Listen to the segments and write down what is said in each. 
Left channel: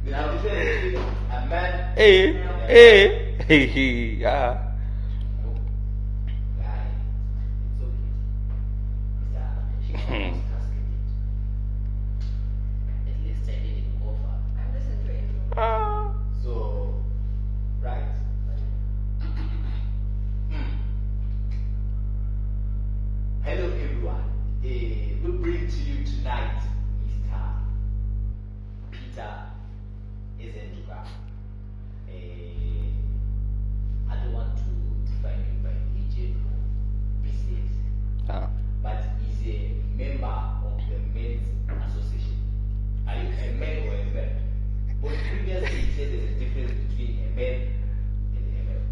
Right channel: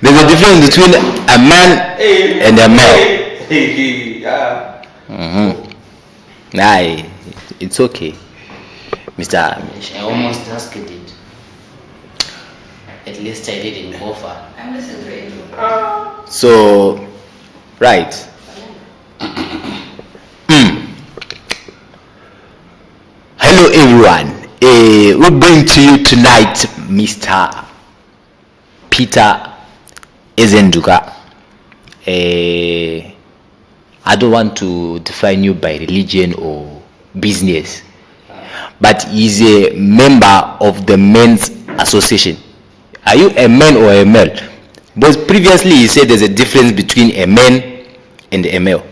There's a difference between a man and a male. Nah, it's okay, Mr. I almost asked it. At least I didn't go far. I'm listening to you. So, right. Hello, everyone. We bring to you tonight Mr. Peter Ezenduka. I don't want to define you by religion or business, but he's a member of the Men's Association. Are you a man or a male? Because previously he said there's a difference between a man and a male.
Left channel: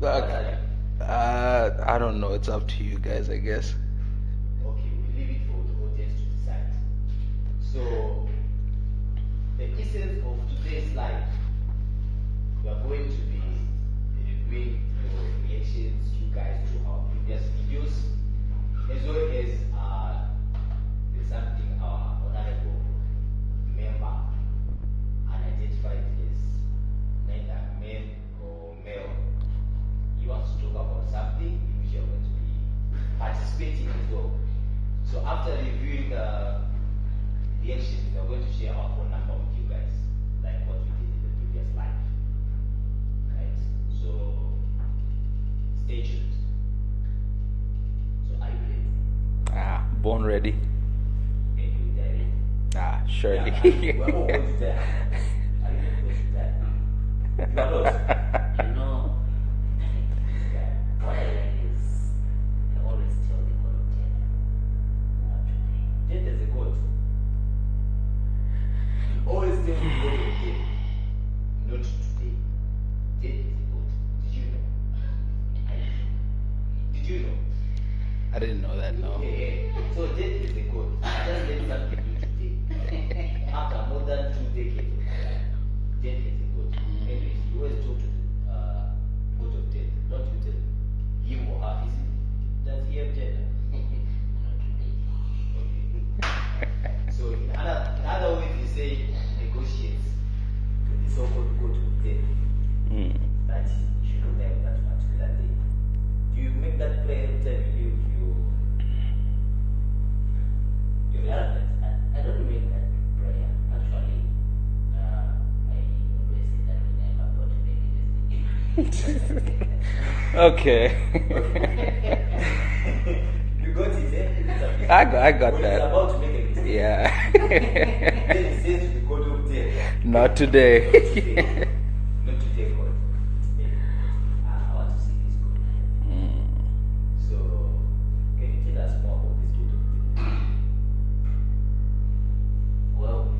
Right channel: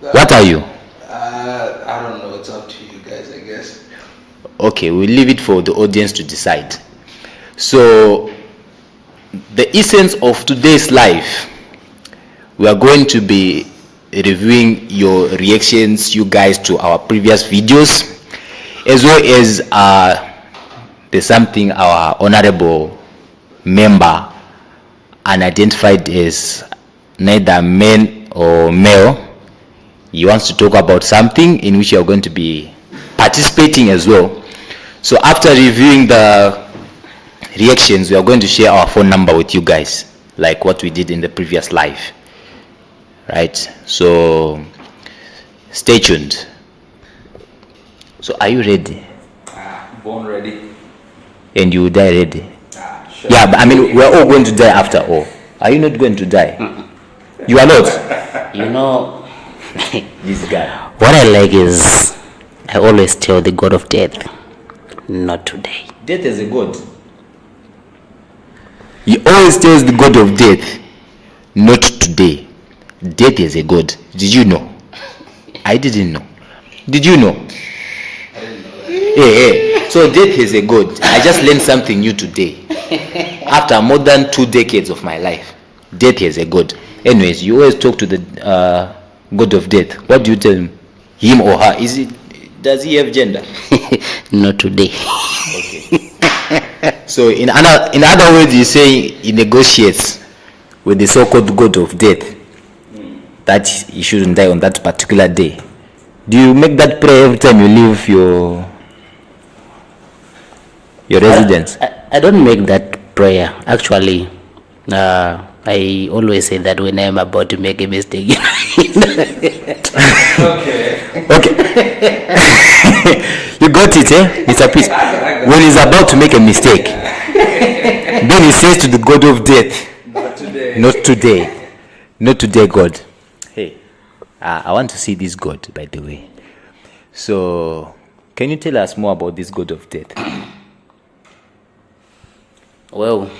What are you? I don't know. It's up to you guys, I guess. Okay, we'll leave it for the audience to decide. So, the essence of today's life, we are going to be reviewing your reactions, you guys, to our previous videos, as well as there's something our honorable member, unidentified as neither man or male, he wants to talk about something in which you are going to be participating as well. So after reviewing the reactions, we are going to share our phone number with you guys, like what we did in the previous live, right? So stay tuned. So are you ready? Born ready. And you will die ready? Sure. Yeah, but I mean, we're all going to die after all. Are you not going to die? You are not? You know, This guy. what I like is I always tell the God of death, not today. Death is a god. He always tells the god of death, not today. Death is a god. Did you know? I didn't know. Did you know? Hey. So death is a god. I just learned something new today. After more than 2 decades of my life, death is a god. Anyways, you always talk to the god of death. What do you tell him? Him or her? Does he have gender? Not today. Okay. So in other words, you say he negotiates with the so-called god of death that he shouldn't die on that particular day. Do you make that prayer every time you leave your residence? I don't make that prayer. Actually, I always say that when I'm about to make a mistake. Okay. Okay. You got it, eh? It's a piece. When he's about to make a mistake, then he says to the god of death, Not today. not today. Not today, God. Hey, I want to see this God, by the way. So, can you tell us more about this God of death? Well,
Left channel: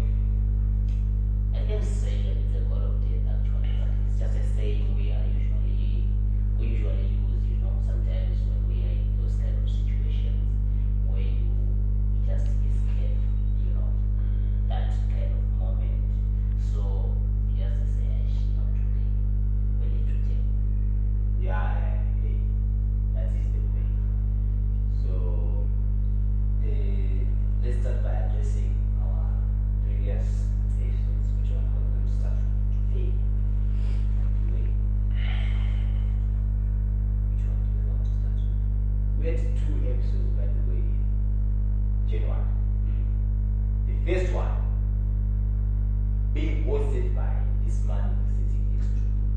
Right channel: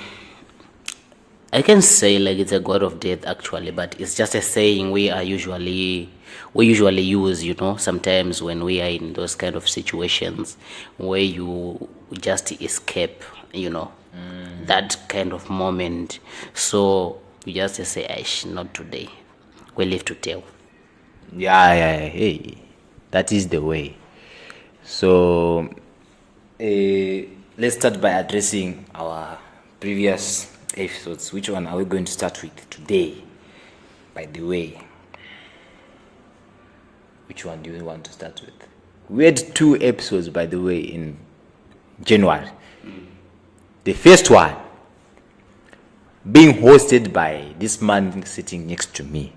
I can say like it's a god of death actually, but it's just a saying we usually use, you know, sometimes when we are in those kind of situations where you just escape, you know, that kind of moment. So you just say, not today. We live to tell. Yeah. Hey, that is the way. So, let's start by addressing our previous episodes. Which one are we going to start with today, by the way? Which one do you want to start with? We had 2 episodes, by the way, in January. The first one being hosted by this man sitting next to me.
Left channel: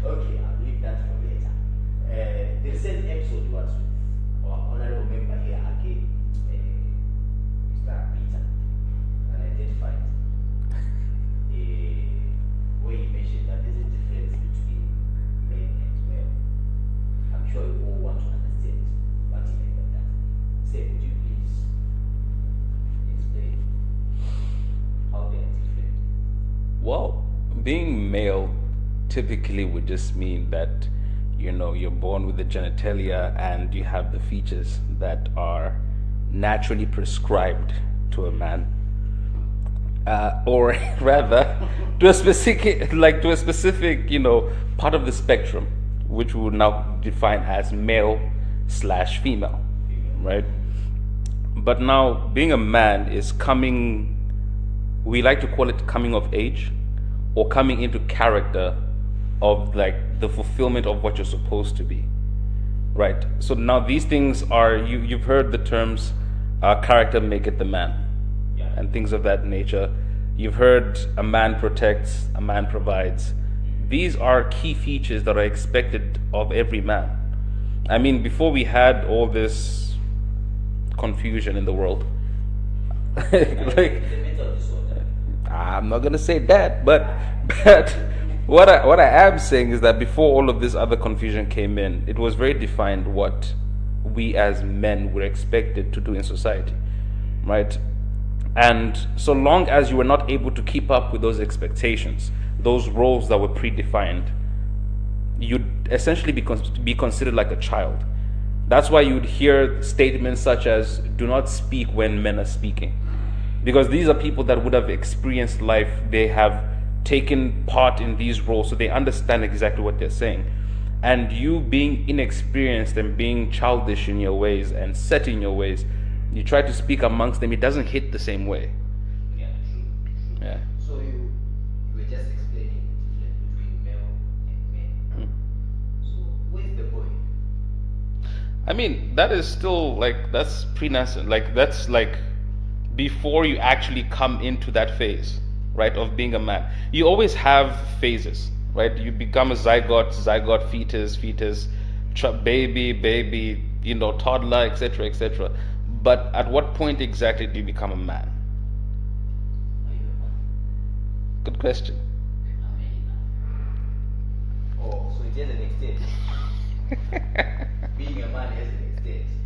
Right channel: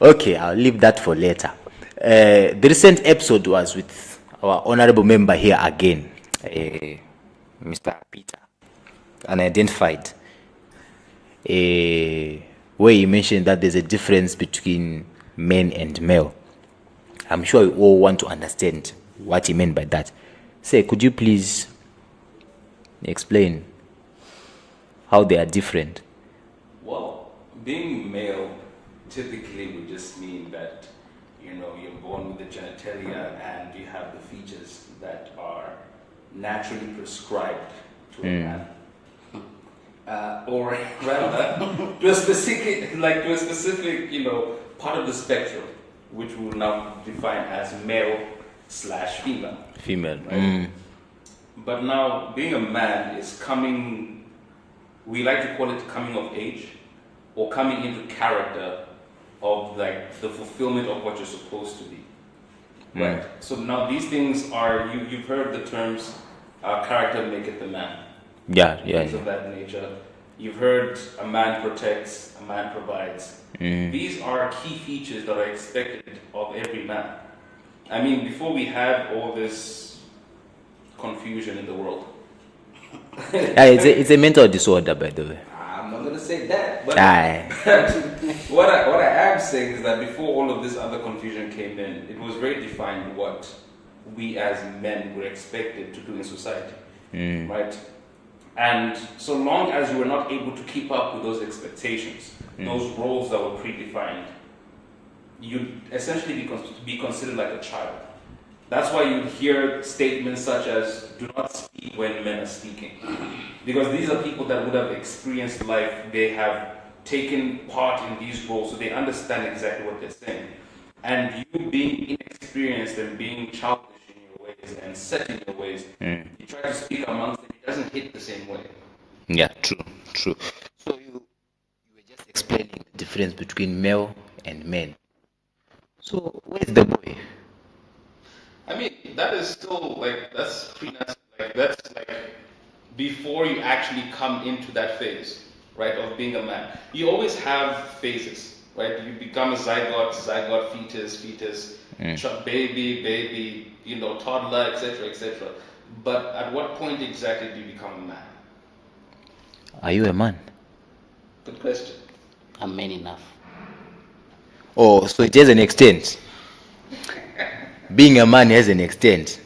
Okay, I'll leave that for later. The recent episode was with our honorable member here again, Mr. Peter, unidentified, where he mentioned that there's a difference between men and male. I'm sure you all want to understand what he meant by that. Say, could you please explain how they are different? Well, being male typically would just mean that, you know, you're born with the genitalia and you have the features that are naturally prescribed to a man, or rather to a specific, you know, part of the spectrum, which we would now define as male slash female, Female. right? But now being a man is coming, we like to call it coming of age or coming into character of like the fulfillment of what you're supposed to be, right? So now these things are, you've heard the terms character maketh the man, Yeah, and yeah. things of that nature. You've heard a man protects, a man provides. These are key features that are expected of every man. I mean, before we had all this confusion in the world, It's a mental disorder, by the way. I'm not gonna say that, but, Aye. but what I am saying is that before all of this other confusion came in, it was very defined what we as men were expected to do in society, right? And so long as you were not able to keep up with those expectations, those roles that were predefined, you'd essentially be considered like a child. That's why you'd hear statements such as, do not speak when men are speaking. Because these are people that would have experienced life, they have taken part in these roles, so they understand exactly what they're saying. And you being inexperienced and being childish in your ways and set in your ways, you try to speak amongst them, it doesn't hit the same way. Yeah, true. So you were just explaining the difference between male and men. So where's the boy? I mean, that is still like, that's pre-nascent. Like, that's like before you actually come into that phase, right, of being a man. You always have phases, right? You become a zygote, fetus, baby, toddler, etc. But at what point exactly do you become a man? Are you a man? Good question. I'm man enough. Oh, so it has an extent. Being a man has an extent.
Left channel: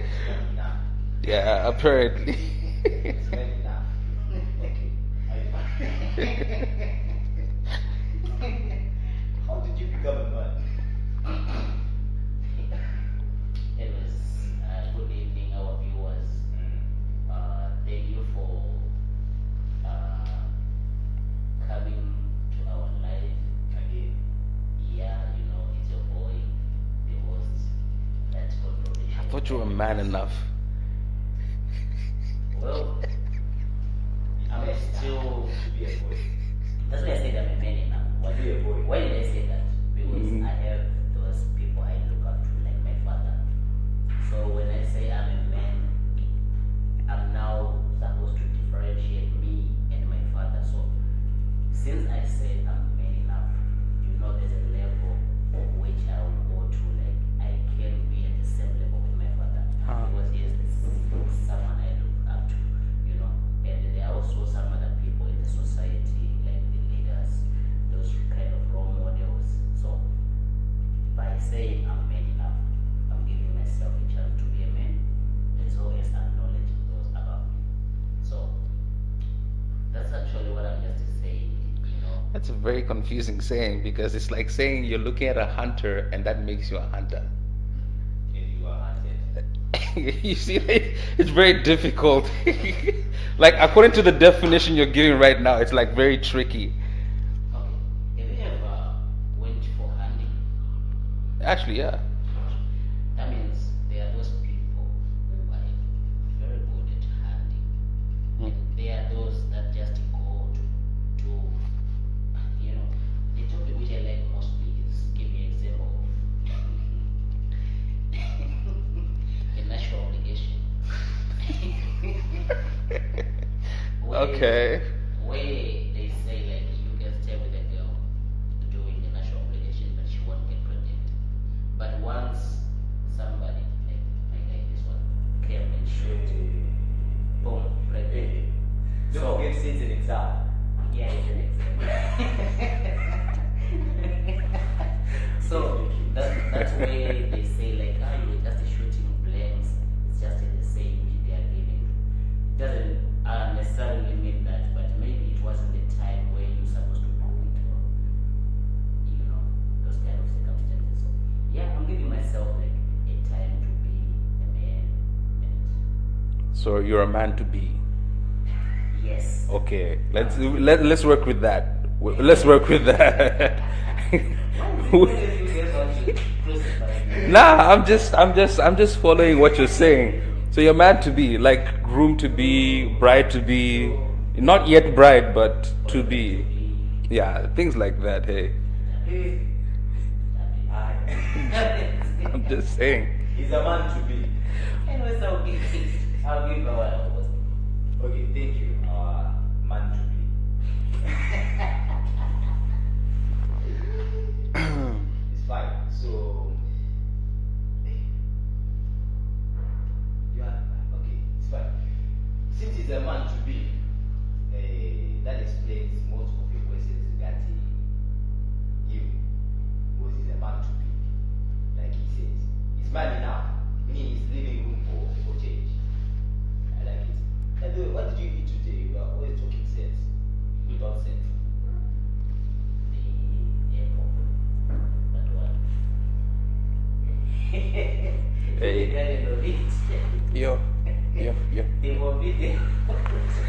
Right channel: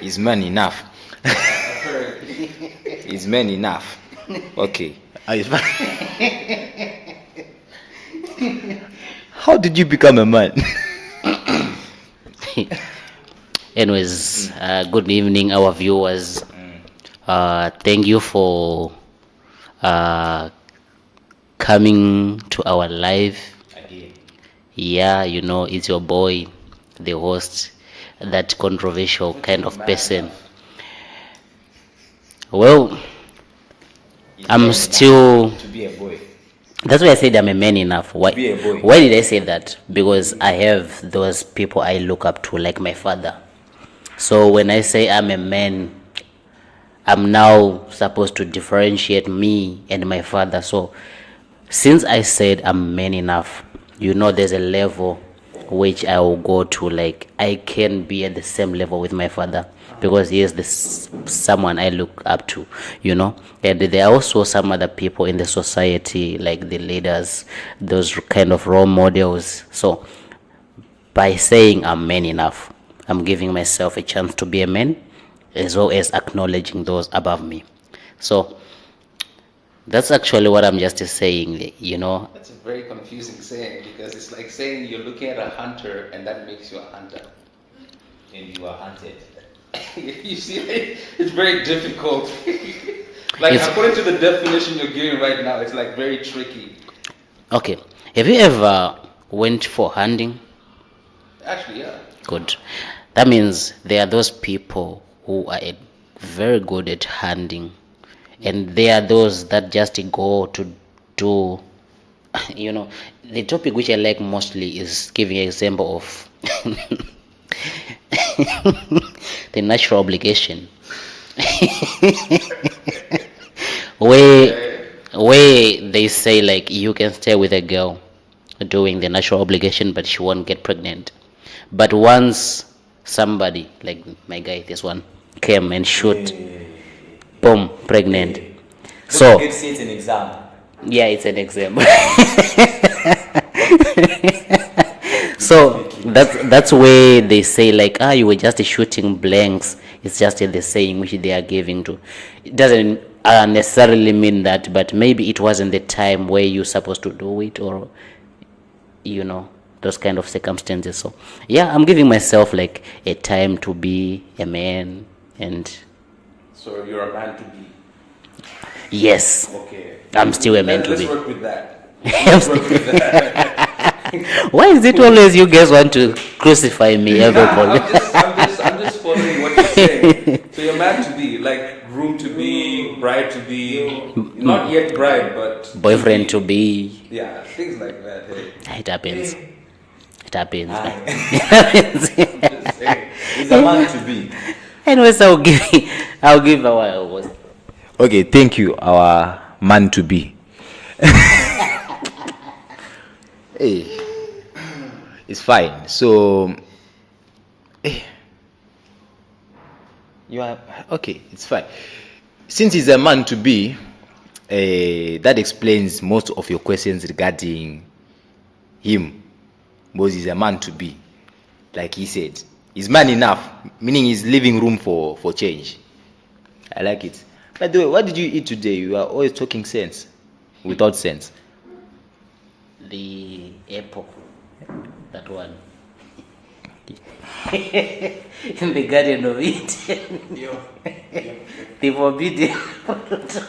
Is man enough? Yeah, apparently. Is man enough? Okay. How did you become a man? Anyways, good evening, our viewers. Thank you for coming to our live. Yeah, it's your boy, the host, that controversial kind of person. Well, I'm still. To be a boy. That's why I said I'm a man enough. Why? be a boy. Why did I say that? Because I have those people I look up to, like my father. So when I say I'm a man, I'm now supposed to differentiate me and my father. So since I said I'm man enough, there's a level which I will go to, like I can be at the same level with my father, because he is someone I look up to, and there are also some other people in the society, like the leaders, those kind of role models. So by saying I'm man enough, I'm giving myself a chance to be a man, as well as acknowledging those above me. So that's actually what I'm just saying, That's a very confusing saying, because it's like saying you're looking at a hunter and that makes you a hunter. And you are hunted. You see, it's very difficult. Like, according to the definition you're giving right now, it's like very tricky. Okay, have you ever went for hunting? Actually, yeah. Good. That means there are those people who are very good at hunting, and there are those that just go to do, the topic which I like mostly is giving an example of the natural obligation. where they say, like, you can stay with a girl doing the natural obligation, but she won't get pregnant. But once somebody, like my guy, this one, came and shoot, boom, pregnant. So It's an example. yeah, it's an example. So that's where they say, like, you were just shooting blanks. It's just the saying which they are giving to. It doesn't necessarily mean that, but maybe it wasn't the time where you're supposed to do it, or those kind of circumstances. So yeah, I'm giving myself like a time to be a man. And So you're a man to be. yes, Okay. I'm still a man to Let's be. work with that. Let's work with that. Why is it always you guys want to crucify me? Nah, Everybody? I'm just following what you're saying. So you're man to be, like groom to be, bride to be, not yet bride, but Boyfriend to be. Yeah, things like that. Hey. It happens. It happens. Just saying. He's a man to be. Anyways, I'll give our. Okay, thank you, our man to be. Hey, it's fine. So, you are okay. It's fine. Since he's a man to be, that explains most of your questions regarding him, because he's a man to be. Like he said, he's man enough, meaning he's leaving room for change. I like it. By the way, what did you eat today? You are always talking sense without sense. The apple. That one. In the Garden of Eden. The forbidden fruit.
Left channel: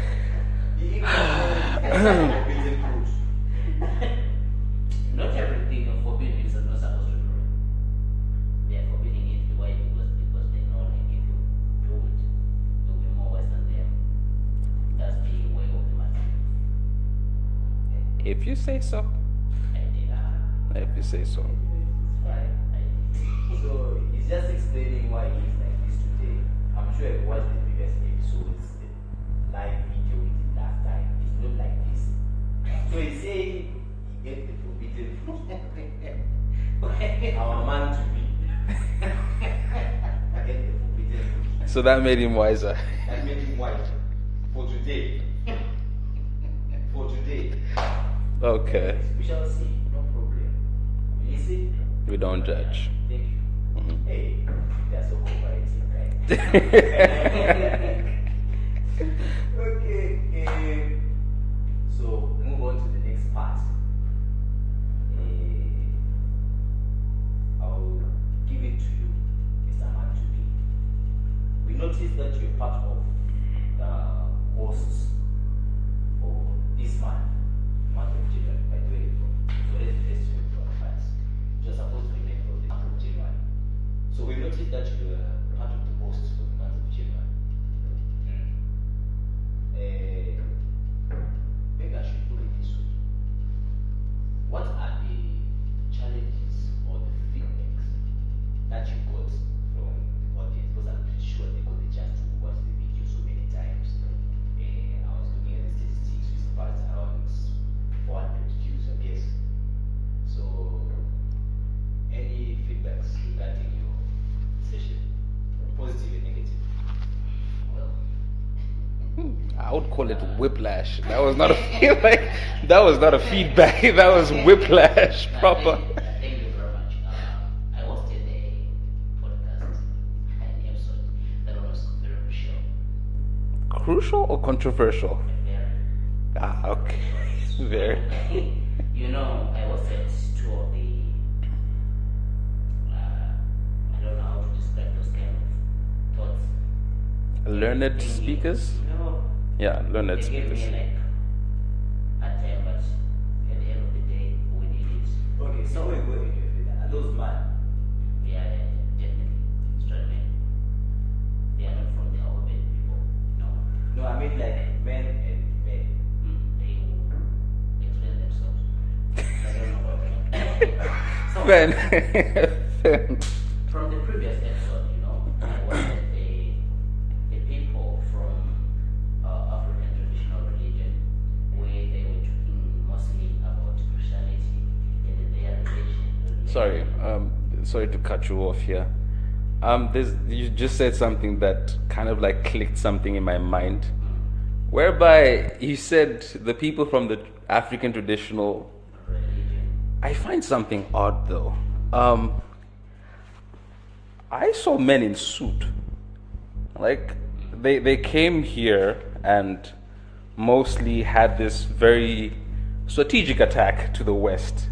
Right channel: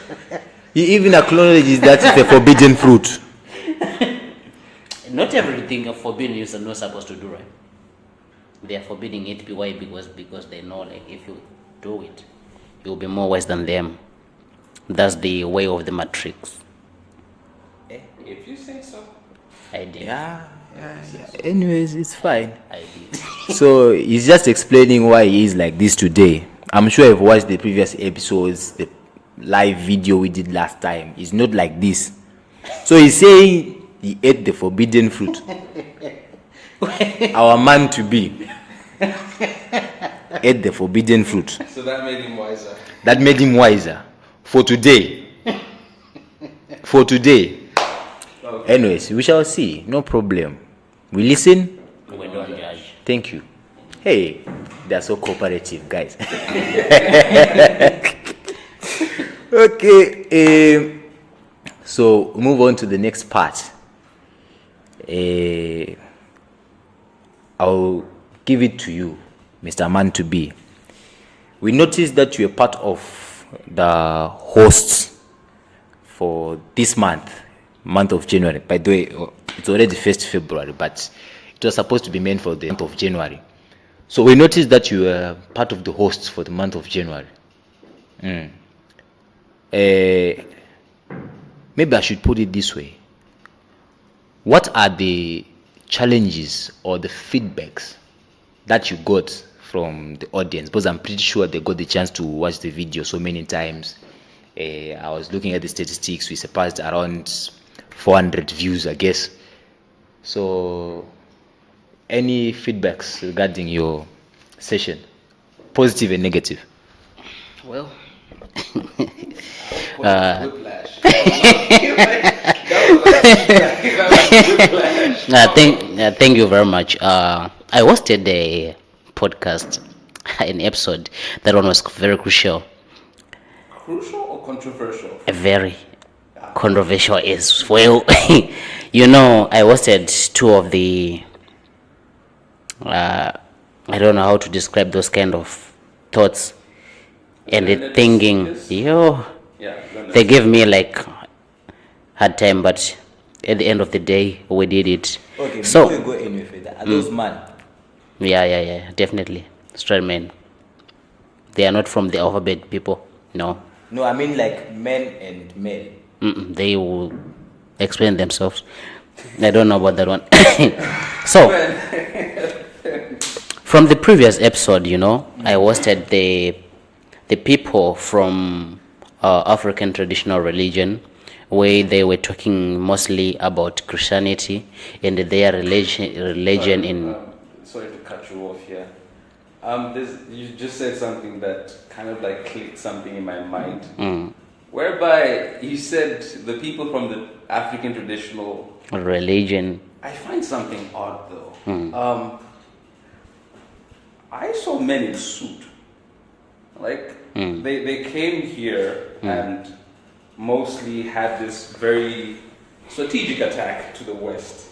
He even acknowledges that it's a forbidden fruit. Not everything of forbidden you're not supposed to do, right? They are forbidding it. Why? Because they know, like, if you do it, you'll be more wise than them. That's the way of the matrix. If you say so. I did. Anyways, it's fine. I did. So he's just explaining why he is like this today. I'm sure you've watched the previous episodes, the live video we did last time. He's not like this. So he's saying he ate the forbidden fruit. Our man to be ate the forbidden fruit. So that made him wiser. That made him wiser for today. For today. Okay. Anyways, we shall see. No problem. We listen. We don't judge. Thank you. Hey, they're so cooperative, guys. Okay. So move on to the next part. I'll give it to you, Mr. Man to be. We noticed that you're part of the hosts for this month of January. By the way, it's already 1st February, but it was supposed to be meant for the month of January. So we noticed that you were part of the hosts for the month of January. Maybe I should put it this way. What are the challenges or the feedbacks that you got from the audience? Because I'm pretty sure they got the chance to watch the video so many times. I was looking at the statistics. We surpassed around 400 views, I guess. So any feedbacks regarding your session, positive and negative? Well, Whiplash. That was whiplash. Thank you very much. I hosted a podcast, an episode. That one was very crucial. Crucial or controversial? Very controversial as well. You know, I hosted two of the I don't know how to describe those kind of thoughts and the Learned thinking. speakers? They gave me like hard time, but at the end of the day, we did it. Okay, So- before we go any further, are those man? Yeah, definitely. Straight men. They are not from the alphabet people. No. No, I mean like men and male. They will explain themselves. I don't know about that one. So, from the previous episode, you know, I hosted the people from African traditional religion, where they were talking mostly about Christianity and their religion in. Sorry to cut you off here. You just said something that kind of like clicked something in my mind. Whereby you said the people from the African traditional religion. I find something odd though. I saw men in suit. Like they came here and mostly had this very strategic attack to the West.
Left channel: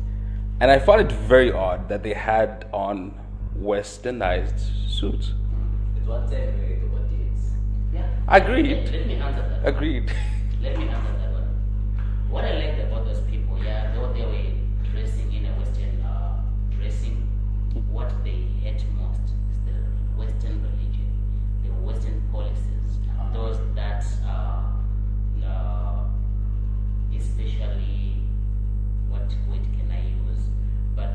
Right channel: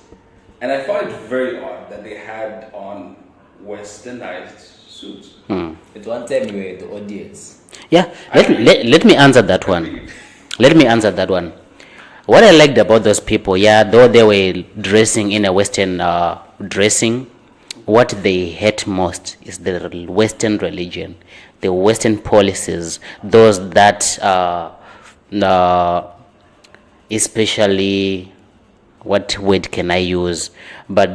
And I found it very odd that they had on westernized suits. At one time we were the audience. Yeah, Agreed. let me answer that one. Agreed. Let me answer that one. what I liked about those people, yeah, though they were dressing in a Western dressing, what they hate most is the Western religion, the Western policies, those that especially, what word can I use? But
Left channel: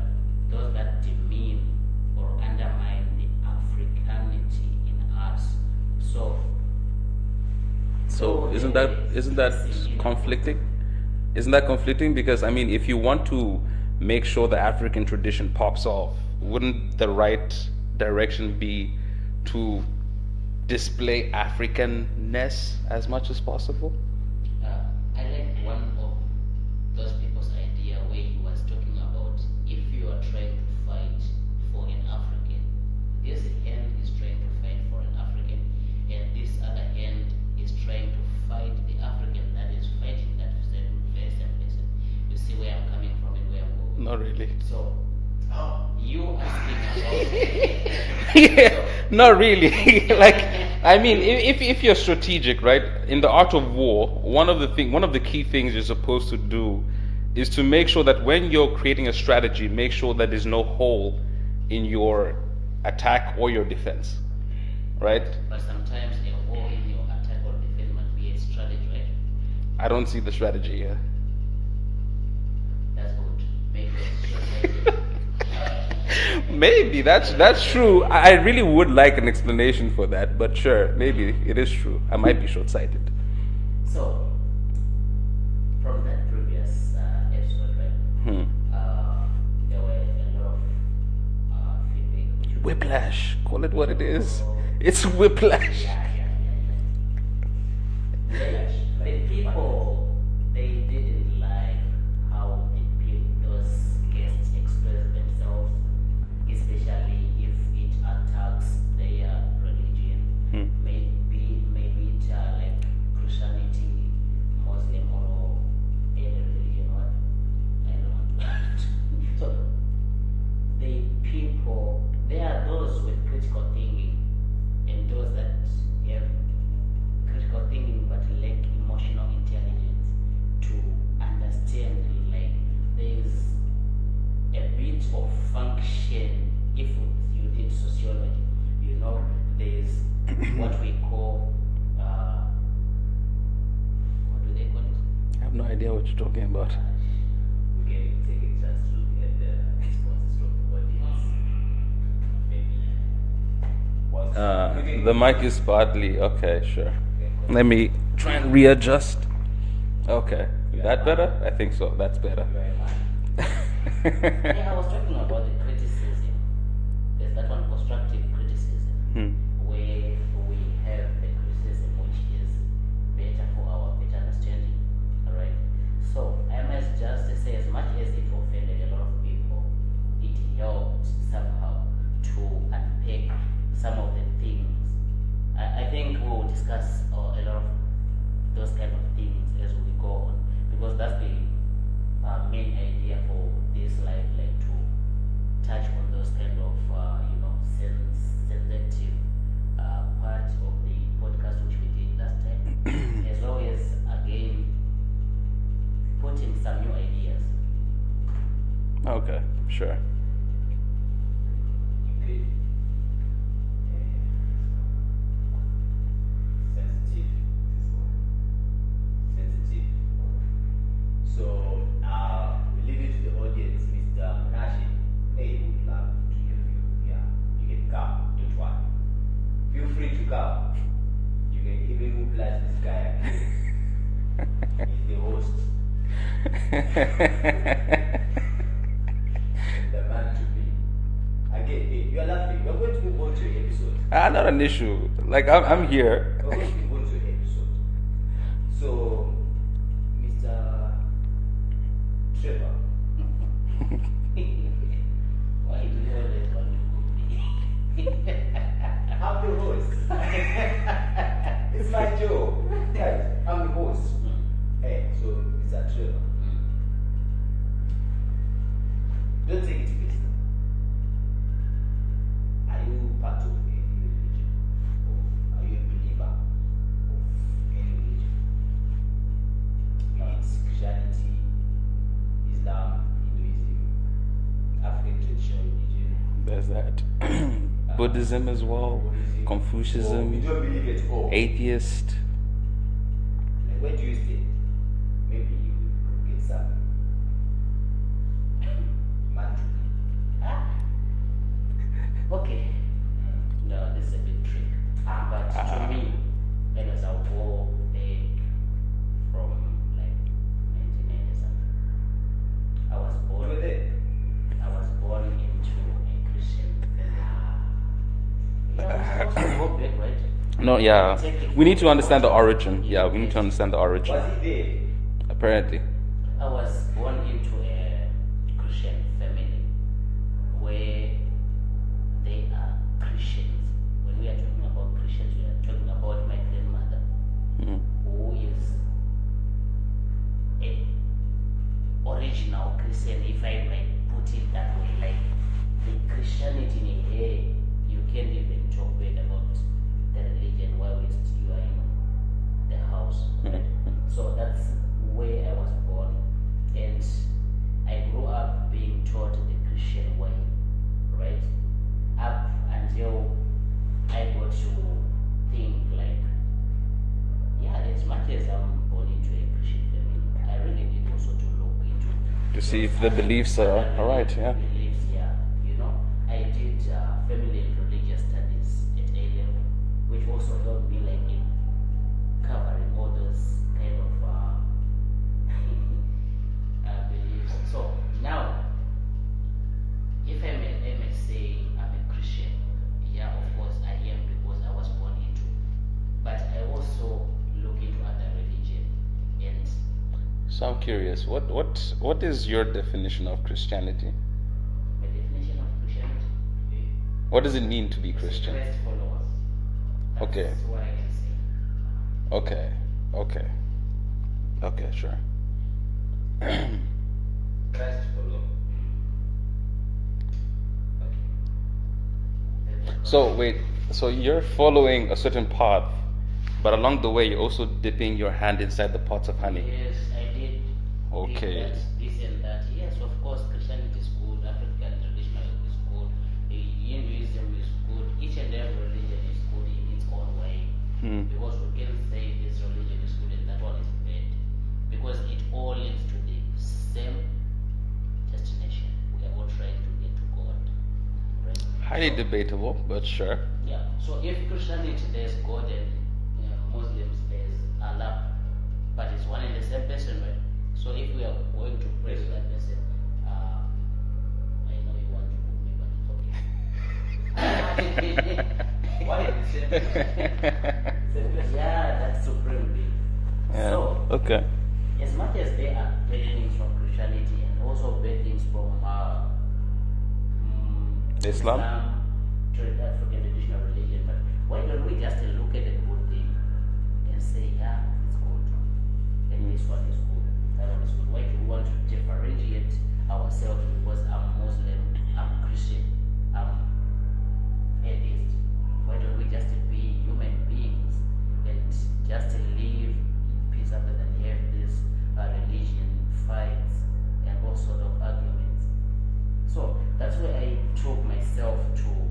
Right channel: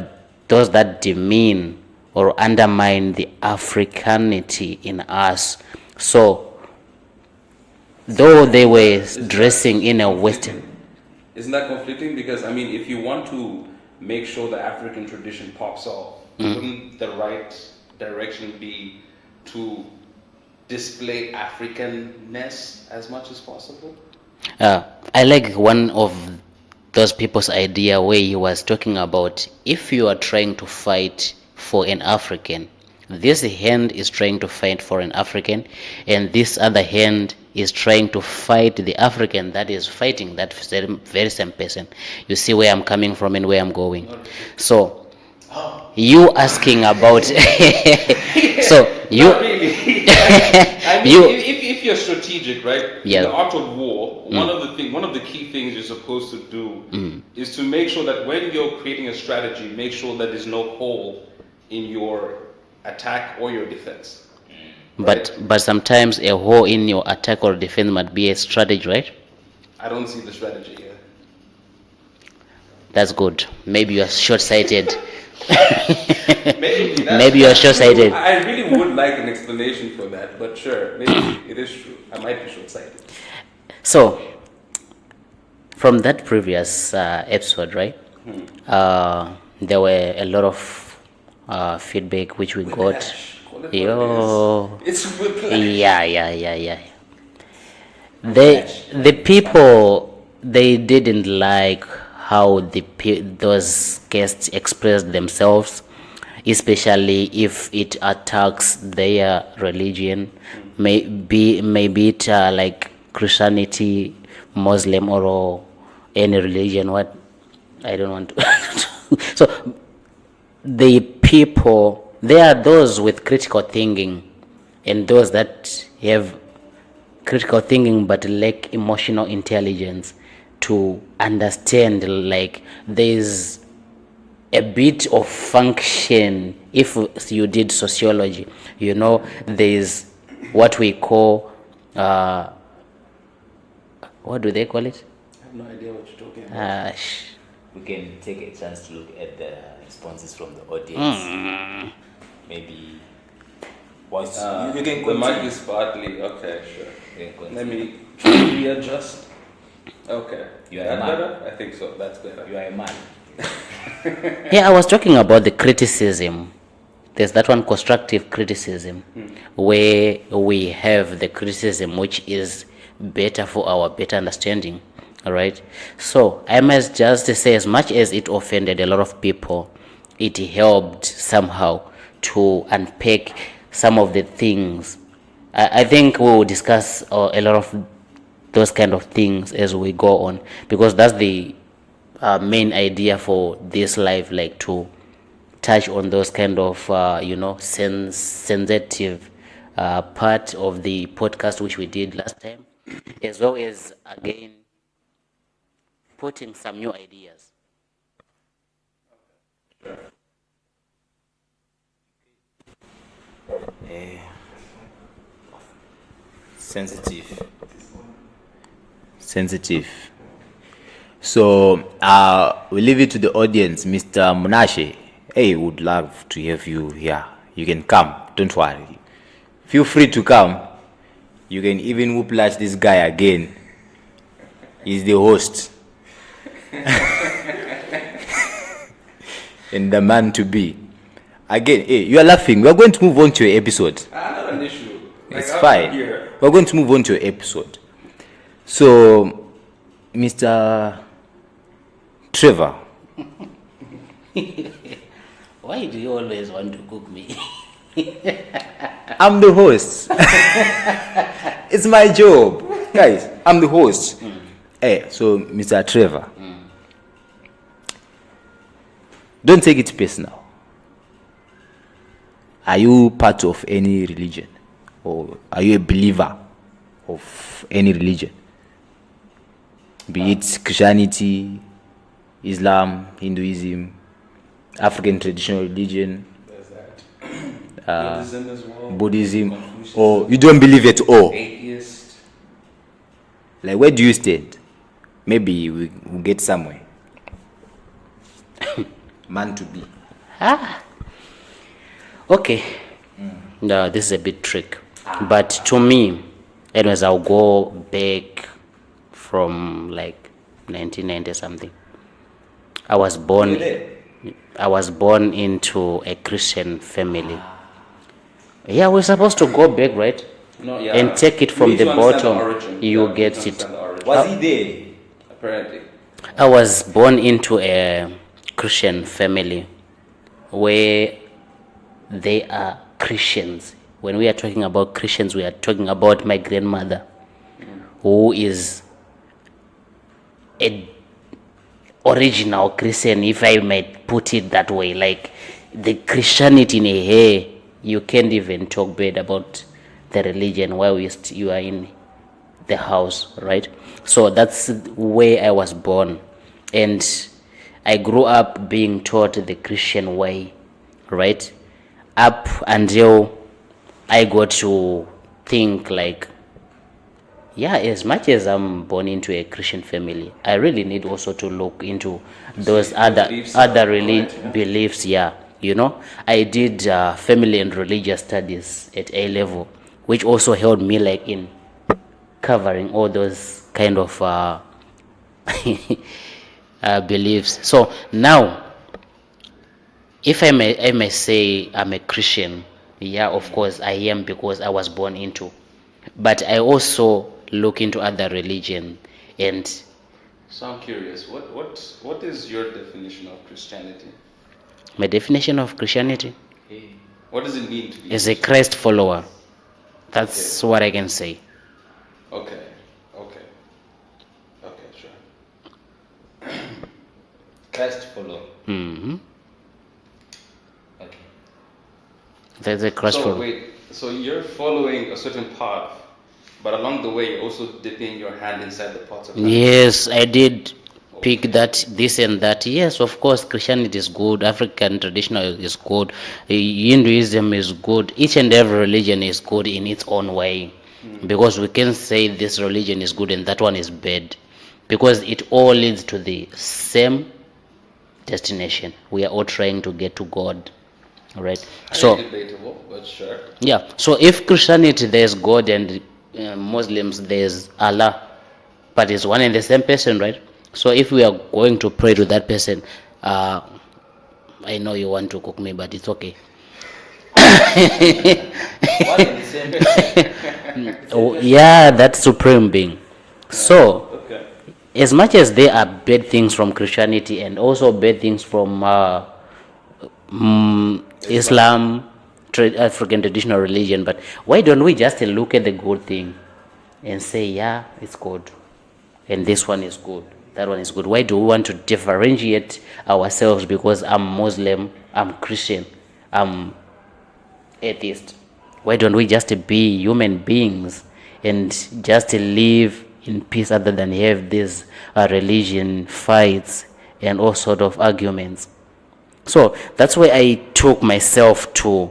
those that demean or undermine the Africanity in us. So, though they were Isn't dressing that in a conflicting? Western, Isn't that conflicting? Because I mean, if you want to make sure the African tradition pops off, wouldn't the right direction be to display Africanness as much as possible? I like one of those people's idea where he was talking about, if you are trying to fight for an African, this hand is trying to fight for an African, and this other hand is trying to fight the African that is fighting that very same person. You see where I'm coming from and where I'm going. So you asking about so you Not really. Like, I mean, You- if you're strategic, right? Yeah. In the art of war, one of the key things you're supposed to do is to make sure that when you're creating a strategy, make sure that there's no hole in your attack or your defense. but sometimes a hole in your attack or defense might be a strategy, right? I don't see the strategy here. That's good. Maybe you are short-sighted. Maybe that's, Maybe you're that's true. short-sighted. I really would like an explanation for that, but sure, maybe it is true. I might be short-sighted. So, from that previous episode, right? There were a lot of feedback which we Whiplash. Call it what Yo. it is. It's whiplash. got. Yeah. The people, they didn't like how those guests expressed themselves, especially if it attacks their religion, maybe it like Christianity, Muslim, or any religion. What I don't want to. So the people, there are those with critical thinking, and those that have critical thinking but lack emotional intelligence to understand, like, there's a bit of function. If you did sociology, you know, there's what we call what do they call it? I have no idea what you're talking about. We can take a chance to look at the responses from the audience. Maybe once you can The mic continue. is partly okay. Sure. You can continue. Let me try to readjust. Okay. You are That a man. better? I think so. That's better. You are a man. Yeah, I was talking about the criticism. There's that one, constructive criticism, where we have the criticism which is better for our better understanding. All right. So I must just say, as much as it offended a lot of people, it helped somehow to unpack some of the things. I think we will discuss a lot of those kind of things as we go on, because that's the main idea for this live, like to touch on those kind of sensitive part of the podcast which we did last time, as well as again putting some new ideas. Okay. Sure. Sensitive. So we leave it to the audience. Mr. Munashe, hey, would love to have you here. You can come, don't worry. Feel free to come. You can even whiplash this guy again. He's the host. And the man to be. Again, hey, you are laughing. We are going to move on to your episode. Not an issue. Like It's I'm fine. here. We're going to move on to your episode. So, Mr. Trevor, Why do you always want to cook me? I'm the host. It's my job. Guys, I'm the host. Hey, so Mr. Trevor, don't take it personal. Are you part of any religion? Or are you a believer of any religion? be it Christianity, Islam, Hinduism, African traditional religion, There's that. Buddhism as well. Buddhism, Confucianism. or you don't believe at all. Atheist. Like, where do you stand? Maybe we'll get somewhere. Man to be. Okay. No, this is a bit trick. But to me, anyways, I'll go back from like 1990 something. I was born into a Christian family. Yeah, we're supposed to go back, right? No, yeah. And take it We from need the to understand bottom. The origin. You Yeah, we need get to it. understand the origin. Was he there? Apparently. I was born into a Christian family where they are Christians. When we are talking about Christians, we are talking about my grandmother, who is a original Christian, if I might put it that way. Like, the Christianity in her hair, you can't even talk bad about the religion while you are in the house, right? So that's where I was born, and I grew up being taught the Christian way, right? Up until I got to think like, yeah, as much as I'm born into a Christian family, I really need also to look into those the other beliefs are right, yeah. beliefs. Yeah, you know, I did family and religious studies at A level, which also helped me like in covering all those kind of beliefs. So now, if I may say I'm a Christian, yeah, of course I am, because I was born into. But I also look into other religion, and So I'm curious, what is your definition of Christianity? my definition of Christianity What does it mean to be is a Christ follower. That's what I can say. Okay, sure. Christ follow. hmm Okay. That's a Christ So follower. wait, so you're following a certain path, but along the way you're also dipping your hand inside the pots of happiness. Yes, I did pick Okay. that, this and that. Yes, of course, Christianity is good, African traditional is good, Hinduism is good, each and every religion is good in its own way. Because we can say this religion is good and that one is bad, because it all leads to the same destination. We are all trying to get to God, right? Highly debatable, but sure. Yeah, so if Christianity there's God, and Muslims there's Allah, but it's one and the same person, right? So if we are going to pray to that person, I know you want to cook me, but it's okay. What in the same person? Oh, yeah, that supreme being. So Okay. as much as there are bad things from Christianity and also bad things from Islam, African traditional religion, but why don't we just look at the good thing and say, yeah, it's good, and this one is good, that one is good? Why do we want to differentiate ourselves because I'm Muslim, I'm Christian, I'm atheist? Why don't we just be human beings and just live in peace, other than have these religion fights and all sort of arguments? So that's why I took myself to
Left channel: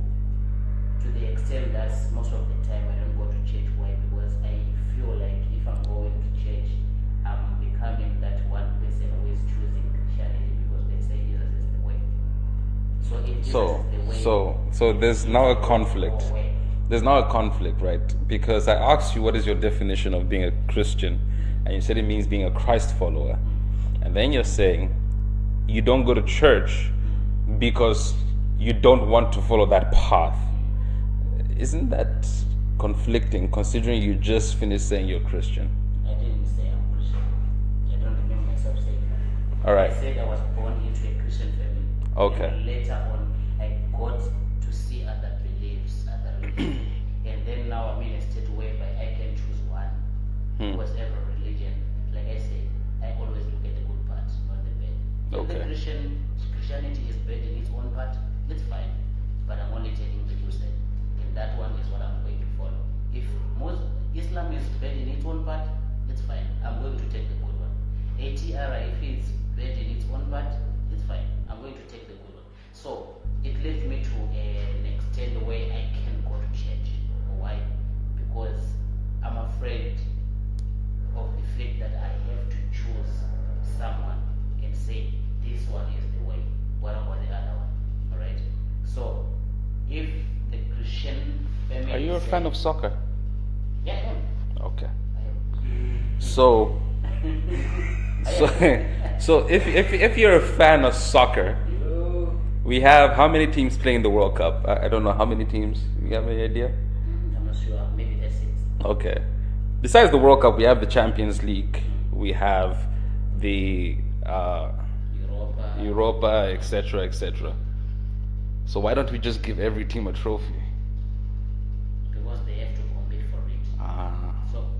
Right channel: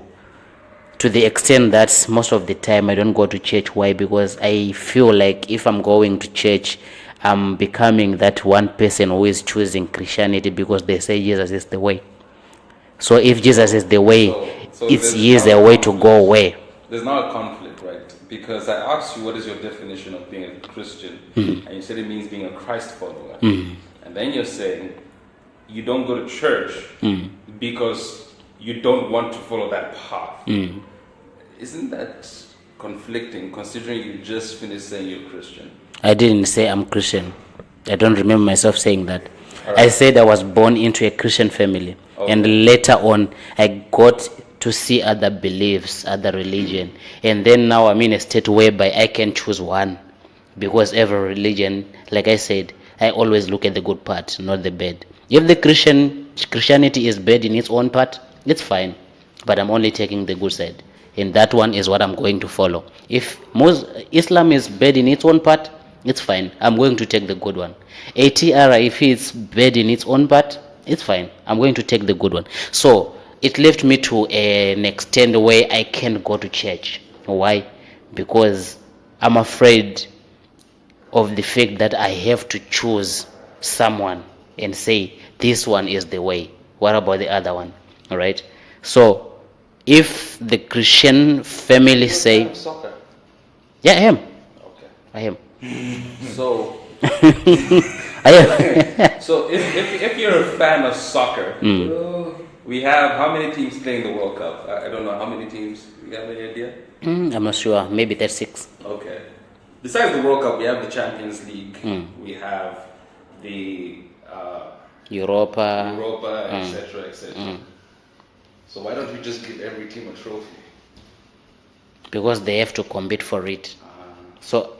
the extent that most of the time I don't go to church. Why? Because I feel like if I'm going to church, I'm becoming that one person who is choosing Christianity because they say Jesus is the way. So if Jesus is the way, So it's there's he is now the a way to go conflict. where. There's now a conflict, right? Because I asked you what is your definition of being a Christian, and you said it means being a Christ follower. And then you're saying you don't go to church because you don't want to follow that path. Isn't that conflicting, considering you just finished saying you're Christian? I didn't say I'm Christian. I don't remember myself saying that. Alright. I said I was born into a Christian family, and later on I got to see other beliefs, other religion, and then now I'm in a state whereby I can choose one, because every religion, like I said, I always look at the good part, not the bad. If the Christianity is bad in its own part, it's fine, but I'm only taking the good side, and that one is what I'm going to follow. If Islam is bad in its own part, it's fine. I'm going to take the good one. ATR, if it's bad in its own part, it's fine. I'm going to take the good one. So it left me to an extent where I can't go to church. Why? Because I'm afraid of the fact that I have to choose someone and say this one is the way. What about the other one? All right. So if the Christian family You're a say, fan of soccer. yeah, I am. Okay. I am. So I am. so if you're a fan of soccer, we have how many teams playing the World Cup? I don't know how many teams. You have any idea? I'm not sure. Maybe that's 6. Okay. Besides the World Cup, we have the Champions League. We have the Europa. Europa, etc., etc. So why don't we just give every team a trophy? Because they have to compete for it. So,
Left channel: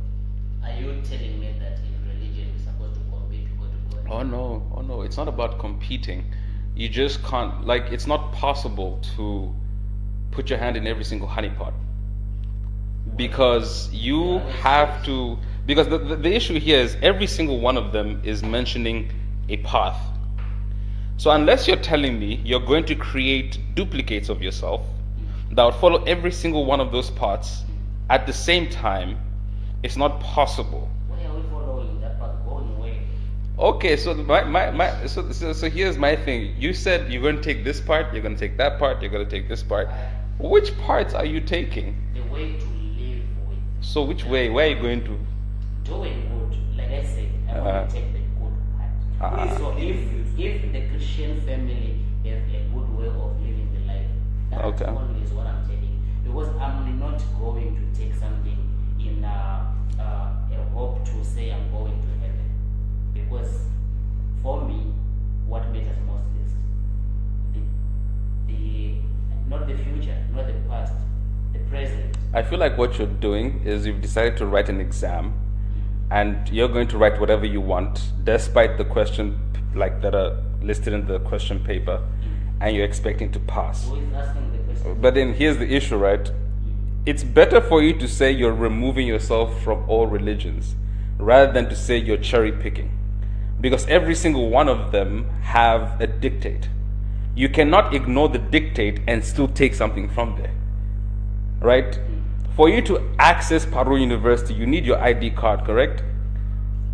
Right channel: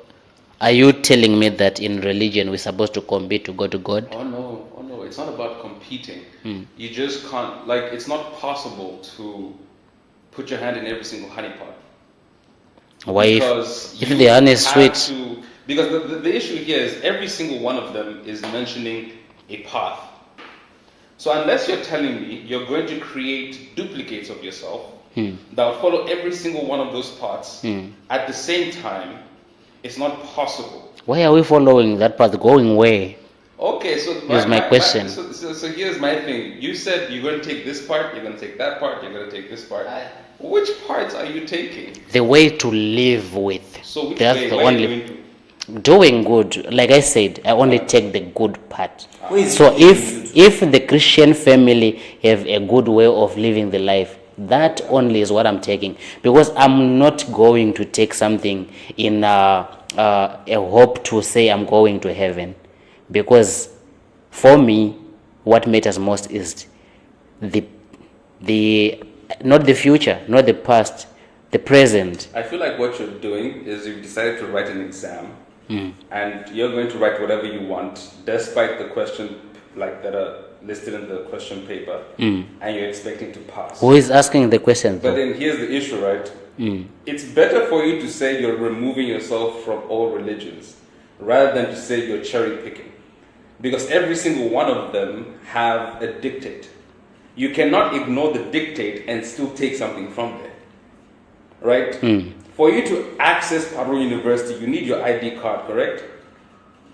are you telling me that in religion we're supposed to compete to go to God? Oh no, it's not about competing. You just can't, like, it's not possible to put your hand in every single honeypot. Why? Because If you the honey is have sweet, to, because the issue here is every single one of them is mentioning a path. So unless you're telling me you're going to create duplicates of yourself that would follow every single one of those paths at the same time, it's not possible. why are we following that path? Going where? Okay, so Here's my question. So here's my thing. You said you're going to take this part, you're going to take that part, you're going to take this part. Which parts are you taking? The way to live with. So which That's way? the Where are you only going to? doing good. Like I said, I only take the good part. Wait, So if the Christian family have a good way of living the life, that only is what I'm taking. Because I'm not going to take something in a hope to say I'm going to heaven. Because for me, what matters most is the not the future, not the past, the present. I feel like what you're doing is you've decided to write an exam and you're going to write whatever you want despite the question like that are listed in the question paper and you're expecting to pass. Who is asking the question? But then here's the issue, right? It's better for you to say you're removing yourself from all religions rather than to say you're cherry picking. Because every single one of them have a dictate. You cannot ignore the dictate and still take something from there. Right? For you to access Paru University, you need your ID card, correct?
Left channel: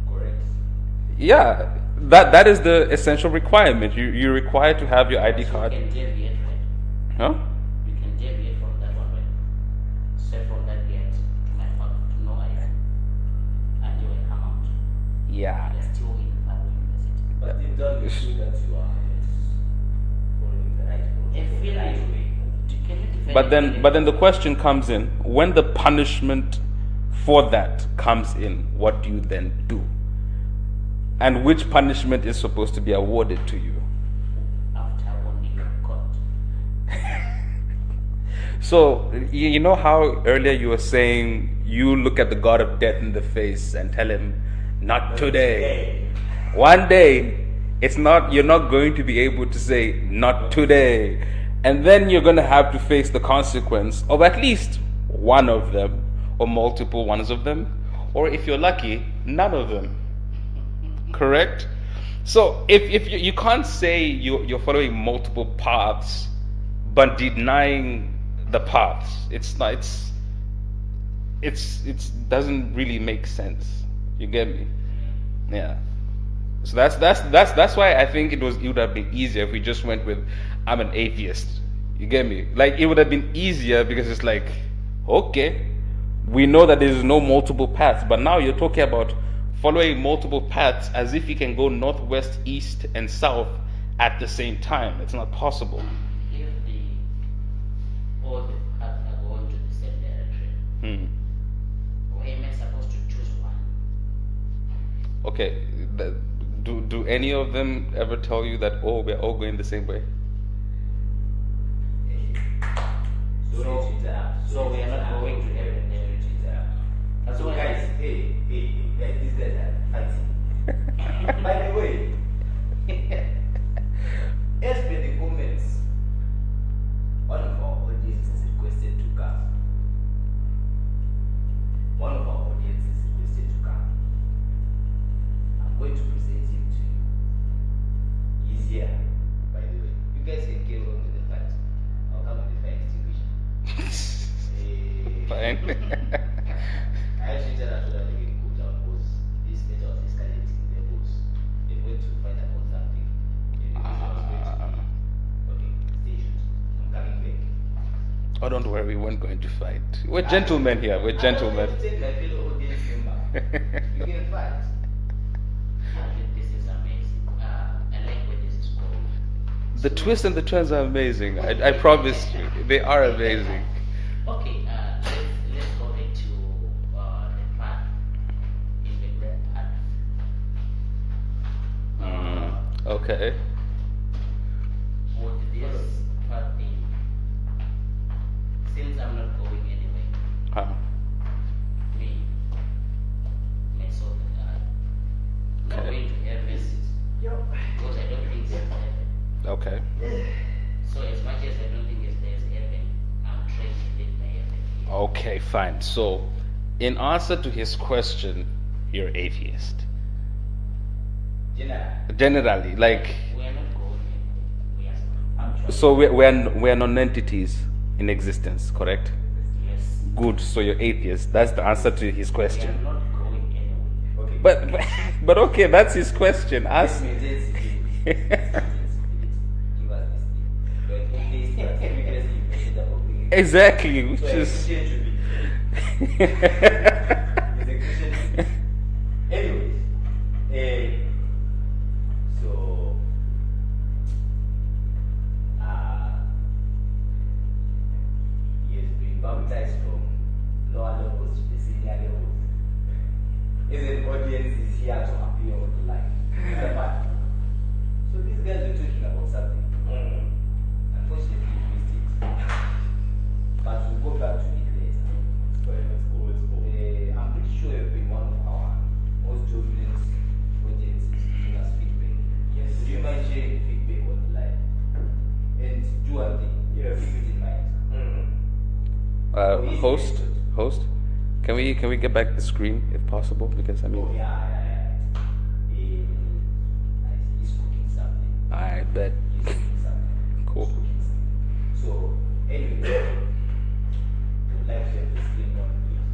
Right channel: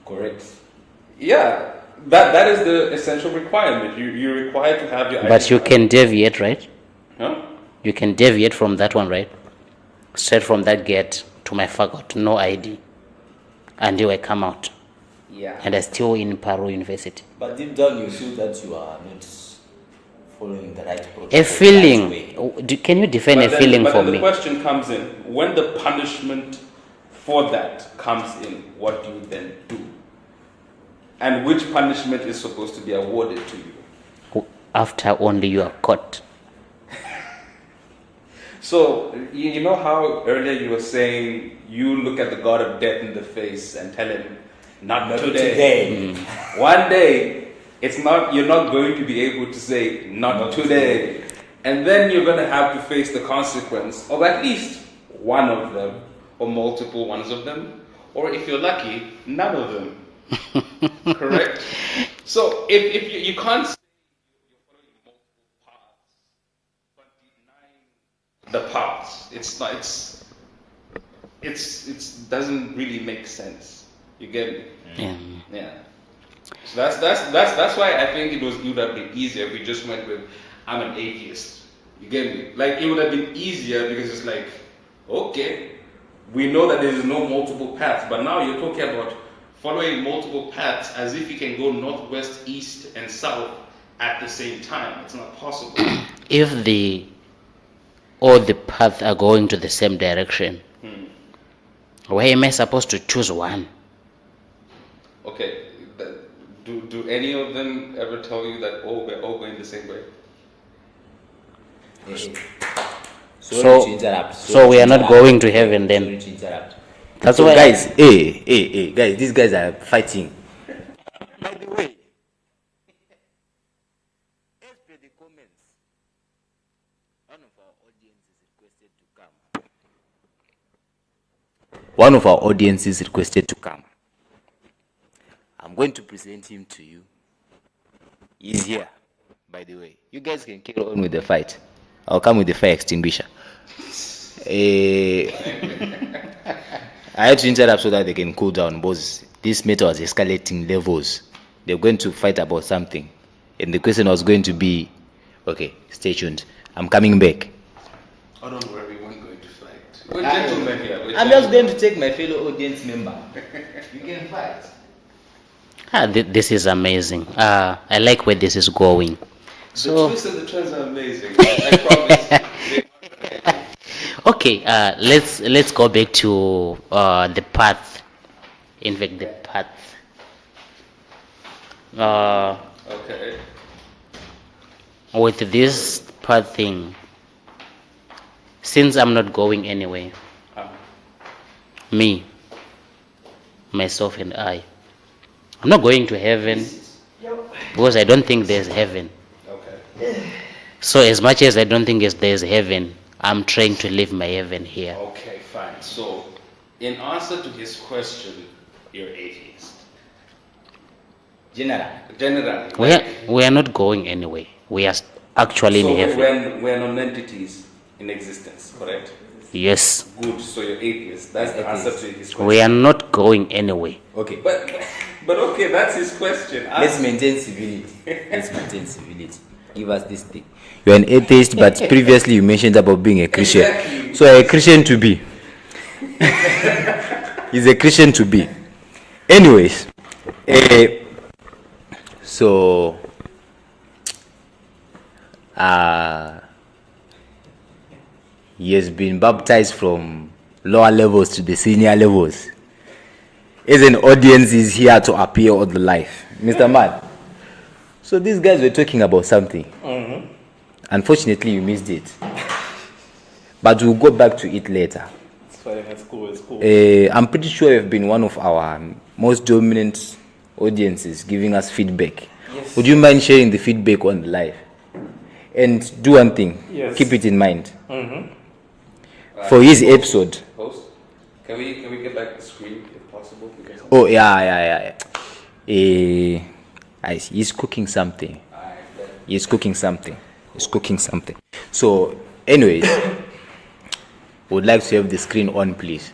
Correct. Yeah. That is the essential requirement. You're required to have your ID But you card. can deviate, right? Huh? You can deviate from that one, right? Straight from that gate to my fagot, no ID, until I come out, Yeah. and I still in Paru University. But deep down, you feel that you are not following the right protocol. A the feeling. right way. Can you define a feeling but for then the me? question comes in, when the punishment for that comes in, what do you then do? And which punishment is supposed to be awarded to you? After only you are caught. So, you know how earlier you were saying you look at the God of death in the face and tell him, not today. One day, you're not going to be able to say, not today. And then you're going to have to face the consequence of at least one of them, or multiple ones of them, or if you're lucky, none of them. Correct? So if you can't say you're following multiple paths, but denying the paths, it doesn't really make sense. You get me? Yeah. Yeah. So that's why I think it would have been easier if we just went with I'm an atheist. You get me? Like it would have been easier because it's like, okay, we know that there is no multiple paths, but now you're talking about following multiple paths as if you can go northwest, east, and south at the same time. It's not possible. If all the paths are going to the same direction, why am I supposed to choose one? Okay, do any of them ever tell you that we're all going the same way? So- to interrupt. so we are not going to heaven then. Sorry to interrupt. That's So why guys, hey, guys, these guys are fighting. By the way, as per the comments, one of our audience has requested to come. One of our audiences requested to come. going to present him to you. He's here, by the way. You guys can carry on with the fight. I'll come with the fire extinguisher. I had to interrupt so that they can cool down, because this matter was escalating levels. They're going to fight about something, and the question was going to be, okay, stay tuned. I'm coming back. Oh, don't worry, we weren't going to fight. We're gentlemen here. I'm just going to take my fellow audience member. You can fight. This is amazing. I like where this is going. The twists and the turns are amazing. I promise, they are amazing. Okay, let's go back to the path. In fact, the path. Okay. With this path thing, since I'm not going anywhere, me, myself, and I'm not going to heaven because I don't think there's heaven. Okay. So as much as I don't think there's heaven, I'm trying to live my heaven here. Okay, fine. So, in answer to his question, you're atheist. Generally, like. We are not going anywhere. We are actually So in heaven. we're non-entities in existence, correct? Yes, Good. So you're atheist. That's the answer to his question. we are not going anywhere. Okay. But okay, that's his question. Let's maintain civility. Give us this thing. You're an atheist, but previously you mentioned about being a Christian. Exactly. So a Christian to be. He's a Christian to be. Anyways, so he has been baptized from lower levels to the senior levels. As an audience, is here to appear on the life. Mr. Man. So these guys were talking about something. Unfortunately, you missed it. But we'll go back to it later. It's fine. It's cool. I'm pretty sure you've been one of our most dominant audiences giving us feedback. Yes. Would you mind sharing the feedback on the live? And do one thing. Yes. Keep it in mind. For his episode. Host, can we get back the screen if possible? Because Oh, yeah. He's cooking something. I bet. He's cooking something. He's cooking something. So, anyways, would like to have the screen on, please.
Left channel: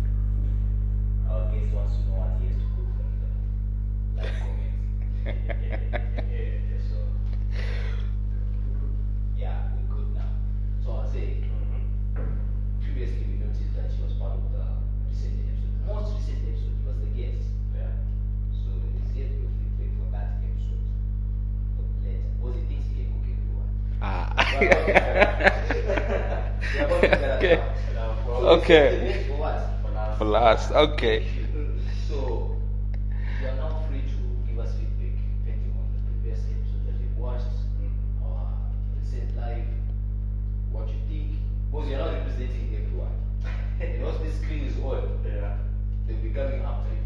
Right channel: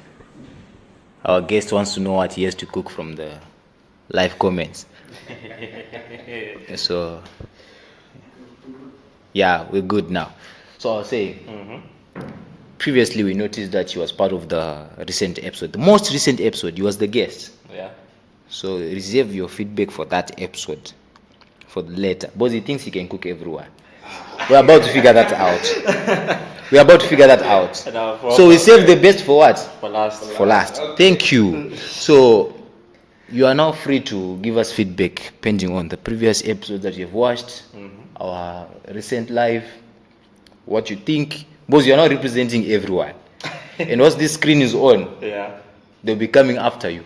Our guest wants to know what he has to cook from the live comments. So, yeah, we're good now. So I was saying, previously we noticed that he was part of the recent episode. The most recent episode, he was the guest. Yeah. So reserve your feedback for that episode for later. But he thinks he can cook everyone. We're about to figure that out. So we save the best for what? For last. For last. Okay. Thank you. So you are now free to give us feedback pending on the previous episodes that you've watched, our recent live, what you think. Because you're not representing everyone. And once this screen is on, Yeah. they'll be coming after you.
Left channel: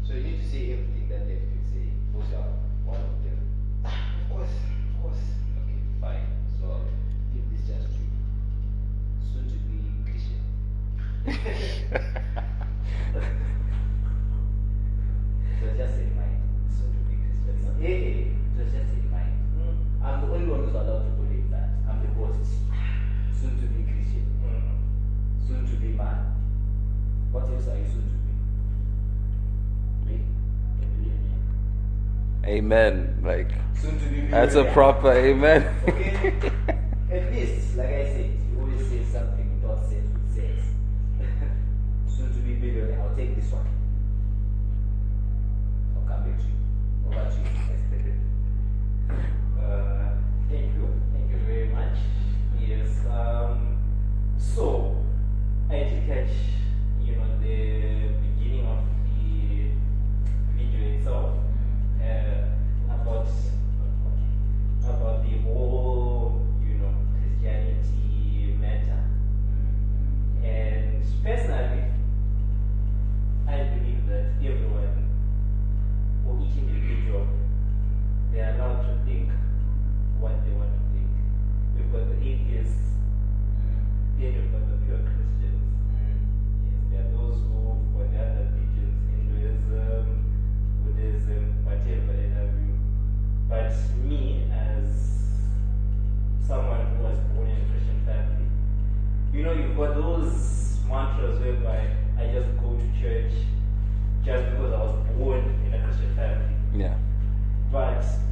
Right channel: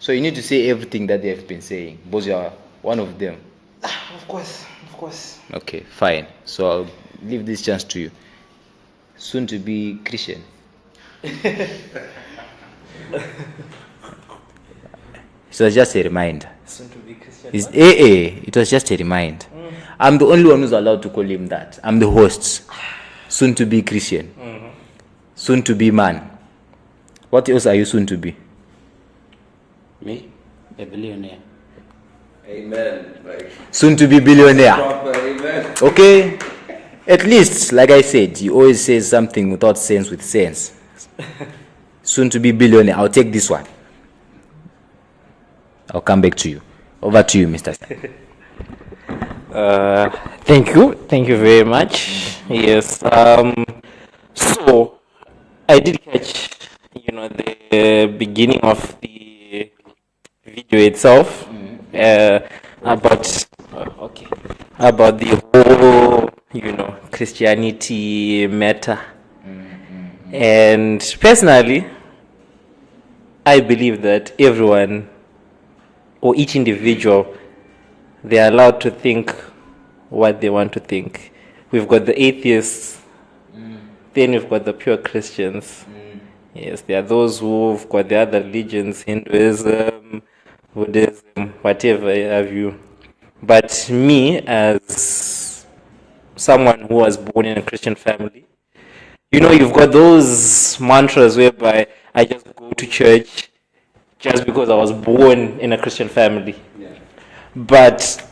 So you need to say everything that they've been saying, because you are one of them. Of course. Okay, fine. So I'll leave this chance to you. Soon to be Christian. So it's just a reminder. Soon to be Christian. It's AA. It was just a reminder. I'm the only one who's allowed to call him that. I'm the host. Soon to be Christian. Soon to be man. What else are you soon to be? Me, a billionaire. Amen. Like Soon to be billionaire. proper amen. Okay? At least, like I said, you always say something without sense with sense. Soon to be billionaire. I'll take this one. I'll come back to you. Over to you, Mr. Thank you very much. Yes. So I did catch, the beginning of the video itself, about the whole, Christianity matter. And personally, I believe that everyone or each individual, they are allowed to think what they want to think. We've got the atheists, then we've got the pure Christians. Yes, there are those who've got the other religions, Hinduism, Buddhism, whatever have you. But me, as someone who was born in a Christian family, you've got those mantras whereby I just go to church just because I was born in a Christian family. Yeah. But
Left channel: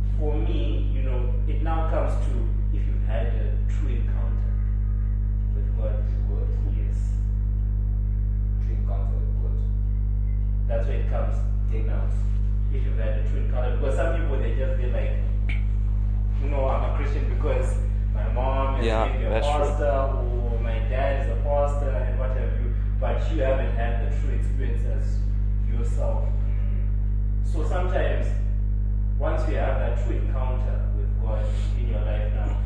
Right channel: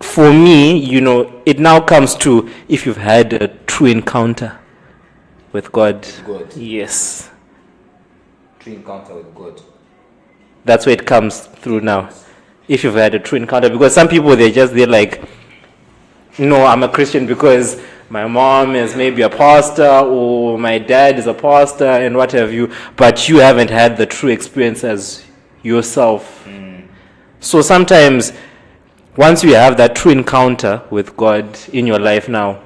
for me, it now comes to if you've had a true encounter with God. God. Yes. True encounter with God. That's where it comes through now. If you've had a true encounter, because some people they're like, no, I'm a Christian because my mom is maybe a pastor or my dad is a pastor and what have you, but you haven't had the true experience as yourself. So sometimes once you have that true encounter with God in your life now,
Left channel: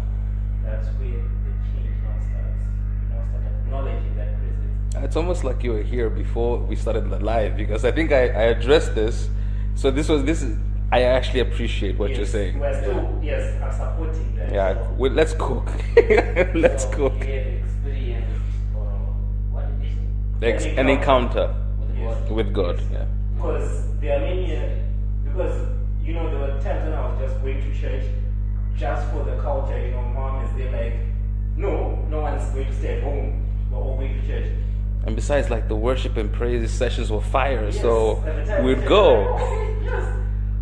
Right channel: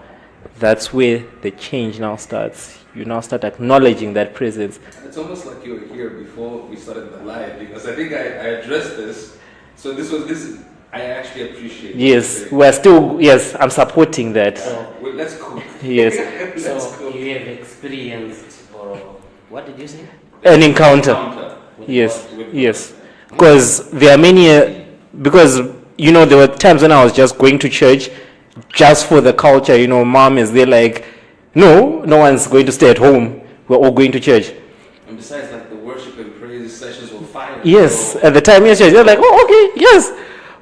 that's where the change now starts. You now start acknowledging that presence. It's almost like you were here before we started the live, because I think I addressed this. So this is I actually appreciate what you're Yes, saying. we're still, yes, I'm supporting that. Yeah. Well, let's cook. Yes. Let's So cook. you have experienced, or what did you say? An encounter. With Yes, God. With God, yes. yeah. Because there are many, because, there were times when I was just going to church just for the culture. Mom is there like, no one's going to stay at home. We're all going to church. And besides, like, the worship and praise sessions were fire. Yes, so- at the time, yes, you're like, oh, okay, yes.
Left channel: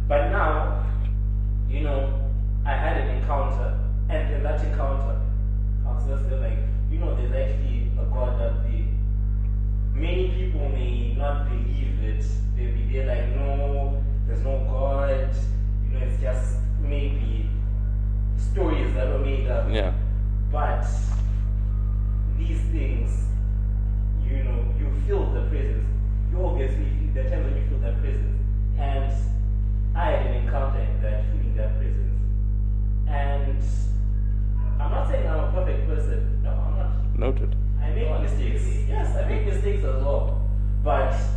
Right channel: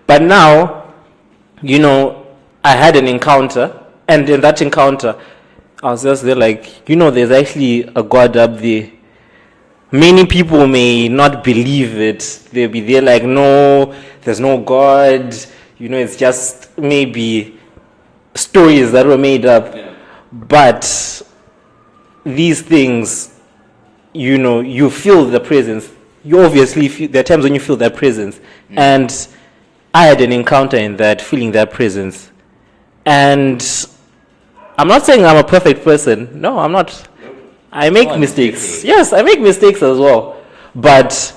But now, I had an encounter, and in that encounter, I was just there like, there's actually a God up there. Many people may not believe it. They'll be there like, no, there's no God. It's just maybe stories that were made up. Yeah. But these things, you feel the presence. You obviously feel, there are times when you feel that presence. And I had an encounter in that, feeling that presence. And I'm not saying I'm a perfect person. No, I'm not. Noted. I make mistakes. Yes, I make mistakes as well. But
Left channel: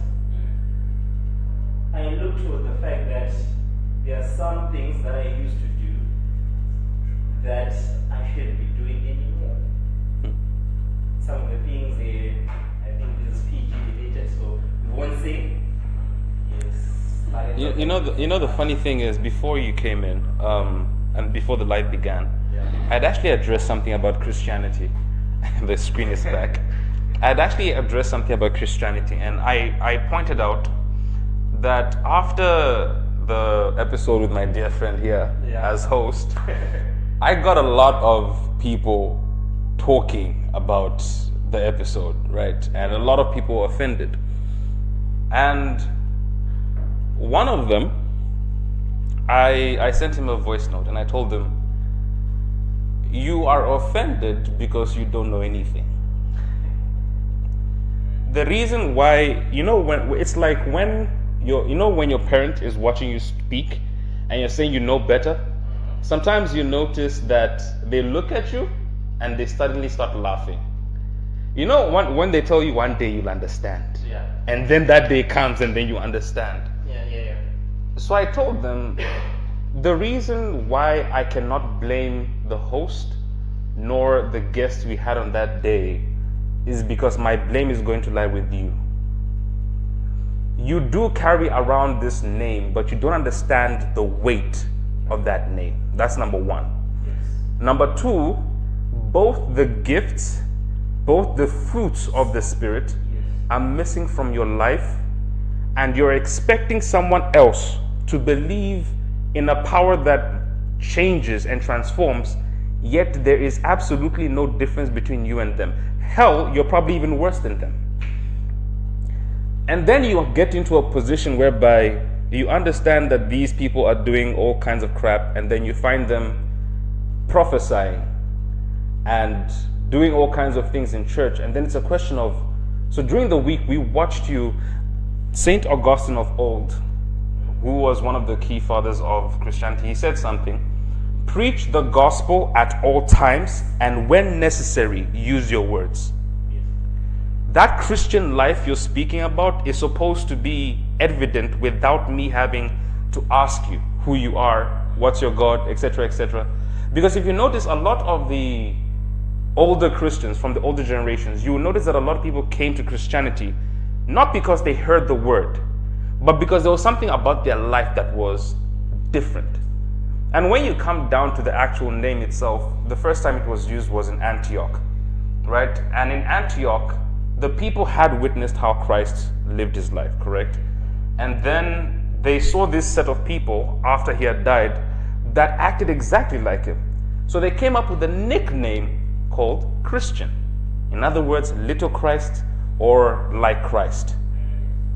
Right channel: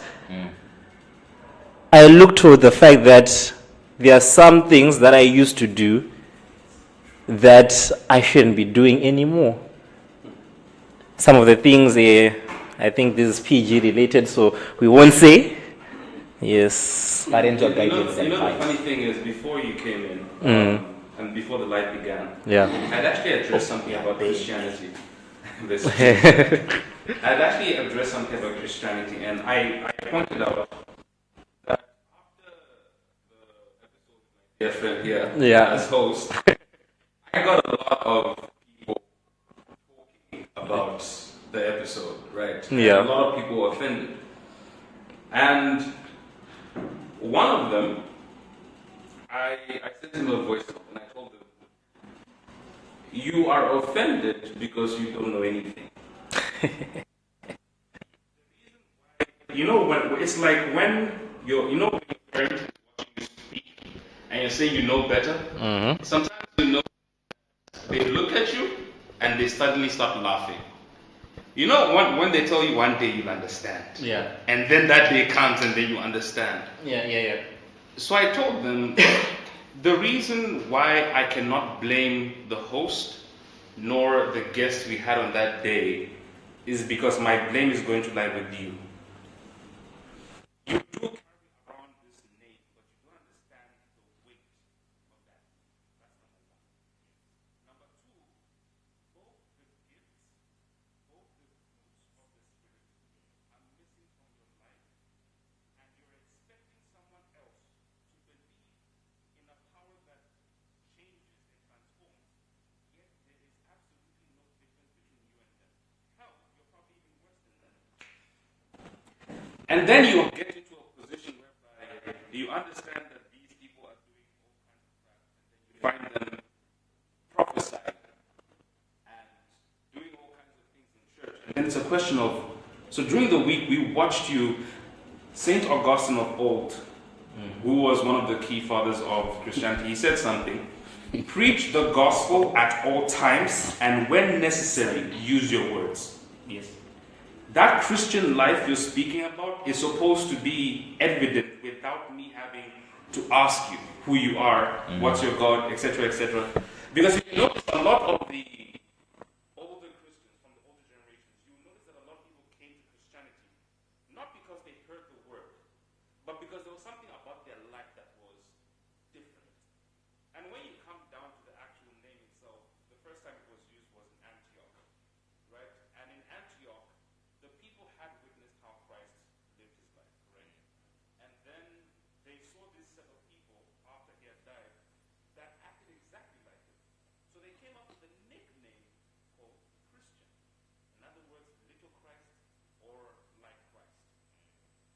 I look to the fact that there are some things that I used to do that I shouldn't be doing anymore. Some of the things, I think this is PG related, so we won't say. Yes. Parental You know, guidance the, and you know the advice. funny thing is, before you came in, and before the live began, Yeah. I'd actually addressed something about Christianity. This I'd actually addressed something about Christianity, and I pointed out that after the episode with my dear friend here Yeah. as host, I got a lot of people talking about the episode, right? And Yeah. a lot of people offended. And one of them, I sent him a voice note and I told him, you are offended because you don't know anything. The reason why, when it's like when when your parent is watching you speak and you're saying you know better, sometimes you notice that they look at you and they suddenly start laughing. When they tell you one day you'll understand. Yeah. And then that day comes and then you understand. Yeah. So I told them the reason why I cannot blame the host nor the guest we had on that day is because my blame is going to lie with you. You do carry around this name, but you don't understand the weight of that name. That's number one. Number two, both the gifts, both the fruits of the Spirit are missing from your life, and you're expecting someone else to believe in a power that changes and transforms, yet there is absolutely no difference between you and them. Hell, you're probably even worse than them. And then you get into a position whereby you understand that these people are doing all kinds of crap, and then you find them prophesying and doing all kinds of things in church. And then it's a question of, so during the week we watched you, Saint Augustine of old, who was one of the key fathers of Christianity, he said something: preach the gospel at all times, and when necessary, use your words. Yes. That Christian life you're speaking about is supposed to be evident without me having to ask you who you are, what's your God, etc., etc. Because if you notice, a lot of the older Christians from the older generations, you will notice that a lot of people came to Christianity not because they heard the word, but because there was something about their life that was different. And when you come down to the actual name itself, the first time it was used was in Antioch, right? And in Antioch, the people had witnessed how Christ lived his life, correct? And then they saw this set of people after he had died that acted exactly like him. So they came up with a nickname called Christian. In other words, little Christ or like Christ.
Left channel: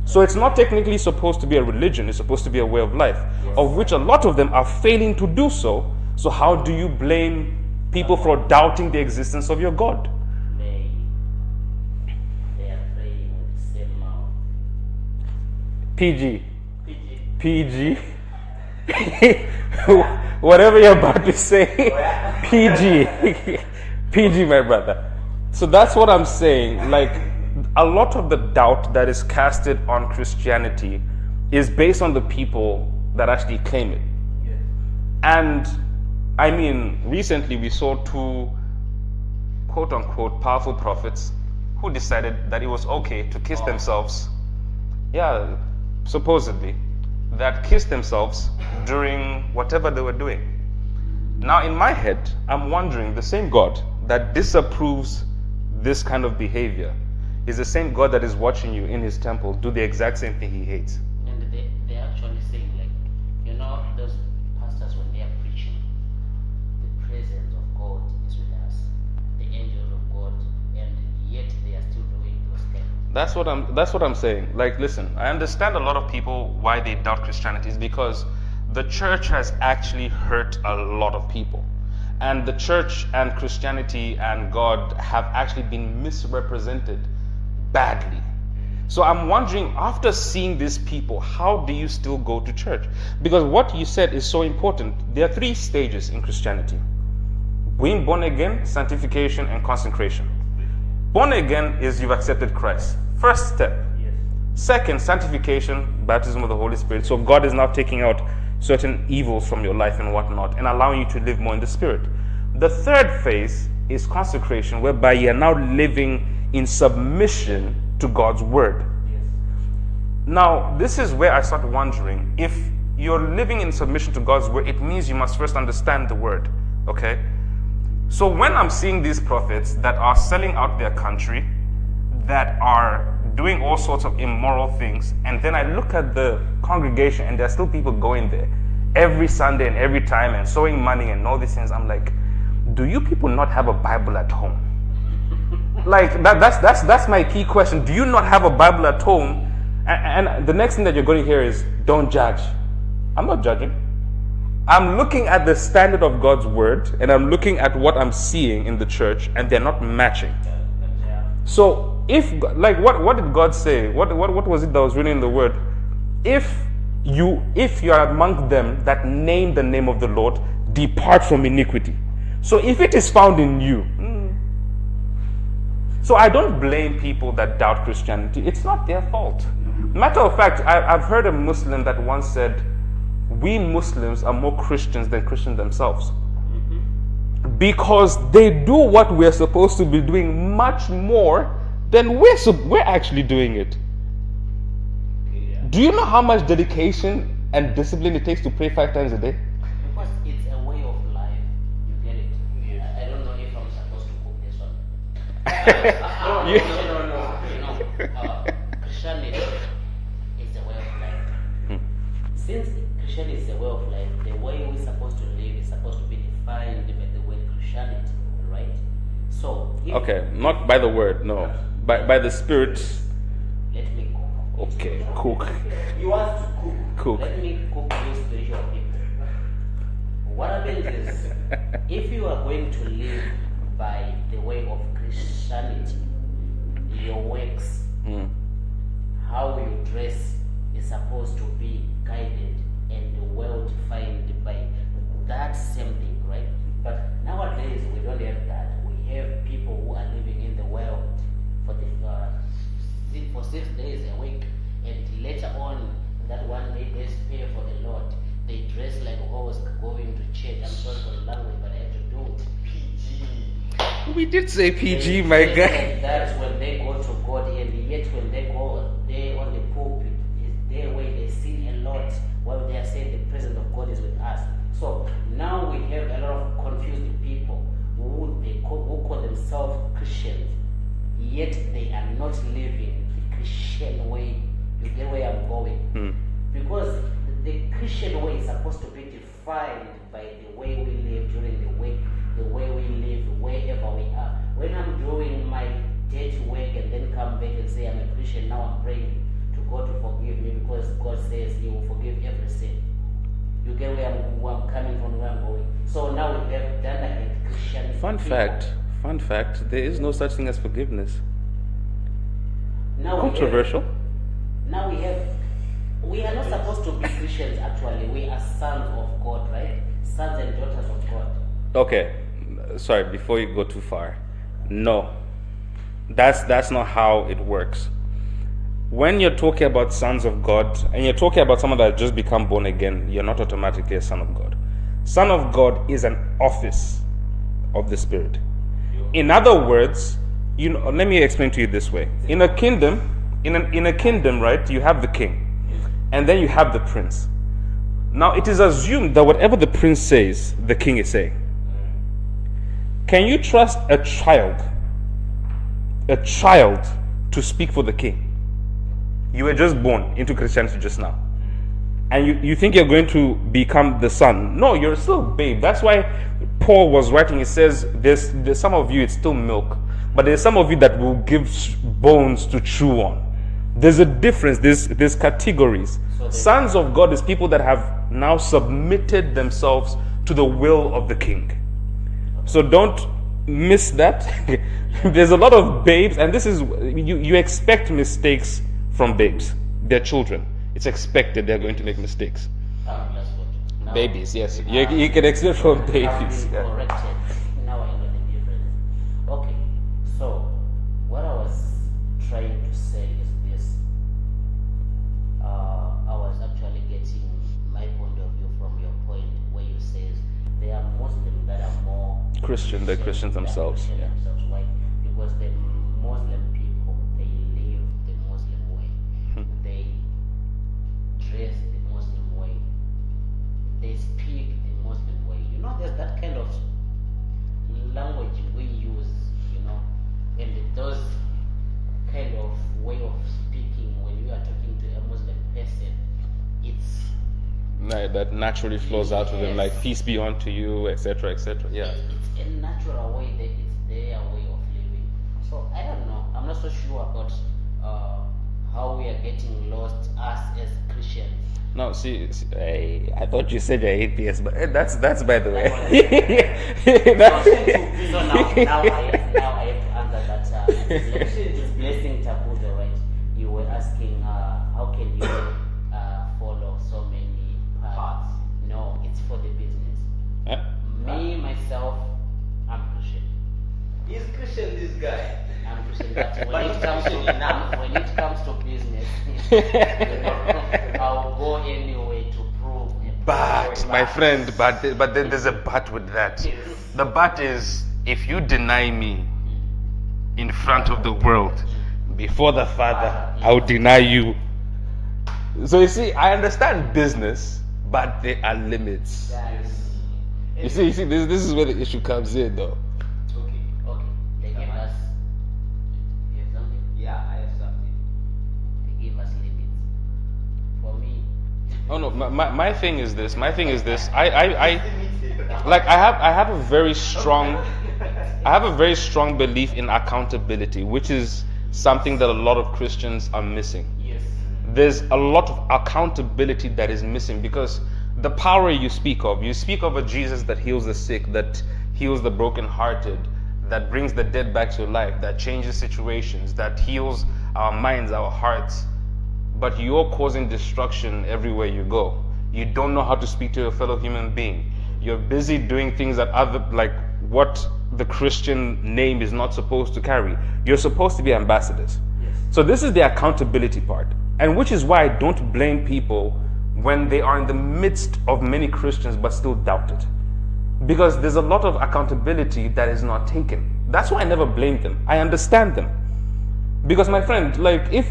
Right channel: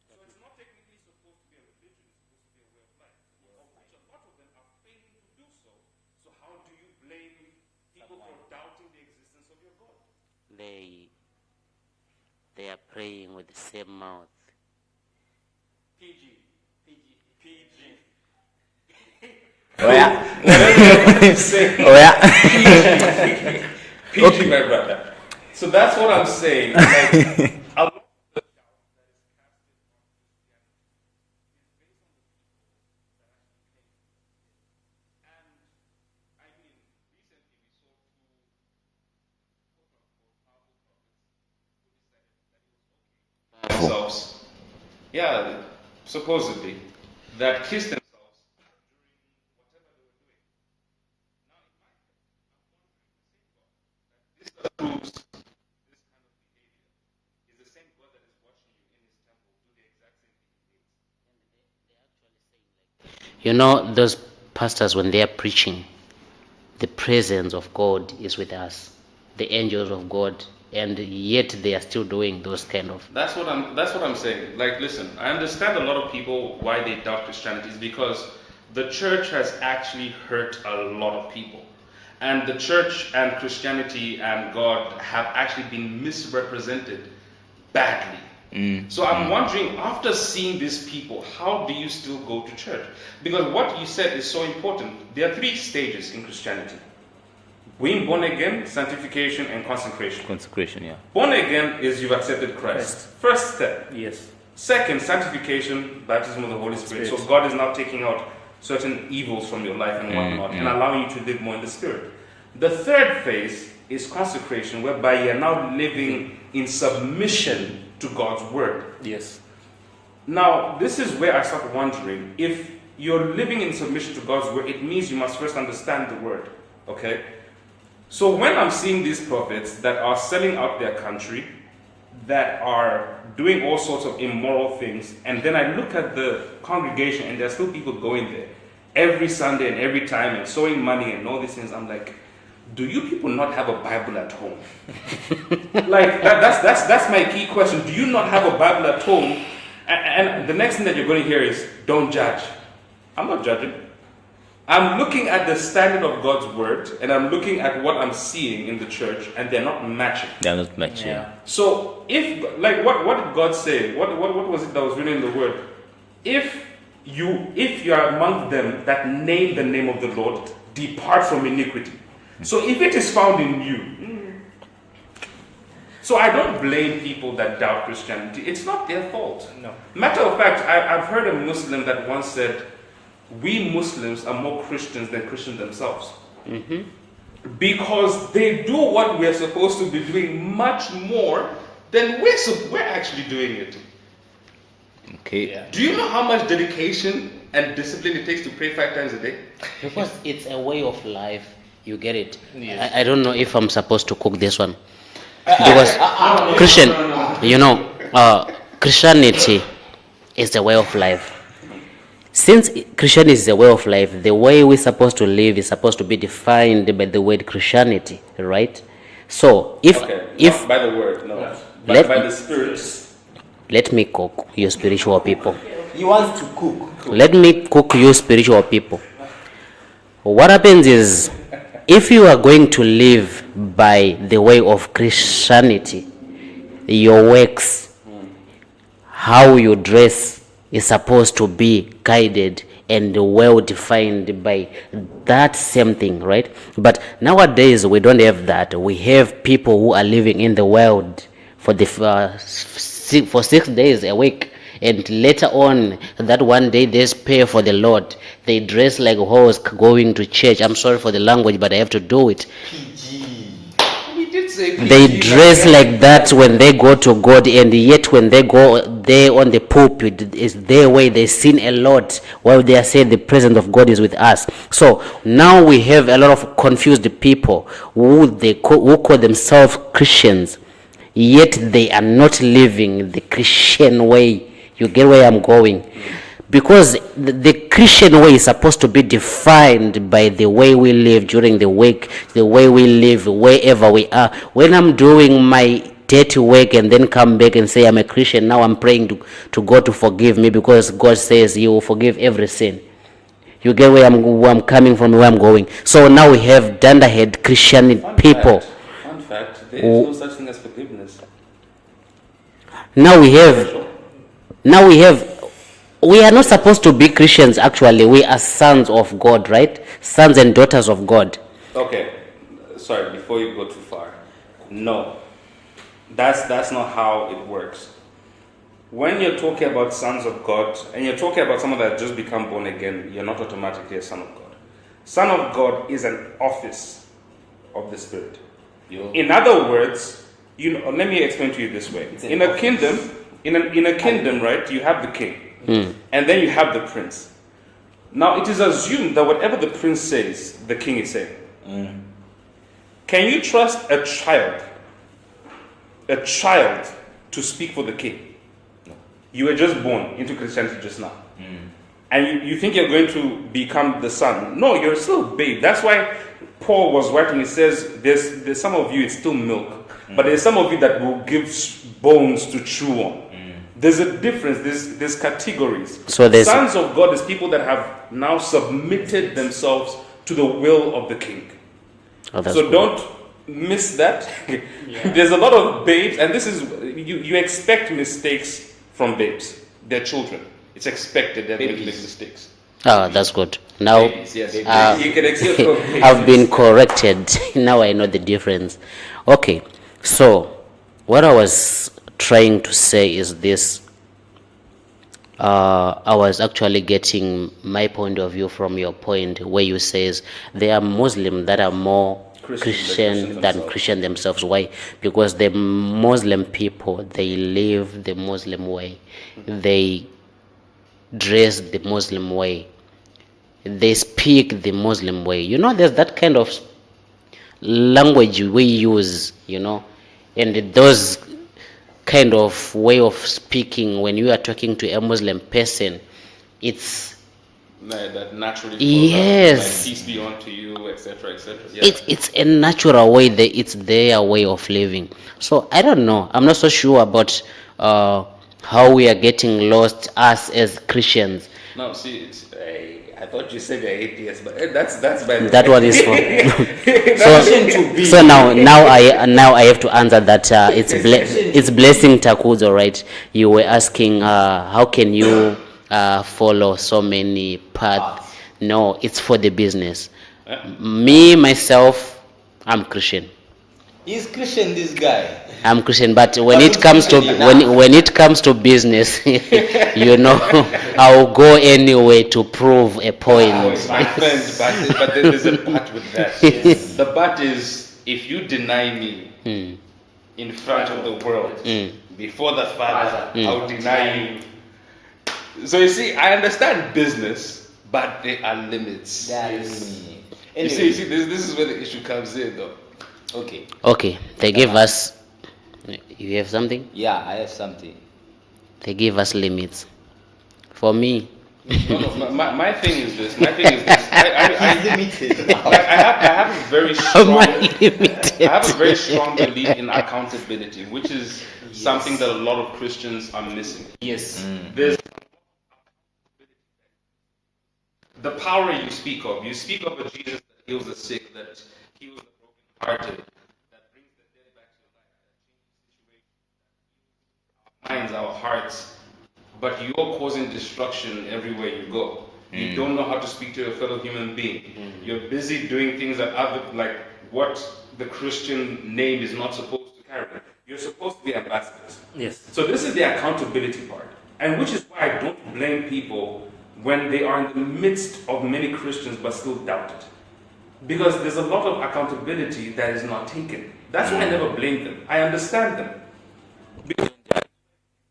So it's not technically supposed to be a religion, it's supposed to be a way of life, of which a lot of them are failing to do so. So how do you blame people for doubting the existence of your God? They are praying with the same mouth. PG. PG. Whatever you're going to say. Oh yeah. PG, my brother. So that's what I'm saying. Like, a lot of the doubt that is casted on Christianity is based on the people that actually claim it. And I mean, recently we saw two quote unquote powerful prophets who decided that it was okay to kiss themselves. Yeah, supposedly, that kissed themselves during whatever they were doing. Now, in my head, I'm wondering, the same God that disapproves this kind of behavior is the same God that is watching you in his temple do the exact same thing he hates. And they're actually saying, like, you know, those pastors, when they are preaching, the presence of God is with us, the angels of God, and yet they are still doing those kind of. That's what I'm saying. Like, listen, I understand a lot of people why they doubt Christianity is because the church has actually hurt a lot of people. And the church and Christianity and God have actually been misrepresented badly. So I'm wondering, after seeing these people, how do you still go to church? Because what you said is so important. There are 3 stages in Christianity: being born again, sanctification, and consecration. Consecration, yeah. Born again is you've accepted Christ. First step. Yes. Second, sanctification, baptism of the Holy Spirit. So God is now taking out certain evils from your life and whatnot and allowing you to live more in the Spirit. The third phase is consecration, whereby you are now living in submission to God's word. Yes. Now, this is where I start wondering, if you're living in submission to God's word, it means you must first understand the word, okay? So when I'm seeing these prophets that are selling out their country, that are doing all sorts of immoral things, and then I look at the congregation and there's still people going there every Sunday and every time and sowing money and all these things, I'm like, do you people not have a Bible at home? Like, that's my key question. Do you not have a Bible at home? And the next thing that you're going to hear is, don't judge. I'm not judging. I'm looking at the standard of God's word, and I'm looking at what I'm seeing in the church, and they're not matching. They're not matching. Yeah. So, if, like, what did God say? What was it that was written in the word? If you are among them that name the name of the Lord, depart from iniquity. So if it is found in you, so I don't blame people that doubt Christianity. It's not their fault. No. Matter of fact, I've heard a Muslim that once said, we Muslims are more Christians than Christians themselves. Because they do what we're supposed to be doing much more than we're actually doing it. Okay. Yeah. Do you know how much dedication and discipline it takes to pray 5 times a day? Because it's a way of life. You get it? Yes. I don't know if I'm supposed to cook this one. Because Christian, you know, Christianity is the way of life. Since Christianity is the way of life, the way we're supposed to live is supposed to be defined by the word Christianity, right? So if not by the word, no, but Let- by the spirits. let me cook you spiritual people. He wants to cook. Let me cook you spiritual people. What happens is, if you are going to live by the way of Christianity, your works, how you dress is supposed to be guided and well defined by that same thing, right? But nowadays we don't have that. We have people who are living in the world for the for 6 days a week, and later on that one day they pay for the Lord. They dress like hoes going to church. I'm sorry for the language, but I have to do it. He did say They PG, dress man. like that when they go to God, and yet when they go there on the pulpit, is their way. They sin a lot while they are saying the presence of God is with us. So now we have a lot of confused people who call themselves Christians, yet they are not living the Christian way. You get where I'm going? Because the Christian way is supposed to be defined by the way we live during the week, the way we live wherever we are. When I'm doing my dirty work and then come back and say I'm a Christian, now I'm praying to God to forgive me, because God says He will forgive every sin. You get where I'm coming from, where I'm going. So now we have dunderhead Christian people. Fun fact, there is no such thing as forgiveness. Now we are not supposed to be Christians. Actually, we are sons of God, right? Sons and daughters of God. Okay, sorry, before you go too far. No, that's not how it works. When you're talking about sons of God, and you're talking about someone that just become born again, you're not automatically a son of God. Son of God is an office of the Spirit. In other words, let me explain to you this way. In a kingdom, right, you have the king. And then you have the prince. Now it is assumed that whatever the prince says, the king is saying. Can you trust a child to speak for the king? You were just born into Christianity just now. And you think you're going to become the son. No, you're still a babe. That's why Paul was writing, he says, there's some of you, it's still milk. But there's some of you that will give bones to chew on. There's a difference. There's categories. So there's sons of God is people that have now submitted themselves to the will of the king. So don't miss that. There's a lot of babes, and this is you expect mistakes from babes. They're children. It's expected they're going to make mistakes. Oh, that's good. Now Babies, yes. You can accept from babes. I've been corrected. Now I know the difference. Okay, so what I was trying to say is this. I was actually getting my point of view from your point, where you says there are Muslims that are more Christian than Christian themselves. Why? Because the Muslim people, they live the Muslim way, they dress the Muslim way, they speak the Muslim way. There's that kind of language we use, and those kind of way of speaking when you are talking to a Muslim person, it's that naturally flows yes, out, like peace be unto you, etc., etc. it's a natural way, it's their way of living. So I don't know, I'm not so sure about how we are getting lost, us as Christians. No, see, I thought you said you're atheist, but that's by the That way. one is for so now I have to answer that. It's Blessing Takuzo, right? You were asking how can you follow so many paths? No, it's for the business. Me myself, I'm Christian. He's Christian, this guy. I'm Christian, but when it comes to when it comes to business, I'll go anyway to prove a point. My friend, but there's a but with that. The but is, if you deny me in front of the world, before the Father, I'll deny you. So you see, I understand business, but there are limits. You see, this is where the issue comes in, though. Okay, They gave us. You have something? Yeah, I have something. They give us limits. For me, No, my thing is this. I Limited. like I have a very strong limited. I have a very strong belief in accountability, which is something that a lot of Christians are missing. Yes. There's a lot of accountability that is missing, because the power you speak of a Jesus that heals the sick, that heals the brokenhearted, that brings the dead back to life, that changes situations, that heals our minds, our hearts. But you're causing destruction everywhere you go. You don't know how to speak to your fellow human being. You're busy doing things that what the Christian name is not supposed to carry. You're supposed to be ambassadors. Yes. So this is the accountability part. And which is why I don't blame people when they are in the midst of many Christians but still doubt it. because there's a lot of accountability that is not taken. That's why I never blame them. I understand them. Because my friend, like if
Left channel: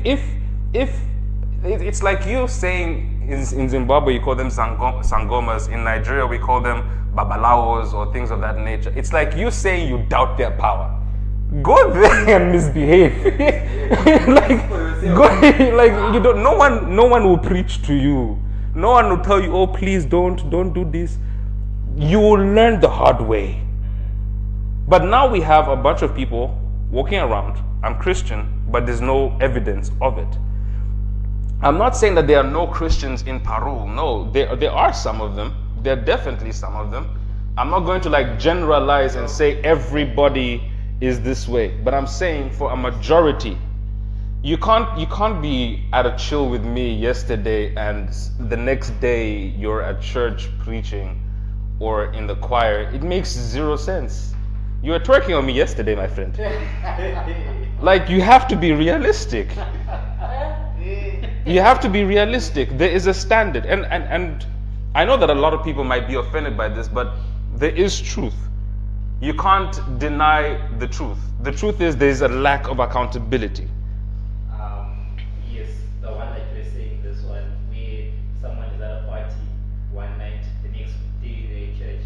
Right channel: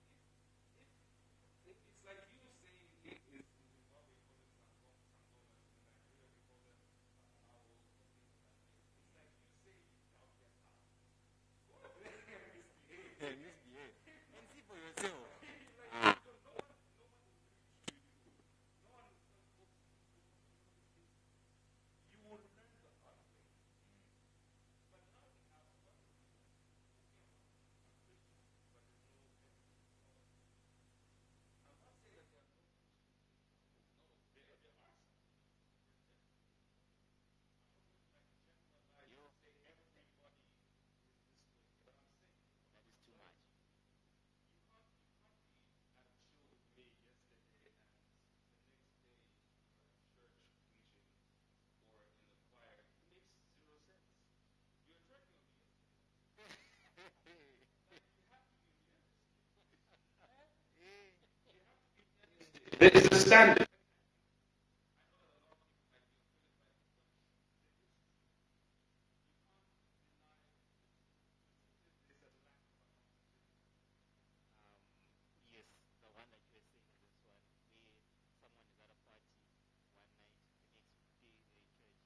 it's like you saying in Zimbabwe you call them sangomas, in Nigeria we call them babalawos or things of that nature. It's like you saying you doubt their power. Go there and misbehave. like you don't. No one will preach to you. No one will tell you, oh please don't do this. You will learn the hard way. But now we have a bunch of people walking around. I'm Christian, but there's no evidence of it. I'm not saying that there are no Christians in Peru. No, there are some of them. There are definitely some of them. I'm not going to like generalize and say everybody is this way, but I'm saying for a majority, you can't be at a chill with me yesterday and the next day you're at church preaching or in the choir. It makes zero sense. You were twerking on me yesterday, my friend. Like, you have to be realistic. You have to be realistic. There is a standard. And I know that a lot of people might be offended by this, but there is truth. You can't deny the truth. The truth is there is a lack of accountability. Yes, the one that you're saying, this one, where someone is at a party one night, the next day they're in church.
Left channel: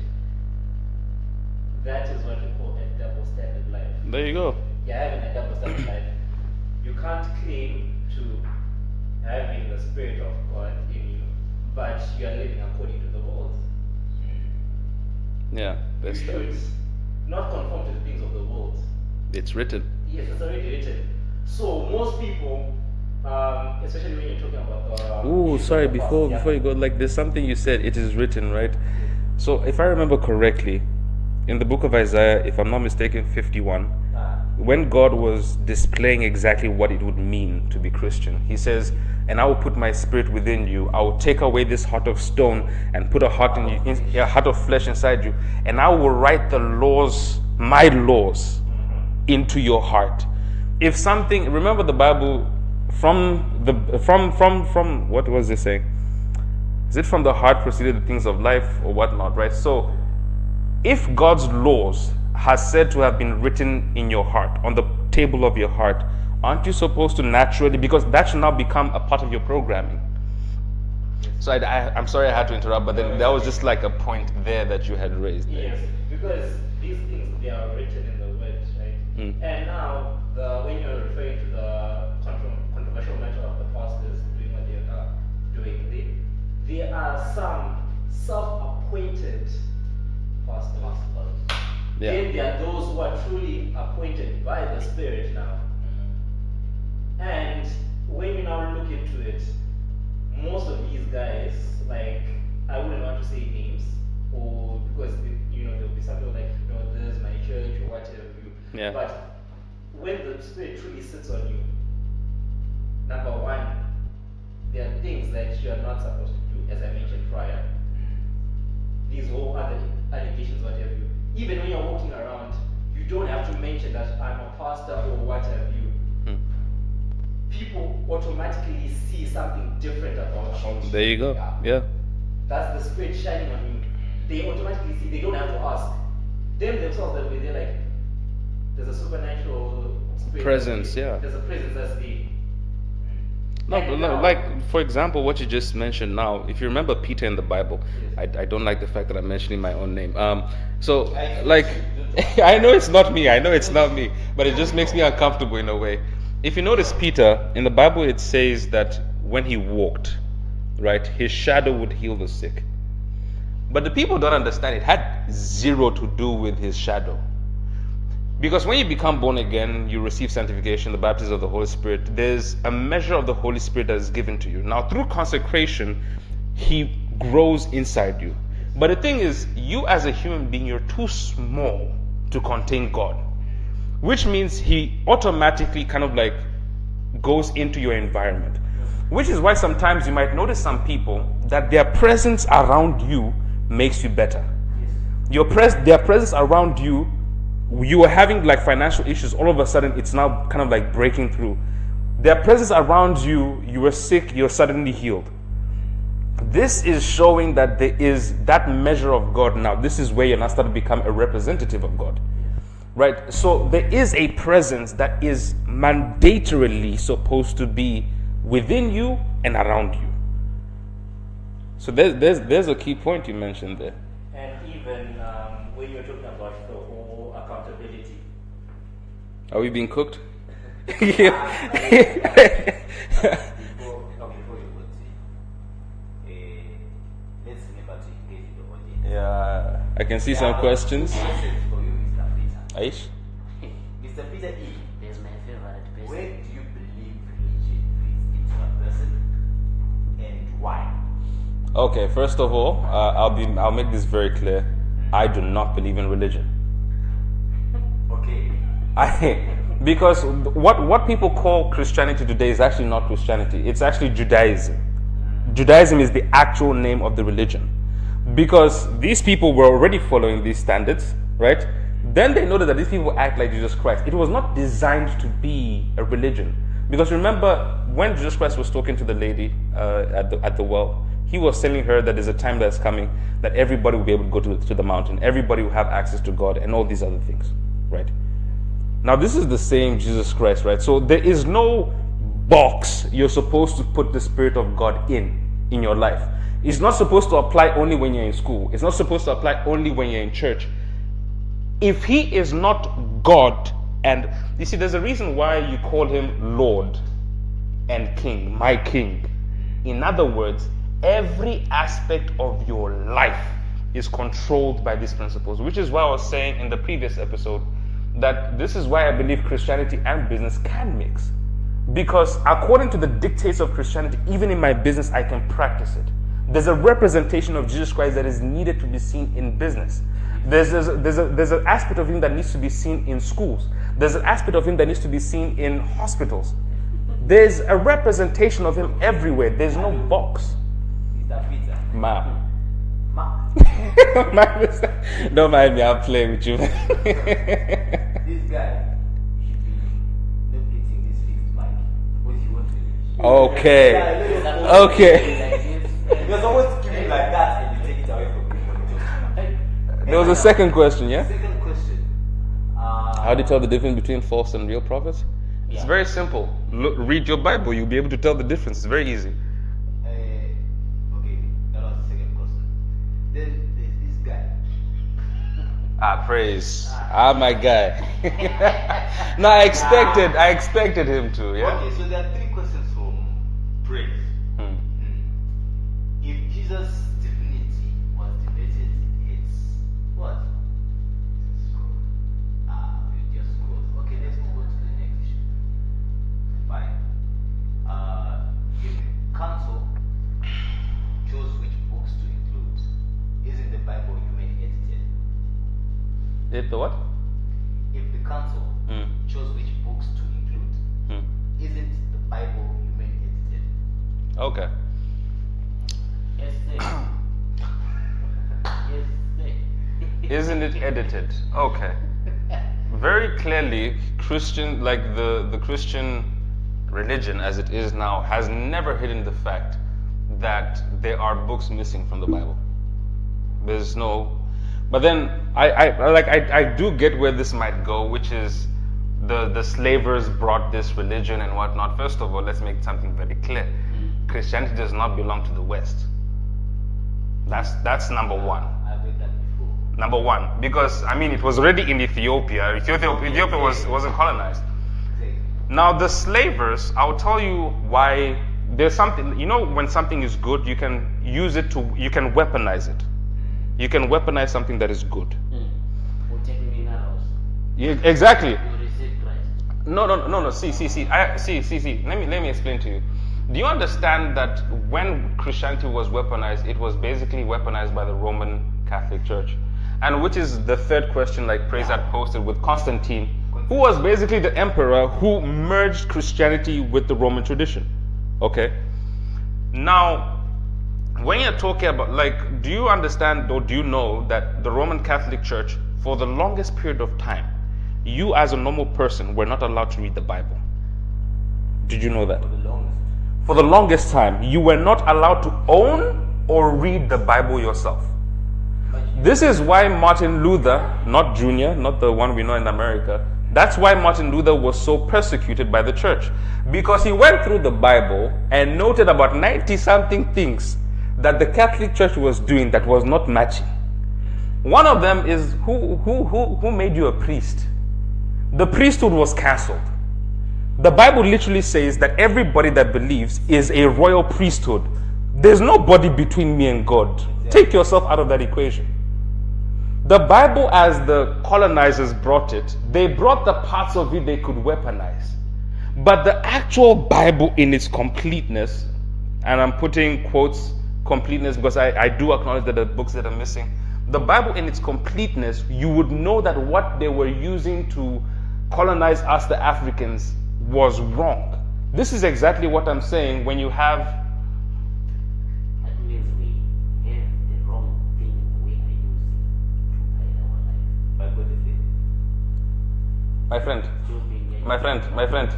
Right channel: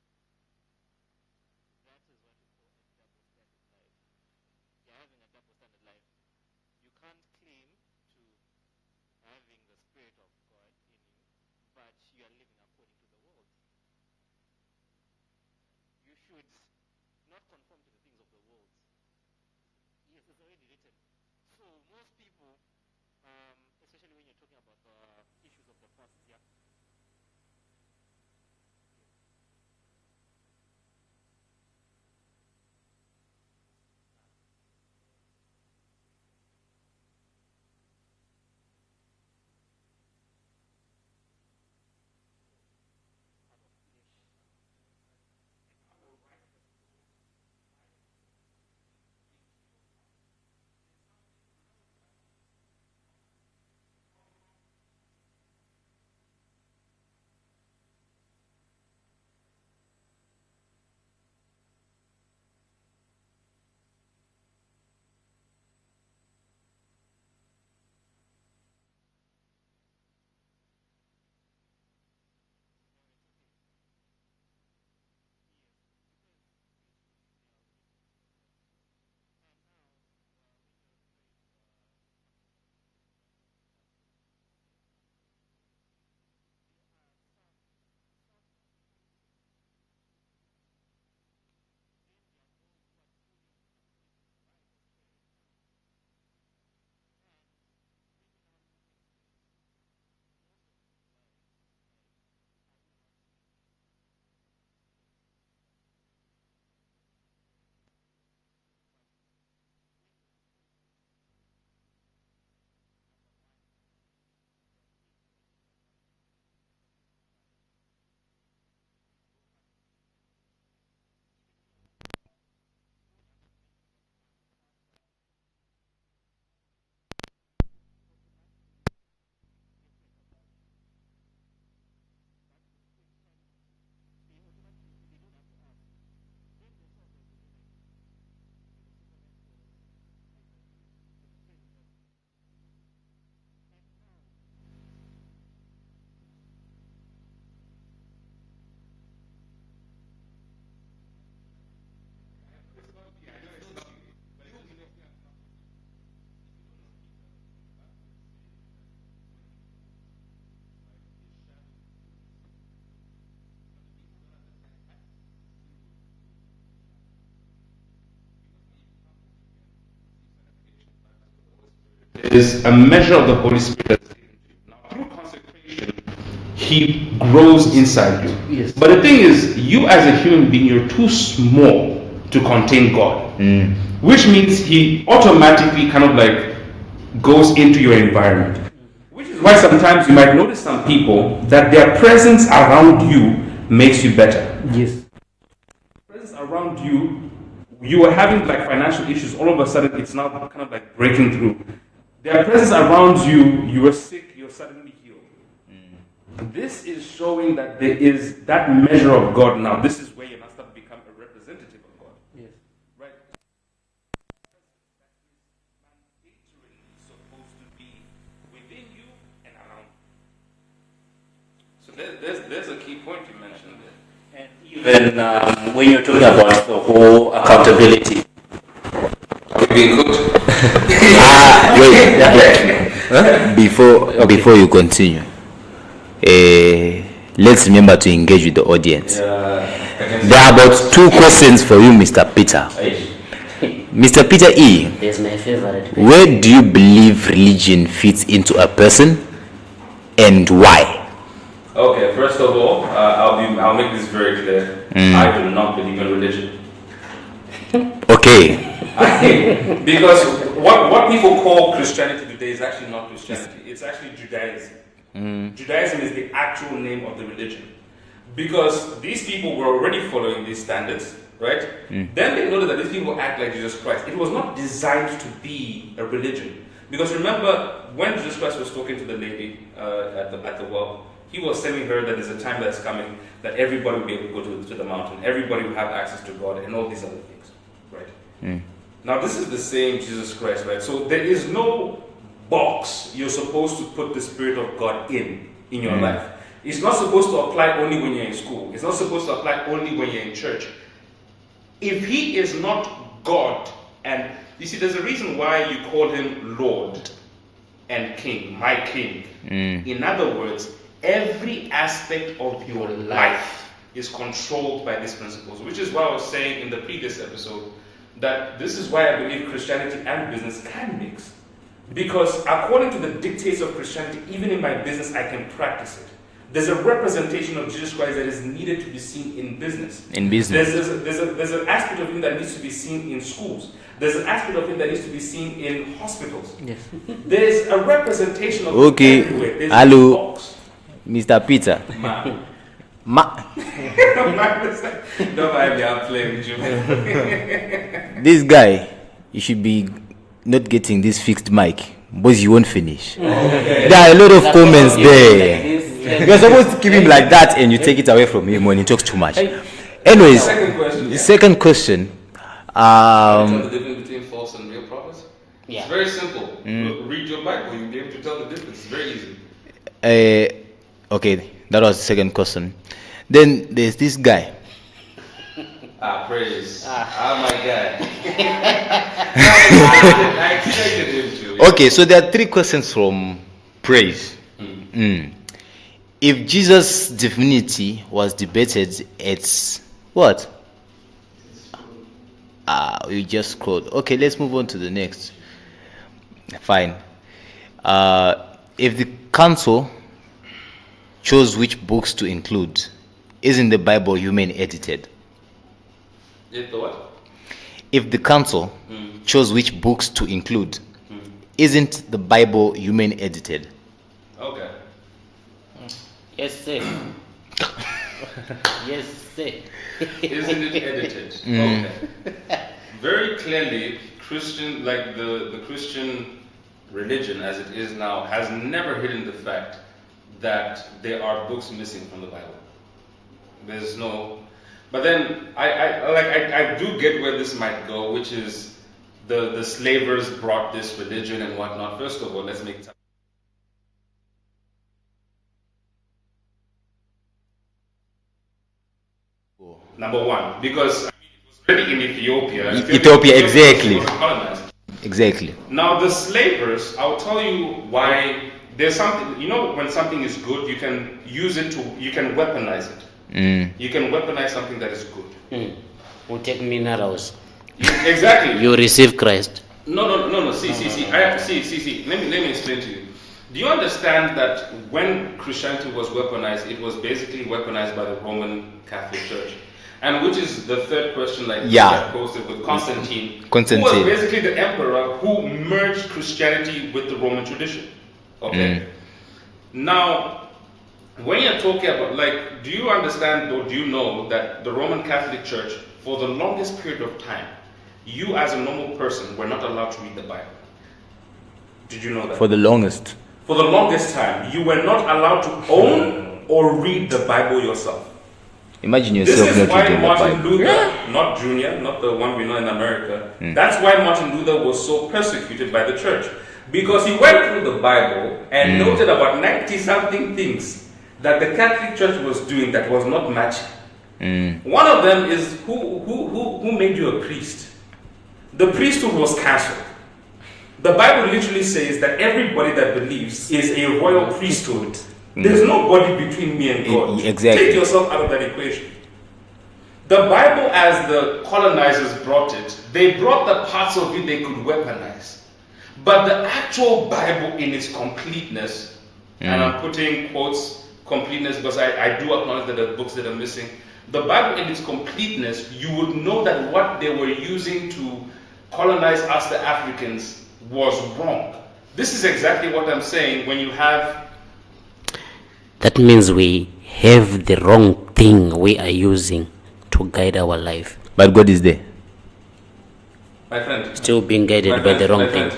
That is what we call a double standard life. There you go. You're having a double standard life. You can't claim to having the Spirit of God in you, but you are living according to the world. Yeah, You that's that. should not conform to the things of the world. It's written. Yes, it's already written. So most people, especially when you're talking about Ooh, sorry, before you go, like there's something you said, it is written, right? So if I remember correctly, in the book of Isaiah, if I'm not mistaken, 51, when God was displaying exactly what it would mean to be Christian, he says, and I will put my spirit within you. I will take away this heart of stone and put a heart in you, a heart of flesh inside you, and I will write the laws, my laws, into your heart. If something, remember the Bible, from what was it saying? Is it from the heart proceeded the things of life or whatnot, right? So, if God's laws has said to have been written in your heart, on the table of your heart, aren't you supposed to naturally, because that should now become a part of your programming? So I'm sorry I had to interrupt, but then that was just like a point there that you had raised. Yes, because these things, they are written in the word, right? And now, when you're referring to the controversial matter of the pastors doing what they are doing, there are some self-appointed pastors. Yeah. Then there are those who are truly appointed by the Spirit now. And when you now look into it, most of these guys, like, I wouldn't want to say names, or because there'll be something like, this is my church or whatever. Yeah. But when the Spirit truly sits on you, number one, there are things that you are not supposed to do, as I mentioned prior. These whole other allegations, whatever. Even when you're walking around, you don't have to mention that I'm a pastor or what have you. People automatically see something different about you. There you go. Yeah. That's the Spirit shining on you. They automatically see, they don't have to ask. Them themselves, they'll be there like, there's a supernatural spirit. Presence, yeah. There's a presence that's there. No, but no, like, for example, what you just mentioned now, if you remember Peter in the Bible, I don't like the fact that I'm mentioning my own name. So, like, I know it's not me, but it just makes me uncomfortable in a way. If you notice Peter, in the Bible it says that when he walked, right, his shadow would heal the sick. But the people don't understand, it had zero to do with his shadow. Because when you become born again, you receive sanctification, the baptism of the Holy Spirit. There's a measure of the Holy Spirit that is given to you. Now, through consecration, He grows inside you. Yes. But the thing is, you as a human being, you're too small to contain God. Which means He automatically kind of like goes into your environment. Which is why sometimes you might notice some people that their presence around you makes you better. Yes. Their presence around you, you were having like financial issues, all of a sudden it's now kind of like breaking through. Their presence around you, you were sick, you're suddenly healed. This is showing that there is that measure of God now. This is where you're now starting to become a representative of God. Right? So there is a presence that is mandatorily supposed to be within you and around you. So there's a key point you mentioned there. And even when you're talking about the whole accountability, Are we being cooked? Wait. Before you continue, let's remember to engage with the audience. There are about 2 questions for you, Mr. Peter. Mr. Peter E, there's my favorite. where do you believe religion fits into a person and why? Okay, first of all, I'll make this very clear. I do not believe in religion. Okay. Because what people call Christianity today is actually not Christianity. It's actually Judaism. Judaism is the actual name of the religion. Because these people were already following these standards, right? Then they noticed that these people act like Jesus Christ. It was not designed to be a religion. Because remember, when Jesus Christ was talking to the lady at the well, he was telling her that there's a time that's coming that everybody will be able to go to the mountain. Everybody will have access to God and all these other things, right? Now, this is the same Jesus Christ, right? So there is no box you're supposed to put the Spirit of God in your life. It's not supposed to apply only when you're in school. It's not supposed to apply only when you're in church. If he is not God, and you see, there's a reason why you call him Lord and King, my King. In other words, every aspect of your life is controlled by these principles, which is why I was saying in the previous episode that this is why I believe Christianity and business can mix. Because according to the dictates of Christianity, even in my business, I can practice it. There's a representation of Jesus Christ that is needed to be seen in business. In business. There's an aspect of him that needs to be seen in schools. There's an aspect of him that needs to be seen in hospitals. Yes. There's a representation of him Okay. everywhere. There's Hello. a box. Mr. Peter. Don't mind me, I'm playing with you. This guy, you should be not getting this fixed mic, but you won't finish. Okay. There are a lot of comments there. Like You're supposed to keep him like that and you take it away from him when he talks too much. Anyways, Second question. second question. How to tell the difference between false and real prophets? Yeah. It's very simple. Look, read your Bible, you'll be able to tell the difference. It's very easy. Okay, that was the second question. Then there's this guy. Praise. My guy. No, I expected him to. Yeah. Okay, so there are 3 questions from Praise. If Jesus' divinity was debated, it's what? We just scrolled. Okay, let's move on to the next. Fine. If the council chose which books to include, isn't the Bible human edited? If the what? If the council chose which books to include, isn't the Bible human edited? Okay. Yes, sir. Yes, sir. Isn't it edited? Okay. Very clearly, Christian, like the Christian religion as it is now, has never hidden the fact that there are books missing from the Bible. There's no, but then I do get where this might go, which is the slavers brought this religion and whatnot. First of all, let's make something very clear: Christianity does not belong to the West. That's number one. Number one, because I mean it was already in Ethiopia. Ethiopia, exactly. wasn't colonized. Exactly. Now the slavers, I'll tell you why. There's something, you know, when something is good, you can use it to, you can weaponize it. You can weaponize something that is good. Who take minerals? Exactly. You receive Christ. No. See. Let me explain to you. Do you understand that when Christianity was weaponized, it was basically weaponized by the Roman Catholic Church? And which is the third question, like I posted with Constantine, who was basically the emperor who merged Christianity with the Roman tradition. Okay. Now, when you're talking about, like, do you understand or do you know that the Roman Catholic Church, for the longest period of time, you as a normal person were not allowed to read the Bible? Did you know that? For the longest. for the longest time, you were not allowed to own or read the Bible yourself. Imagine yourself. This is not why reading the Martin Bible. Luther, not Junior, not the one we know in America, that's why Martin Luther was so persecuted by the church. Because he went through the Bible and noted about 90 something things that the Catholic Church was doing that was not matching. One of them is who made you a priest? The priesthood was cancelled. The Bible literally says that everybody that believes is a royal priesthood. There's nobody between me and God. Exactly. Take yourself out of that equation. The Bible, as the colonizers brought it, they brought the parts of it they could weaponize. But the actual Bible in its completeness, and I'm putting quotes completeness because I do acknowledge that there are books that are missing. The Bible in its completeness, you would know that what they were using to colonize us, the Africans, was wrong. This is exactly what I'm saying when you have. That means we have the wrong thing we are using to guide our life. But God is there. My friend. Still being guided by the wrong thing.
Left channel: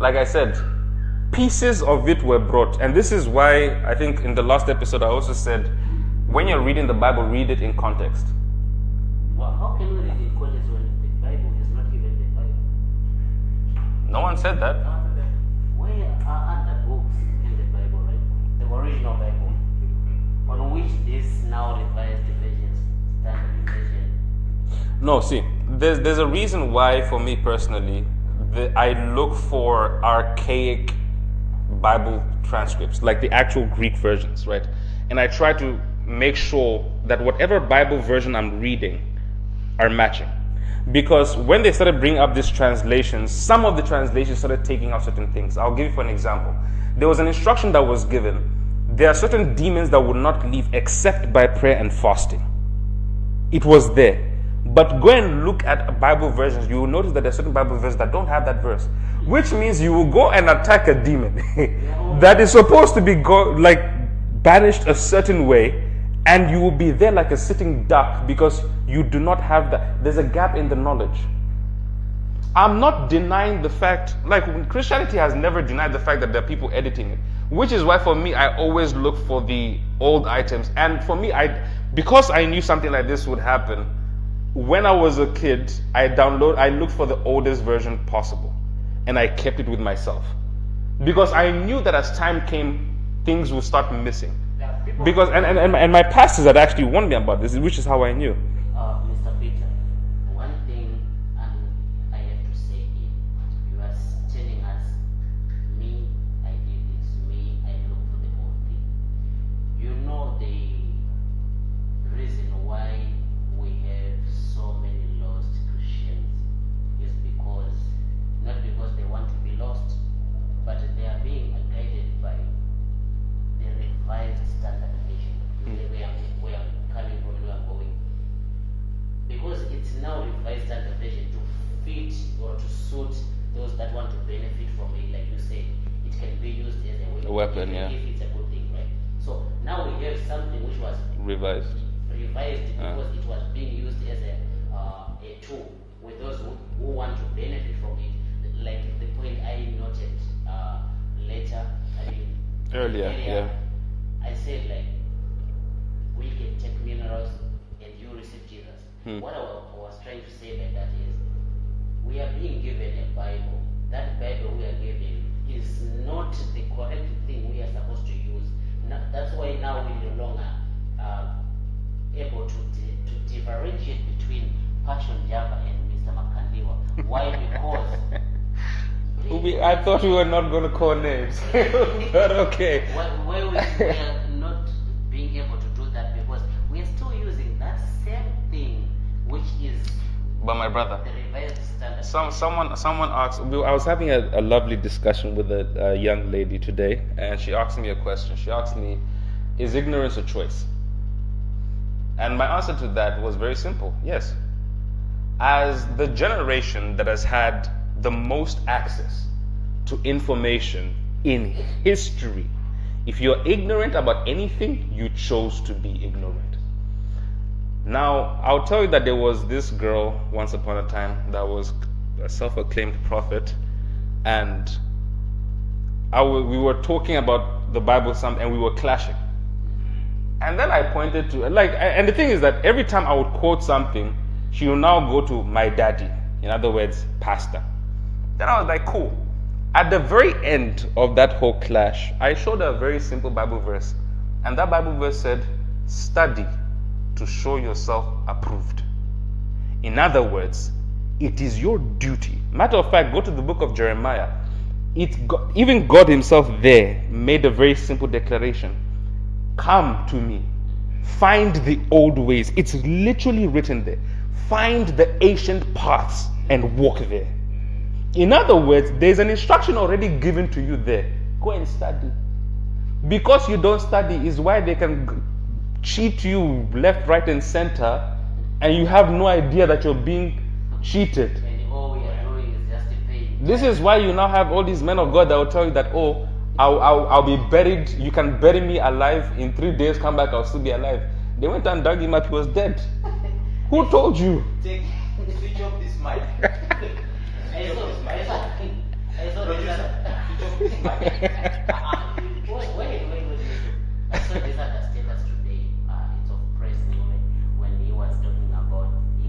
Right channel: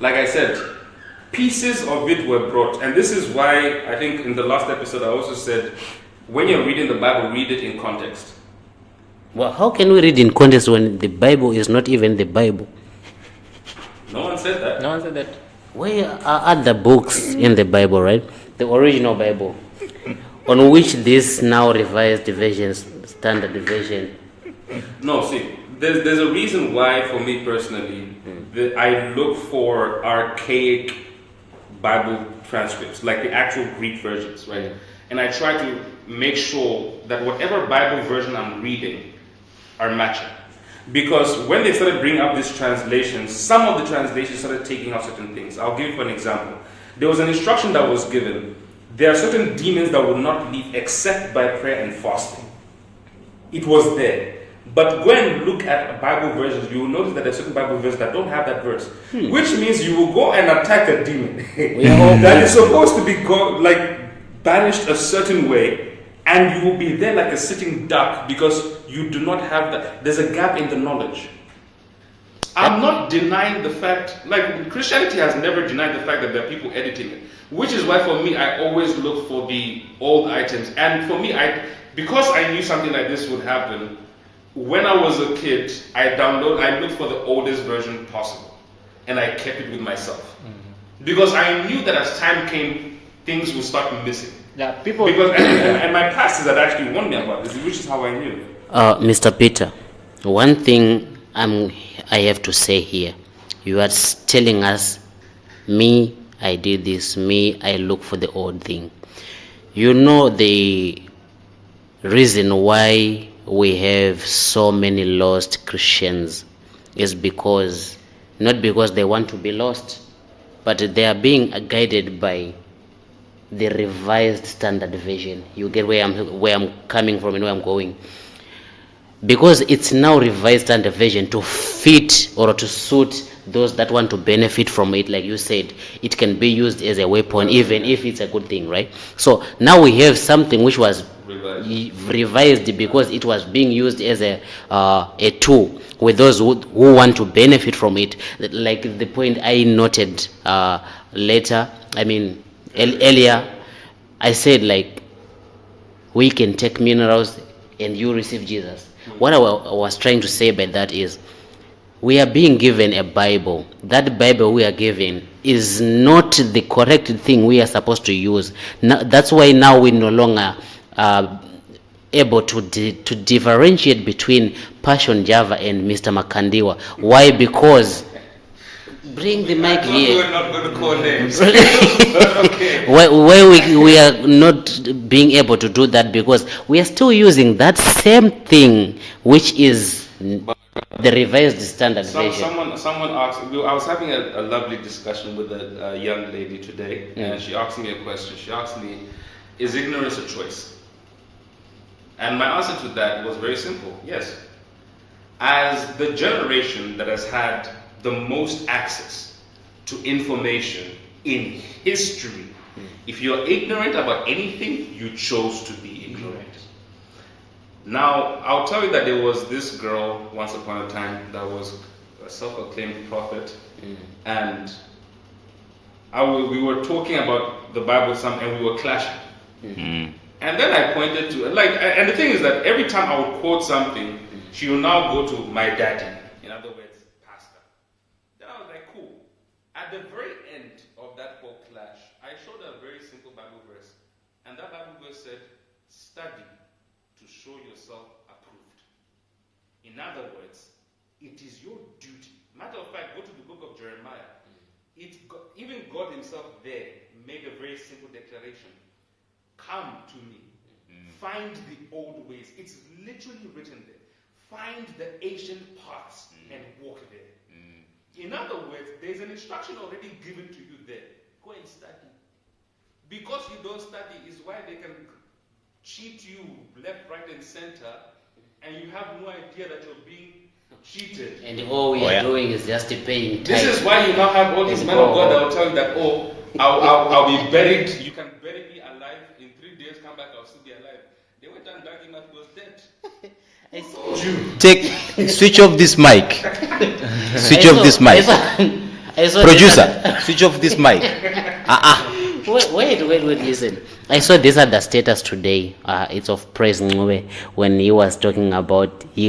Like I said, pieces of it were brought. And this is why I think in the last episode I also said, when you're reading the Bible, read it in context. Well, how can we read in context when the Bible is not even the Bible? No one said that. No one said that. Where are other books in the Bible, right? The original Bible, on which this now revised versions, standard version. No, see, there's a reason why, for me personally, I look for archaic Bible transcripts, like the actual Greek versions, right? And I try to make sure that whatever Bible version I'm reading are matching. Because when they started bringing up these translations, some of the translations started taking out certain things. I'll give you an example. There was an instruction that was given. There are certain demons that will not leave except by prayer and fasting. It was there. But go and look at Bible versions, you will notice that there are certain Bible verses that don't have that verse. Which means you will go and attack a demon that is supposed to be banished a certain way, and you will be there like a sitting duck because you do not have that. There's a gap in the knowledge. I'm not denying the fact, like Christianity has never denied the fact that there are people editing it, which is why for me I always look for the old items. And for me, because I knew something like this would happen, when I was a kid, I looked for the oldest version possible, and I kept it with myself because I knew that as time came, things would start missing. Yeah, people. Because and my pastors had actually warned me about this, which is how I knew. Mr. Peter, one thing I have to say here. You are telling us, me, I did this, me, I look for the old thing. You know the reason why we have so many lost Christians is because, not because they want to be lost, but they are being guided by the revised standard version. You get where I'm coming from and where I'm going. Because it's now revised standard version to fit or to suit those that want to benefit from it. Like you said, it can be used as a weapon, even if it's a good thing, right? So now we have something which was revised because it was being used as a tool with those who want to benefit from it. Like the point I noted earlier, I said, like, we can take minerals and you receive Jesus. What I was trying to say by that is, we are being given a Bible. That Bible we are given is not the correct thing we are supposed to use. Now, that's why now we no longer are able to differentiate between Passion Java and Mr. Makandiwa. Why? Because bring the mic here. We're not going to call names. Okay. Why we are not being able to do that because we are still using that same thing, which is But my brother, the revised standard version. someone asked. I was having a lovely discussion with a young lady today, and she asked me a question. She asked me, "Is ignorance a choice?" And my answer to that was very simple: yes. As the generation that has had the most access to information in history, if you're ignorant about anything, you chose to be ignorant. Now, I'll tell you that there was this girl once upon a time that was a self-acclaimed prophet, and we were talking about the Bible some, and we were clashing. And then I pointed to and the thing is that every time I would quote something, she will now go to my daddy. In other words, pastor. Then I was like, cool. At the very end of that whole clash, I showed her a very simple Bible verse. And that Bible verse said, study to show yourself approved. In other words, it is your duty. Matter of fact, go to the book of Jeremiah. Even God himself there made a very simple declaration. Come to me. Find the old ways. It's literally written there. Find the ancient paths and walk there. In other words, there's an instruction already given to you there. Go and study. Because you don't study is why they can cheat you left, right, and center, and you have no idea that you're being cheated. And all we are doing is just paying. This is why you now have all these men of God that will tell you that, oh, I'll be buried. You can bury me alive. In 3 days, come back, I'll still be alive. They went and dug him up, he was dead. Who told you? Switch off this mic. Switch off this mic. Producer, switch off this mic. Wait, listen. I saw this at the status today. It's of Praise Ngwe, when he was talking about, he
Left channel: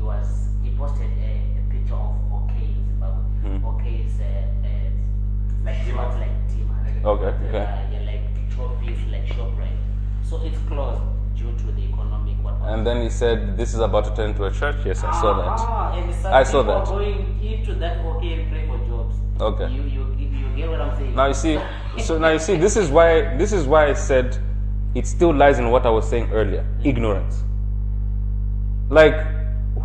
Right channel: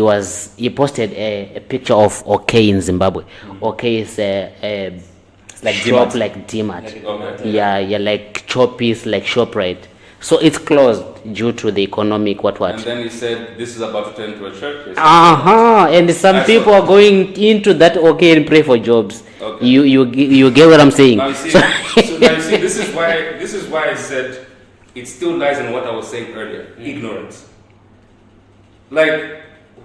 posted a picture of OK in Zimbabwe. OK is like shop like DMart. Okay. Yeah, like Choppies, like ShopRite. So it's closed due to the economic what. And then he said, this is about to turn into a church. Yes. And some people are going into that OK and pray for jobs. Okay. You get what I'm saying? Now you see, this is why I said it still lies in what I was saying earlier, ignorance. Like,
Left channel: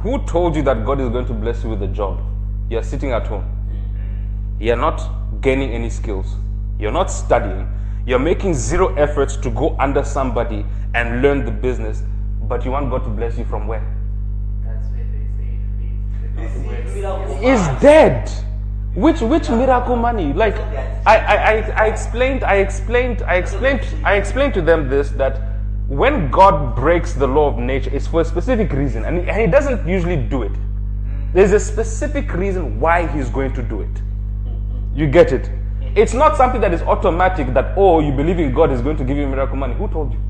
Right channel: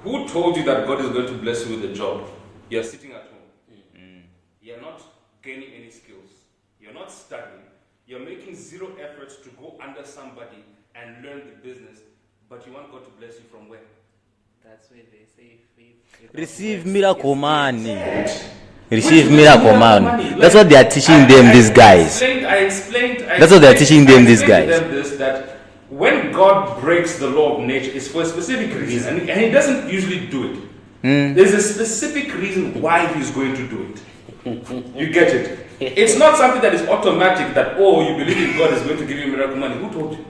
who told you that God is going to bless you with a job? You're sitting at home. You're not gaining any skills. You're not studying. You're making zero efforts to go under somebody and learn the business, but you want God to bless you from where? That's where they say Receive miracle man. It's dead. Receive miracle man. That's what they are teaching them, these guys. I explained. That's what they're teaching them, these guys. I explained to them this, that when God breaks the law of nature, it's for a specific reason, and He doesn't usually do it. There's a specific reason why He's going to do it. You get it? It's not something that is automatic that, oh, you believe in God is going to give you miracle money. Who told you?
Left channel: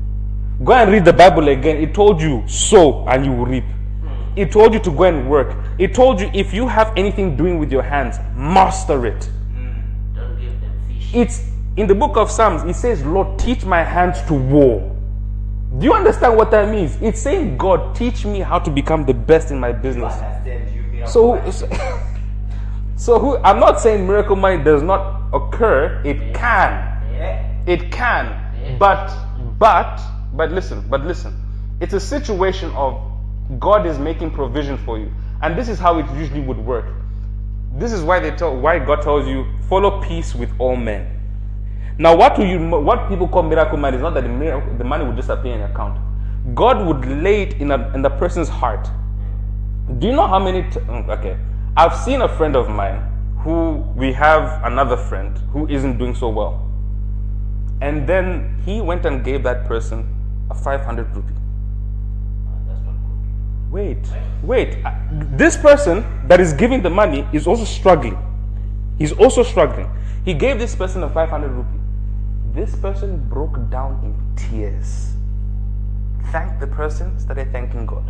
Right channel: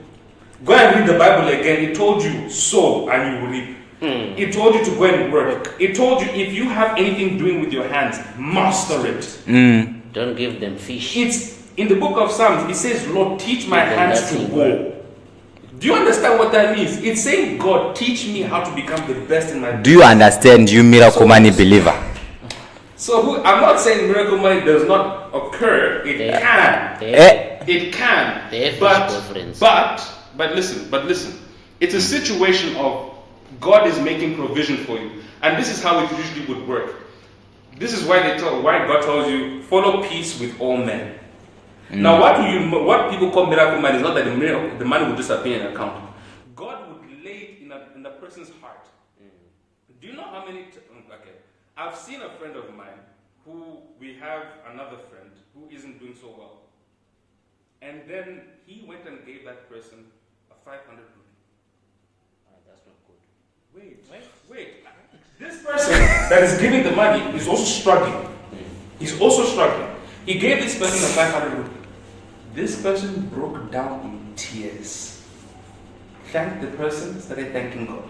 Go and read the Bible again. It told you, sow and you will reap. It told you to go and work. It told you, if you have anything doing with your hands, master it. Don't give them fish. It's in the book of Psalms. It says, Lord, teach my hands to war. Do you understand what that means? It's saying, God, teach me how to become the best in my business. Do you understand, you miracle money believer? So I'm not saying miracle money does not occur. It can. It can. But listen. It's a situation of God is making provision for you, and this is how it usually would work. This is why why God tells you follow peace with all men. Now, what people call miracle money is not that the money will disappear in an account. God would lay it in the person's heart. Do you know how many? Okay. I've seen a friend of mine we have another friend who isn't doing so well. And then he went and gave that person a 500 rupee. That's not good. Wait. This person that is giving the money is also struggling. He's also struggling. He gave this person a 500 rupee. This person broke down in tears. Thanked the person, started thanking God.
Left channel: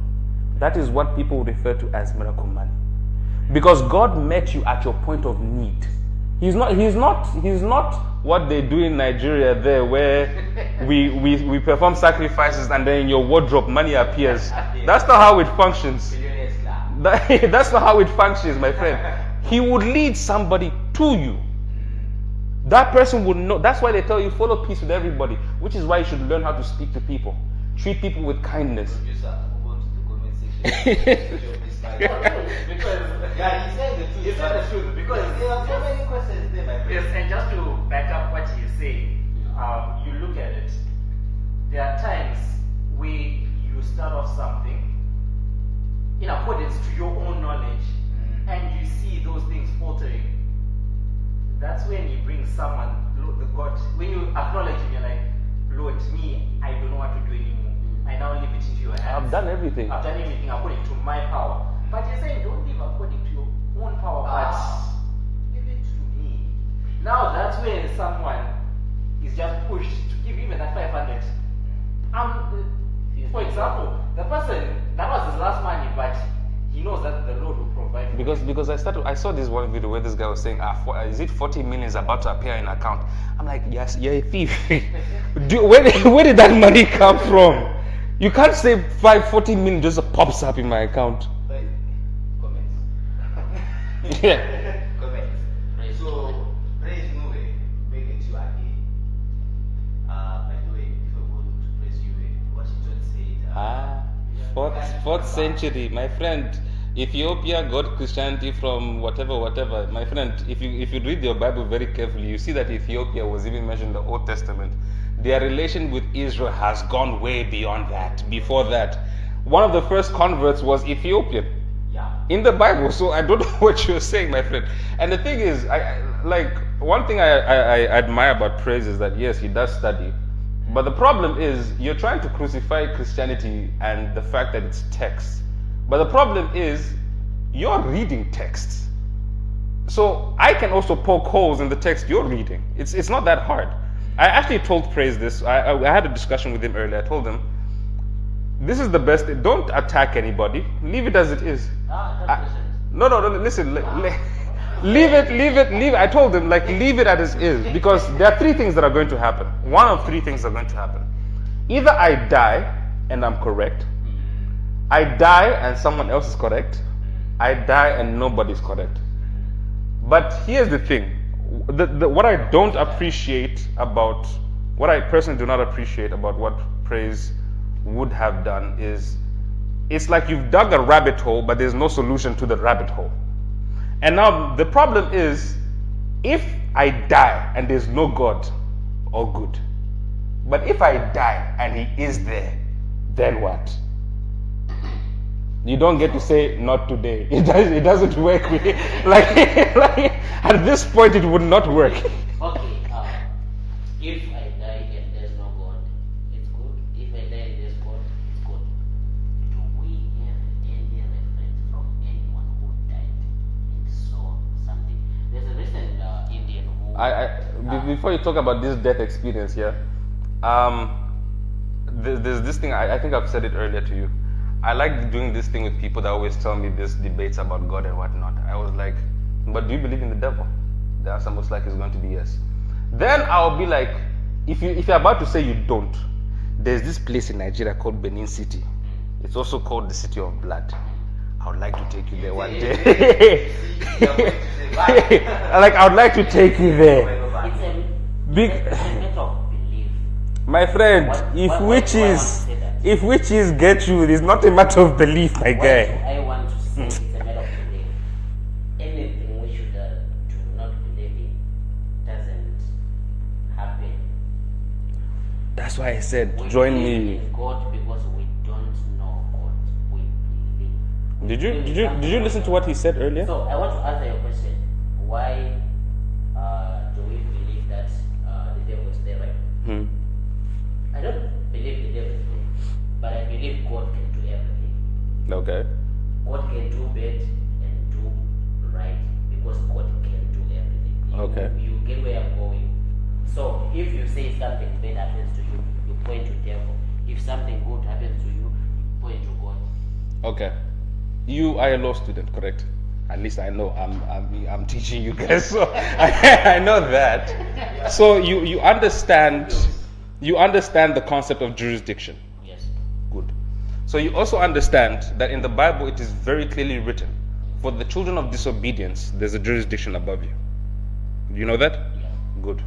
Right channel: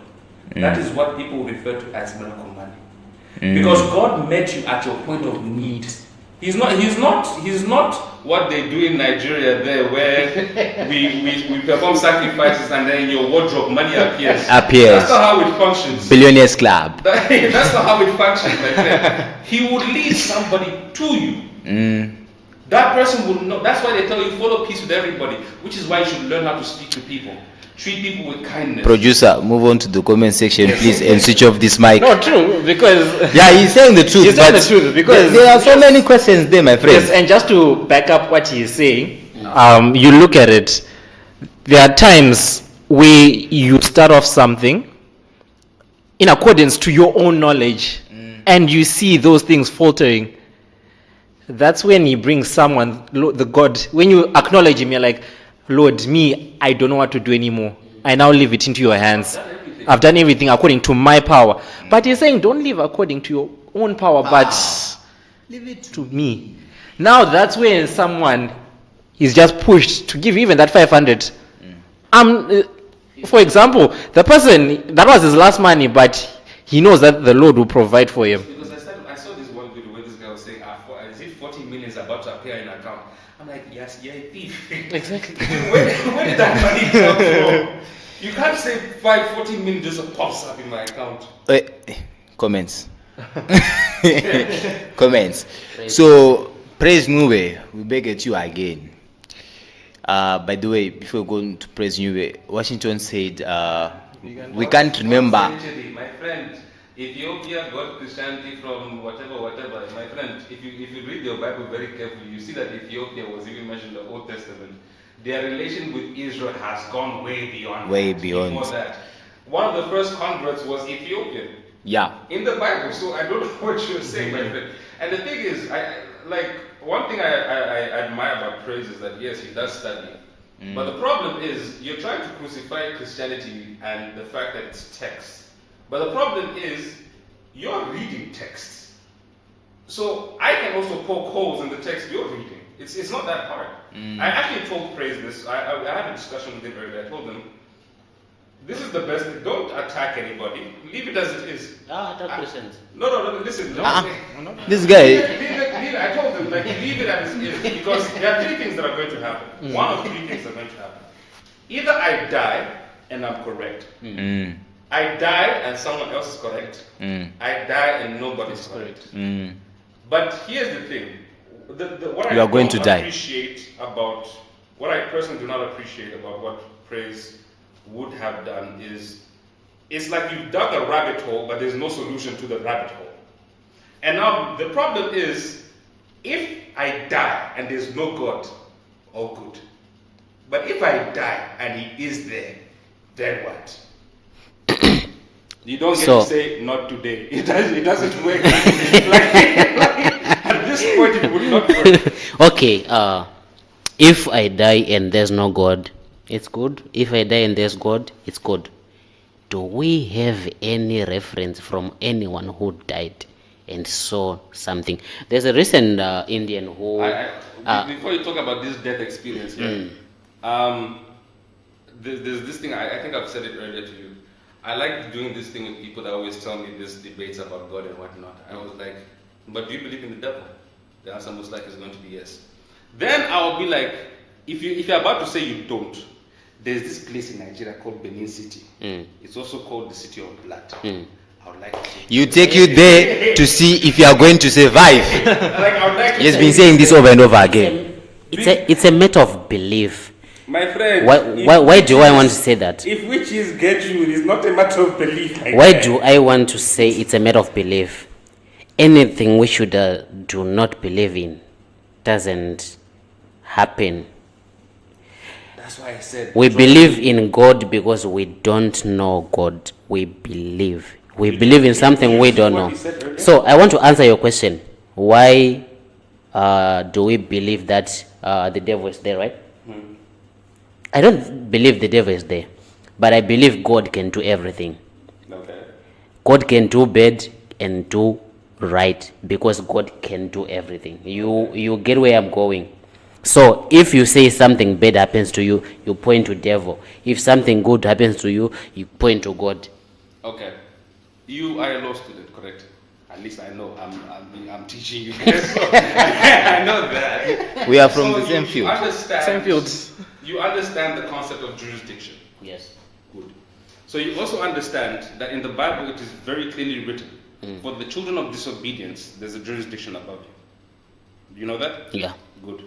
That is what people refer to as miracle money. Because God met you at your point of need. He's not what they do in Nigeria there, where we perform sacrifices and then in your wardrobe money appears. That's not how it functions. Billionaires Club. That's not how it functions, my friend. He would lead somebody to you. That person would know. That's why they tell you follow peace with everybody, which is why you should learn how to speak to people. Treat people with kindness. Producer, move on to the comment section, please, and switch off this mic. No, true, because Yeah, he's saying the truth. he's saying the truth, because there are so many questions there, my friend. yes, and just to back up what he's saying, you look at it. There are times where you start off something in accordance to your own knowledge, and you see those things faltering. That's when he brings someone, the God. When you acknowledge him, you're like, Lord, me, I don't know what to do anymore. I now leave it into your hands. I've done everything according to my power. But he's saying, don't live according to your own power, but leave it to me. Now that's when someone is just pushed to give even that 500. For example, the person that was his last money, but he knows that the Lord will provide for him. Because I saw this one video where this guy was saying, is it 40 million is about to appear in account? I'm like, yes, you're a thief. Exactly. Where did that money come from? You can't say 40 million just pops up in my account. Comments. Comments. So, Praise Nuwe, we beg at you again. By the way, before going to Praise Nuwe, Washington said, we can't remember. Century, my friend, Ethiopia got Christianity from whatever. My friend, if you read your Bible very carefully, you see that Ethiopia was even mentioned in the Old Testament. Their relation with Israel has gone way beyond. Before that, one of the first converts was Ethiopian. Yeah. In the Bible, so I don't know what you're saying, my friend. And the thing is, one thing I admire about Praise is that yes, he does study. But the problem is, you're trying to crucify Christianity and the fact that it's text. But the problem is, you're reading texts. So I can also poke holes in the text you're reading. It's not that hard. I actually told Praise this. I had a discussion with him earlier. I told him, this is the best. Don't attack anybody. Leave it as it is. Attack Christians. No, listen. This guy. Leave it. I told him, leave it as it is. Because there are three things that are going to happen. One of three things are going to happen. Either I die and I'm correct. I die and someone else is correct. I die and nobody's correct. But here's the thing. What I don't appreciate about, what I personally do not appreciate about what Praise would have done is, it's like you've dug a rabbit hole, but there's no solution to the rabbit hole. And now the problem is, if I die and there's no God, all good. But if I die and he is there, then what? You don't get to say not today. It doesn't work. At this point, it would not work. Okay, if I die and there's no God, it's good. If I die and there's God, it's good. Do we have any reference from anyone who died and saw something? There's a recent Indian who... before you talk about this death experience, there's this thing, I think I've said it earlier to you. I like doing this thing with people that always tell me these debates about God and whatnot. I was like, but do you believe in the devil? The answer most likely is going to be yes. Then I'll be like, if you're about to say you don't, there's this place in Nigeria called Benin City. It's also called the City of Blood. I would like to take you there to see if you are going to survive. I would like to. He's been saying this over and over again. It's a matter of belief. My friend, why do I want to say that? If witches get you, it is not a matter of belief. Why do I want to say it's a matter of belief? Anything we should do not believe in doesn't happen. That's why I said we believe in God because we don't know God. We believe. We believe in something we don't know. So I want to answer your question. Why do we believe that the devil is there, right? I don't believe the devil is there, but I believe God can do everything. Okay. God can do bad and do right because God can do everything. You get where I'm going. So if you say something bad happens to you, you point to devil. If something good happens to you, you point to God. Okay. You are a law student, correct? At least I know. I'm teaching you guys. So I know that. We are from so the same you field. understand. Same fields. You understand the concept of jurisdiction. Yes. Good. So you also understand that in the Bible it is very clearly written, for the children of disobedience, there's a jurisdiction above you. Do you know that? Yeah. Good.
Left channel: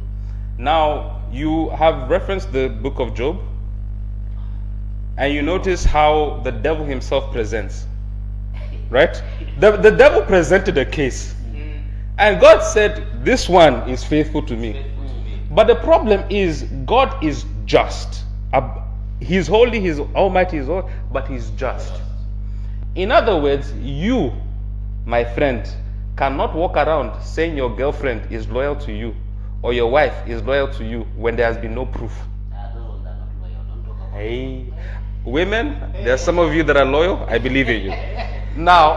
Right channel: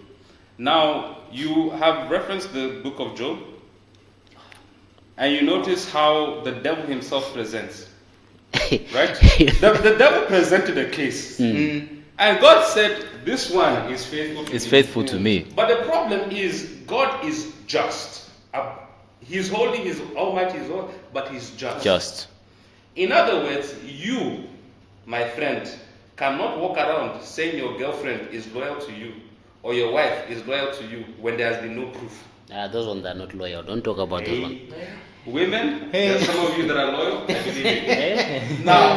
Now, you have referenced the book of Job, and you notice how the devil himself presents. Right? The devil presented a case. And God said, this one is faithful to me. It's faithful to me. But the problem is, God is just. He's holy, He's almighty, He's all, but He's just. Just. In other words, you, my friend, cannot walk around saying your girlfriend is loyal to you or your wife is loyal to you when there has been no proof. Those ones are not loyal. Don't talk about those ones. Women, there are some of you that are loyal. I believe in you. Now,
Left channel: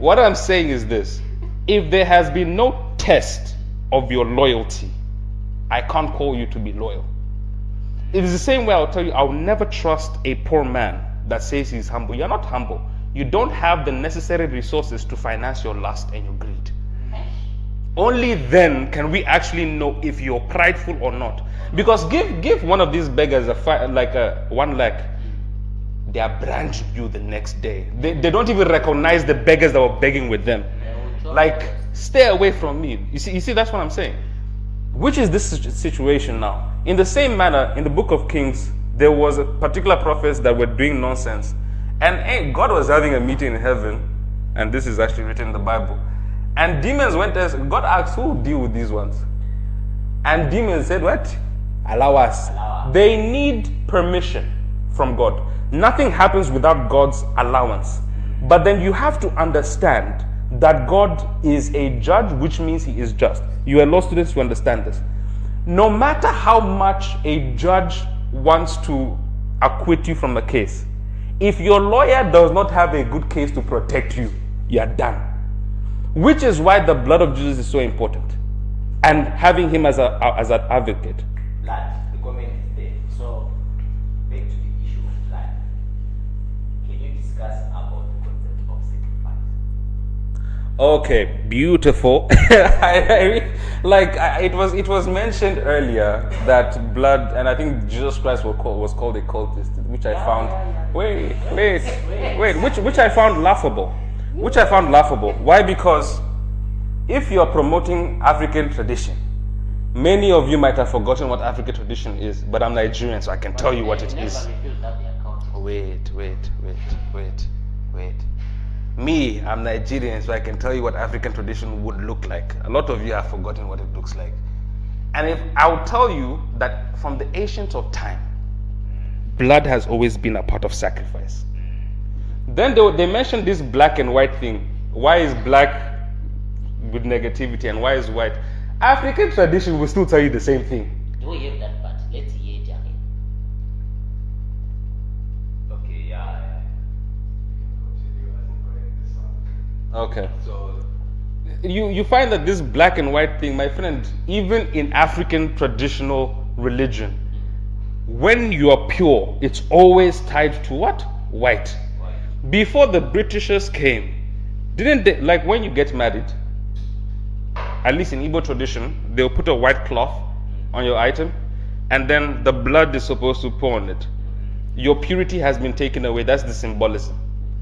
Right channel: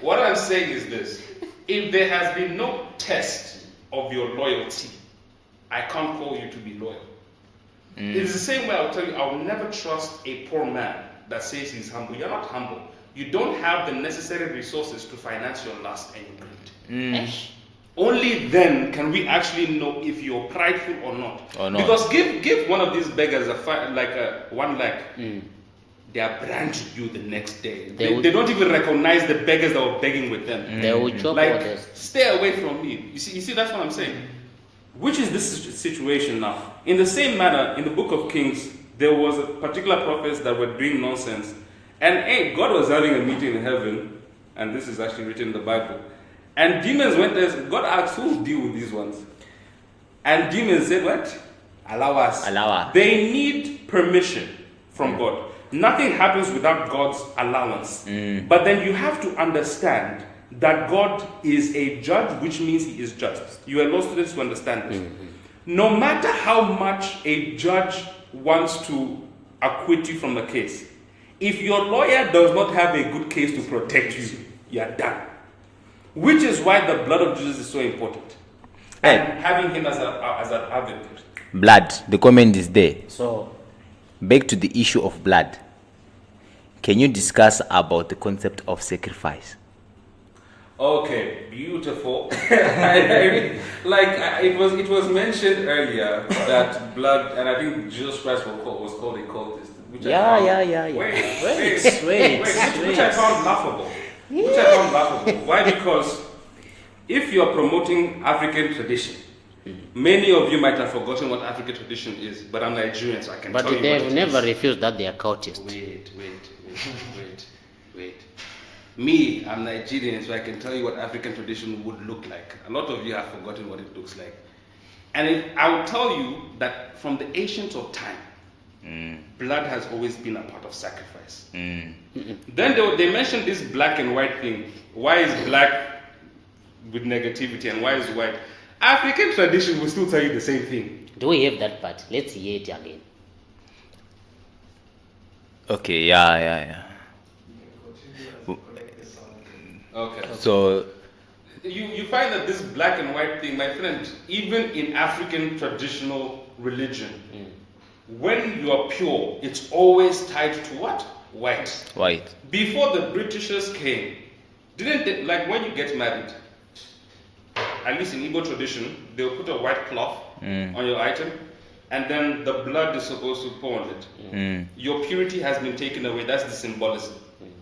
what I'm saying is this. If there has been no test of your loyalty, I can't call you to be loyal. It is the same way I'll tell you, I'll never trust a poor man that says he's humble. You're not humble. You don't have the necessary resources to finance your lust and your greed. Only then can we actually know if you're prideful or not. Because give one of these beggars a 1 lakh, they are branding you the next day. They don't even recognize the beggars that were begging with them. They will choke Like, others. stay away from me. You see, that's what I'm saying. Which is this situation now? In the same manner, in the book of Kings, there was a particular prophets that were doing nonsense, and God was having a meeting in heaven, and this is actually written in the Bible. And demons went there. God asked, "Who will deal with these ones?" And demons said, "What? Allow us." Allow us. They need permission from God. Nothing happens without God's allowance. But then you have to understand that God is a judge, which means he is just. You are law students who understand this. No matter how much a judge wants to acquit you from a case, if your lawyer does not have a good case to protect you, you are done. Which is why the blood of Jesus is so important, and having him as an advocate. Blood, the comment is there. So, Back to the issue of blood. Can you discuss about the concept of sacrifice? Okay, beautiful. It was mentioned earlier that blood, and I think Jesus Christ was called a cultist, which I found. yeah. Wait, which I found laughable. Which I found laughable. Why? Because if you're promoting African tradition, many of you might have forgotten what African tradition is, but I'm Nigerian, so I can but tell you what it they've is. never refused that they are cultists. Wait. Me, I'm Nigerian, so I can tell you what African tradition would look like. A lot of you have forgotten what it looks like. And I will tell you that from the ancient of time, blood has always been a part of sacrifice. Then they mentioned this black and white thing. Why is black with negativity and why is white? African tradition will still tell you the same thing. Do we have that part? Let's hear it again. Okay, yeah. Okay. So, You find that this black and white thing, my friend, even in African traditional religion, when you are pure, it's always tied to what? White. white. Before the Britishers came, didn't they, like when you get married, at least in Igbo tradition, they'll put a white cloth on your item, and then the blood is supposed to pour on it. Your purity has been taken away. That's the symbolism.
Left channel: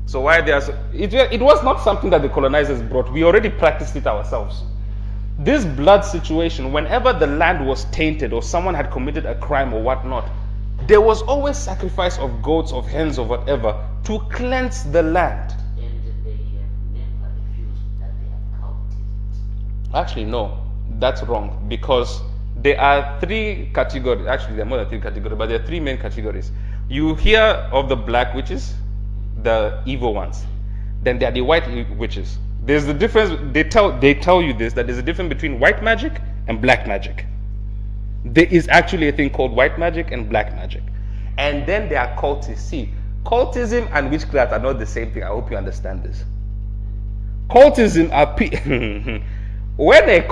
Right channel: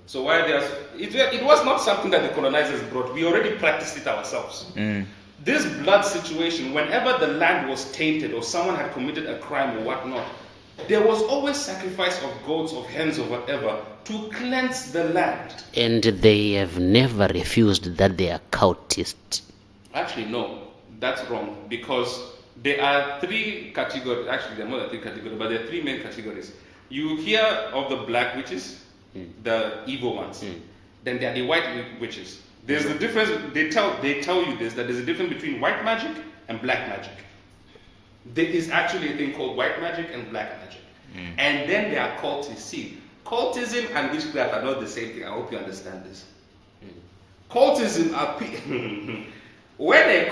So why it was not something that the colonizers brought. We already practiced it ourselves. This blood situation, whenever the land was tainted or someone had committed a crime or whatnot, there was always sacrifice of goats, of hens, or whatever to cleanse the land. And they have never refused that they are cultists. Actually, no, that's wrong, because there are 3 categories. Actually, there are more than 3 categories, but there are 3 main categories. You hear of the black witches, the evil ones. Then there are the white witches. There's the difference. They tell you this, that there's a difference between white magic and black magic. There is actually a thing called white magic and black magic. And then there are cultists. See, cultism and witchcraft are not the same thing. I hope you understand this. Cultism are where a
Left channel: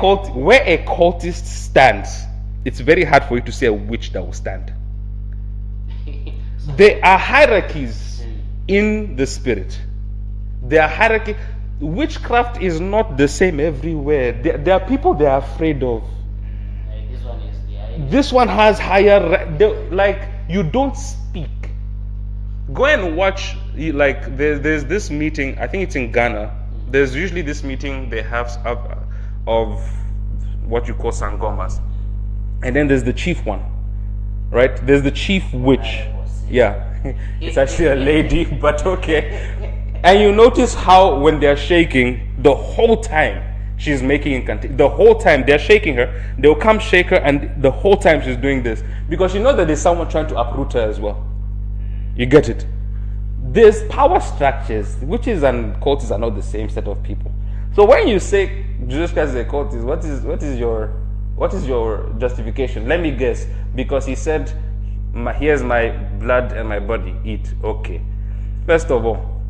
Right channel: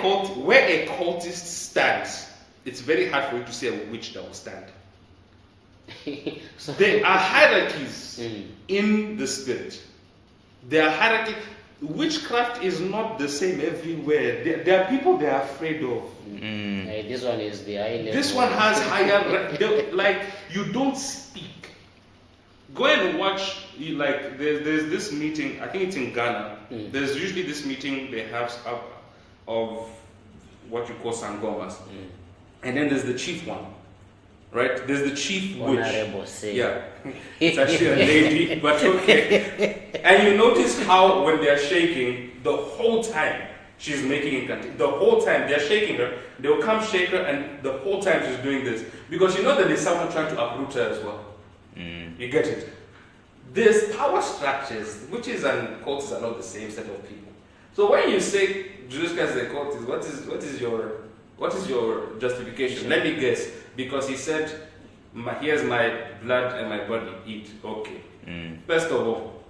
cultist stands, it's very hard for you to say a witch that will stand. There are hierarchies in the spirit. There are hierarchy. Witchcraft is not the same everywhere. There are people they are afraid of. This one is the island. This one has higher, like, you don't speak. Go and watch, like, there's this meeting, I think it's in Ghana. There's usually this meeting they have of what you call sangomas. And then there's the chief one, right? There's the chief witch. Honorable Say. Yeah, it's actually a lady, but okay. And you notice how when they're shaking, the whole time she's making incantation. The whole time they're shaking her, they'll come shake her, and the whole time she's doing this. Because you know that there's someone trying to uproot her as well. You get it? There's power structures. Witches and cultists are not the same set of people. So when you say Jesus Christ is a cultist, what is your justification? Let me guess. Because he said, here's my blood and my body, eat. Okay. First of all,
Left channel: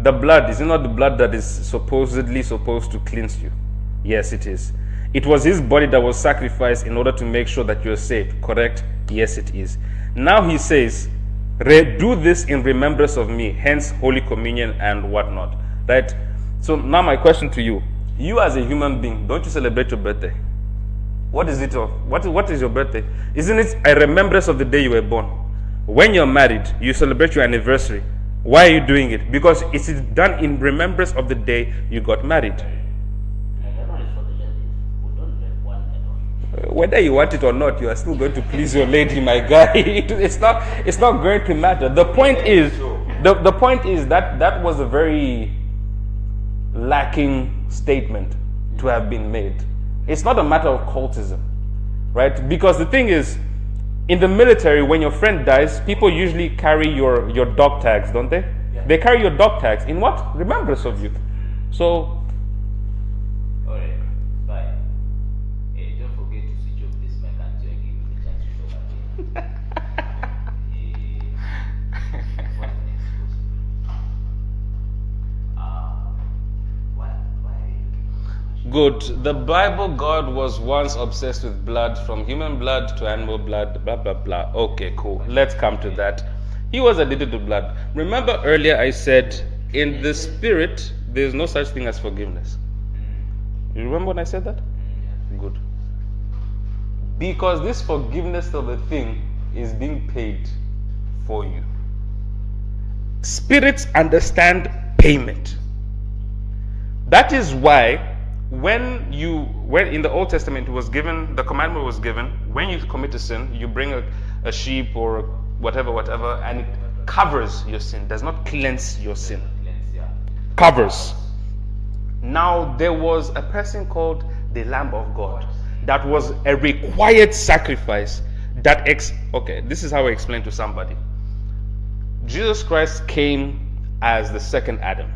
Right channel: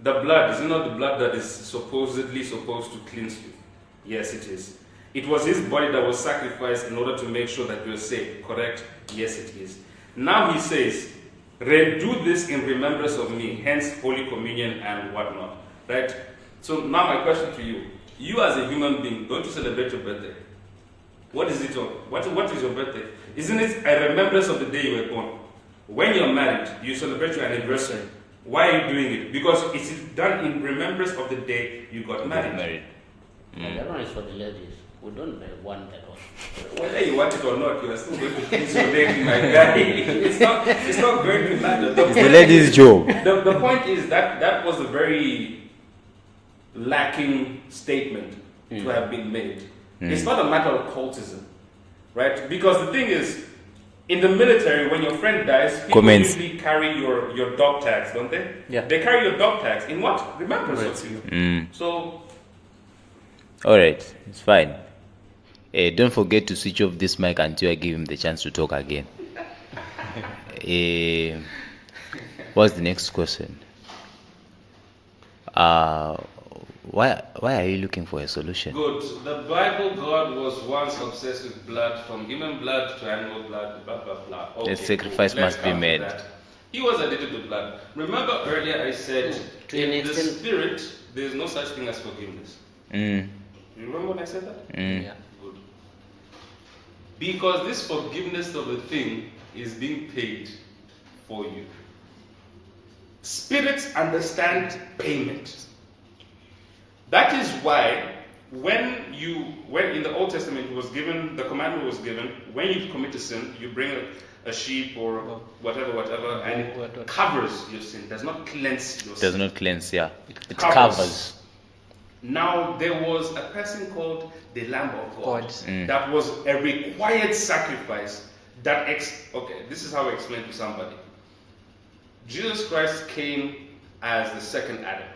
the blood, is it not the blood that is supposedly supposed to cleanse you? Yes, it is. It was his body that was sacrificed in order to make sure that you're saved. Correct? Yes, it is. Now he says, do this in remembrance of me, hence Holy Communion and whatnot. Right? So now my question to you. You as a human being, don't you celebrate your birthday? What is it? What is your birthday? Isn't it a remembrance of the day you were born? When you're married, you celebrate your anniversary. Why are you doing it? Because it is done in remembrance of the day you got married. That one is for the ladies. We don't want that one. Whether you want it or not, you are still going to please your lady, my guy. It's not going to matter. The point lady's is, job. The point is that was a very lacking statement to have been made. It's not a matter of cultism, right? Because the thing is, in the military, when your friend dies, people Comments. usually carry your dog tags, don't they? Yeah. They carry your dog tags in what? Remembrance of you. So All right, it's fine. Don't forget to switch off this mic until I give him the chance to talk again. What's the next question? Why are you looking for a solution? good. The Bible, God was once obsessed with blood, from human blood to animal blood, blah blah blah. Okay, cool. sacrifice Let's must be come to made. that. He was addicted to blood. Remember earlier I said, To in an the extent- spirit, there is no such thing as forgiveness. Mm, You remember when I said that? mm. Good. Because this forgiveness of a thing is being paid for you. Spirits understand payment. That is why when in the Old Testament it was given, the commandment was given, when you commit a sin, you bring a sheep or whatever, and it covers your sin, does not cleanse your Does sin. not cleanse, yeah. It Covers. Now there was a person called the Lamb of God. That was a required sacrifice. Okay, this is how I explain to somebody. Jesus Christ came as the second Adam,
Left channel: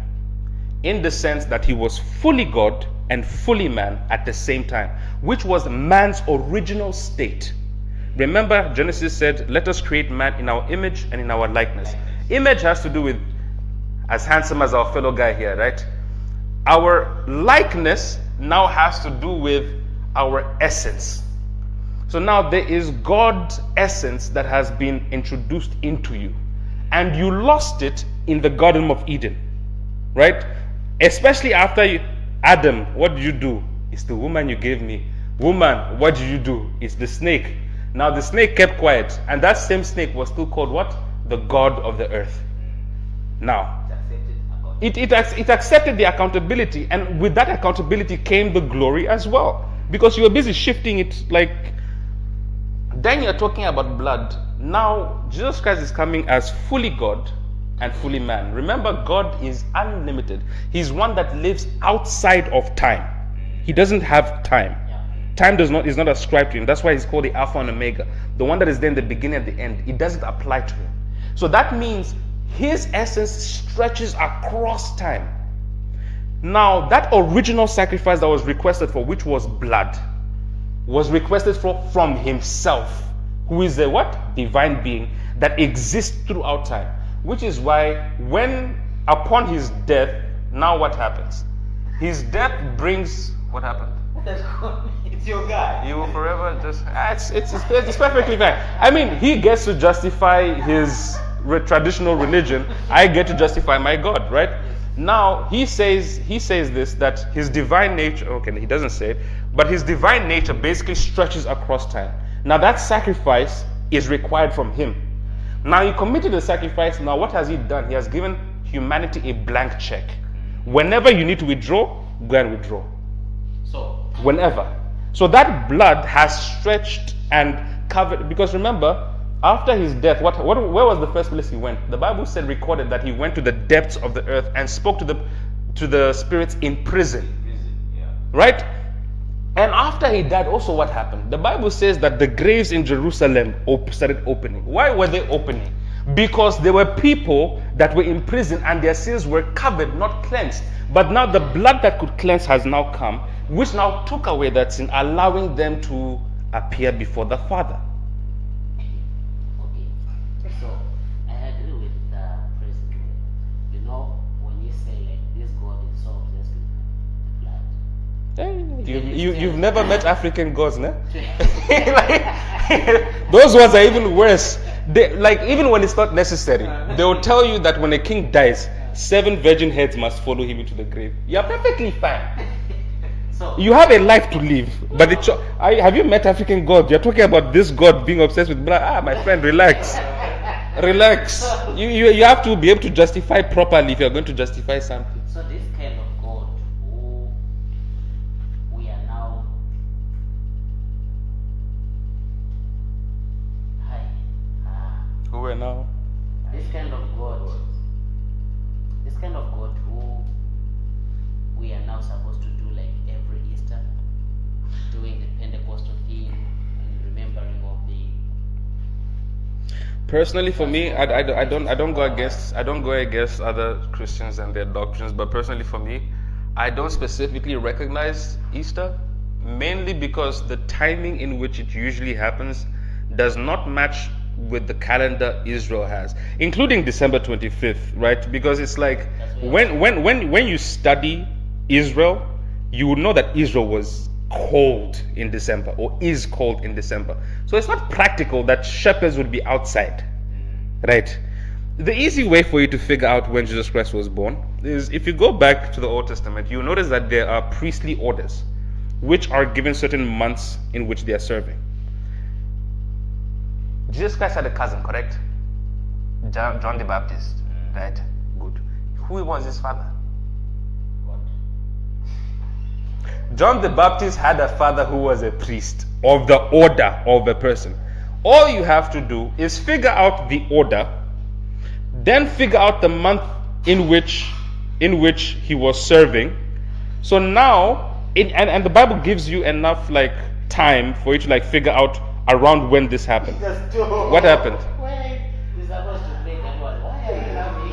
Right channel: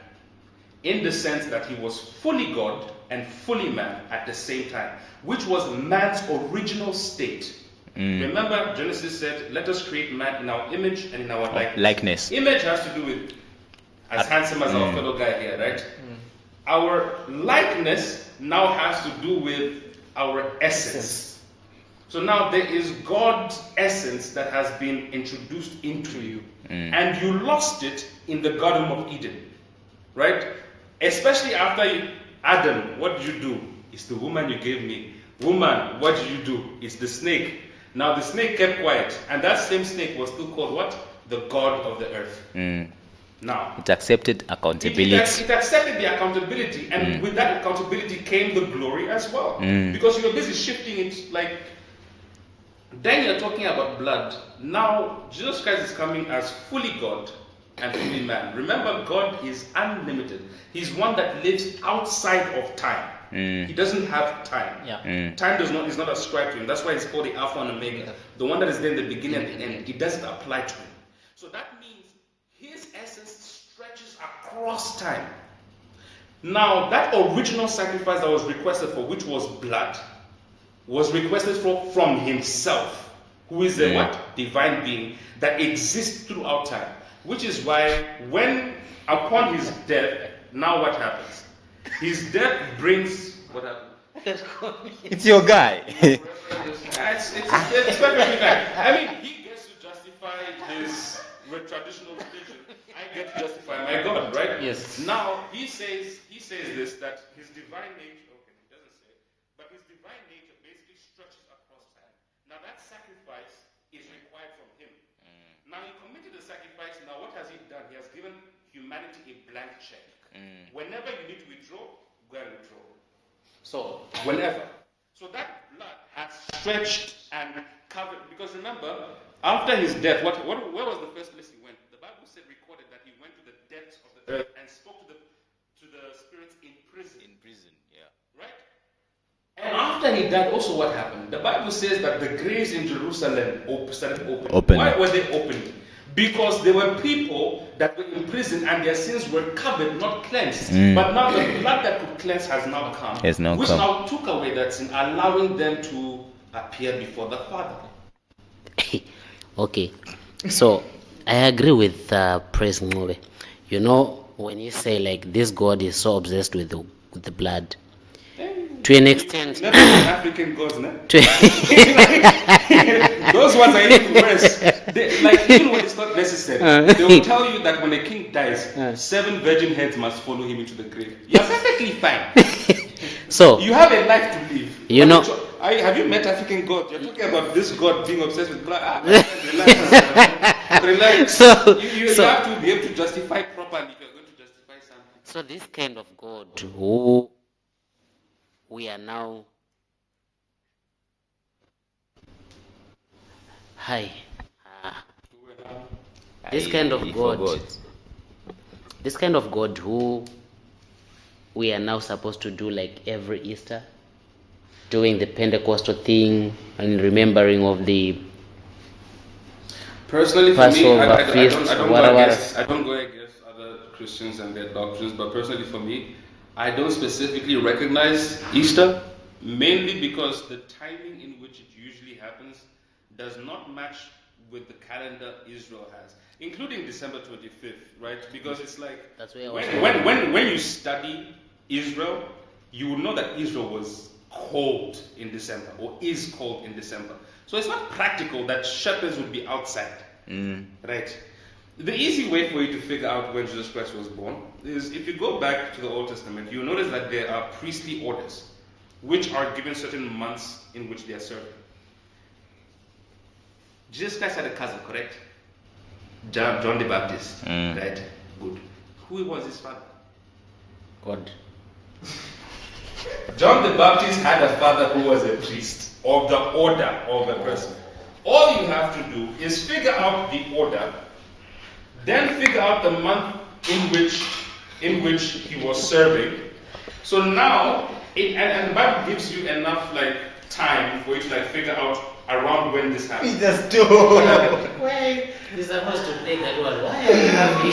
in the sense that he was fully God and fully man at the same time, which was man's original state. Remember, Genesis said, "Let us create man in our image and in our likeness." Image has to do with as handsome as our fellow guy here, right? Our likeness now has to do with our essence. So now there is God's essence that has been introduced into you. And you lost it in the Garden of Eden, right? Especially after Adam, what did you do? It's the woman you gave me. Woman, what did you do? It's the snake. Now the snake kept quiet, and that same snake was still called what? The God of the earth. Now, It accepted it accountability. accepted the accountability, and with that accountability came the glory as well. Because you were busy shifting it, like, then you're talking about blood. Now, Jesus Christ is coming as fully God and fully man. Remember, God is unlimited. He's one that lives outside of time. He doesn't have time. Yeah. Time is not ascribed to him. That's why he's called the Alpha and Omega, the one that is there in the beginning and the end. It doesn't apply to him. So that means his essence stretches across time. Now, that original sacrifice that was requested for, which was blood, was requested from himself, who is a what? Divine being that exists throughout time. Which is why when upon his death, now what happens? His death brings what happened? It's your guy. He will forever just it's perfectly fine. I mean, he gets to justify his traditional religion. I get to justify my God, right? Yes. Now he says this, that his divine nature, okay, he doesn't say it, but his divine nature basically stretches across time. Now that sacrifice is required from him. Now he committed the sacrifice. Now what has he done? He has given humanity a blank check. Whenever you need to withdraw, go and withdraw. So, Whenever. So that blood has stretched and covered, because remember, after his death, where was the first place he went? The Bible said, recorded, that he went to the depths of the earth and spoke to the spirits in prison. Right? And after he died, also what happened? The Bible says that the graves in Jerusalem started opening. Why were they opening? Because there were people that were in prison and their sins were covered, not cleansed. But now the blood that could cleanse has now come, which now took away that sin, allowing them to appear before the Father. okay. So, I agree with Praise Ngove. You know, when you say like this God is so obsessed with the blood, To an You've extent. never met African gods, no? To- Those ones are even worse. Like, even when it's not necessary, they will tell you that when a king dies, 7 virgin heads must follow him into the grave. You're perfectly fine. So You have a life to live. You But know- have you met African gods? You're talking about this god being obsessed with blood. My friend, relax. Relax. So- you so- have to be able to justify properly if you're going to justify something. So this kind of God who we are now Who are now? this kind of God, this kind of God who we are now supposed to do like every Easter, doing the Pentecostal thing and remembering of the Personally, for Passover, me, I feast, don't go whatever. against other Christians and their doctrines, but personally for me, I don't specifically recognize Easter, mainly because the timing in which it usually happens does not match with the calendar Israel has, including December 25th, right? Because it's like when you study Israel, you would know that Israel was cold in December or is cold in December. So it's not practical that shepherds would be outside, right? The easy way for you to figure out when Jesus Christ was born is if you go back to the Old Testament, you notice that there are priestly orders which are given certain months in which they are serving. Jesus Christ had a cousin, correct? John the Baptist, right? Good. Who was his father? God. John the Baptist had a father who was a priest of the order of a person. All you have to do is figure out the order, then figure out the month in which he was serving. So now, and the Bible gives you enough like time for you to like figure out around when this happened. What happened? Why is supposed to play that one? Why are you happy?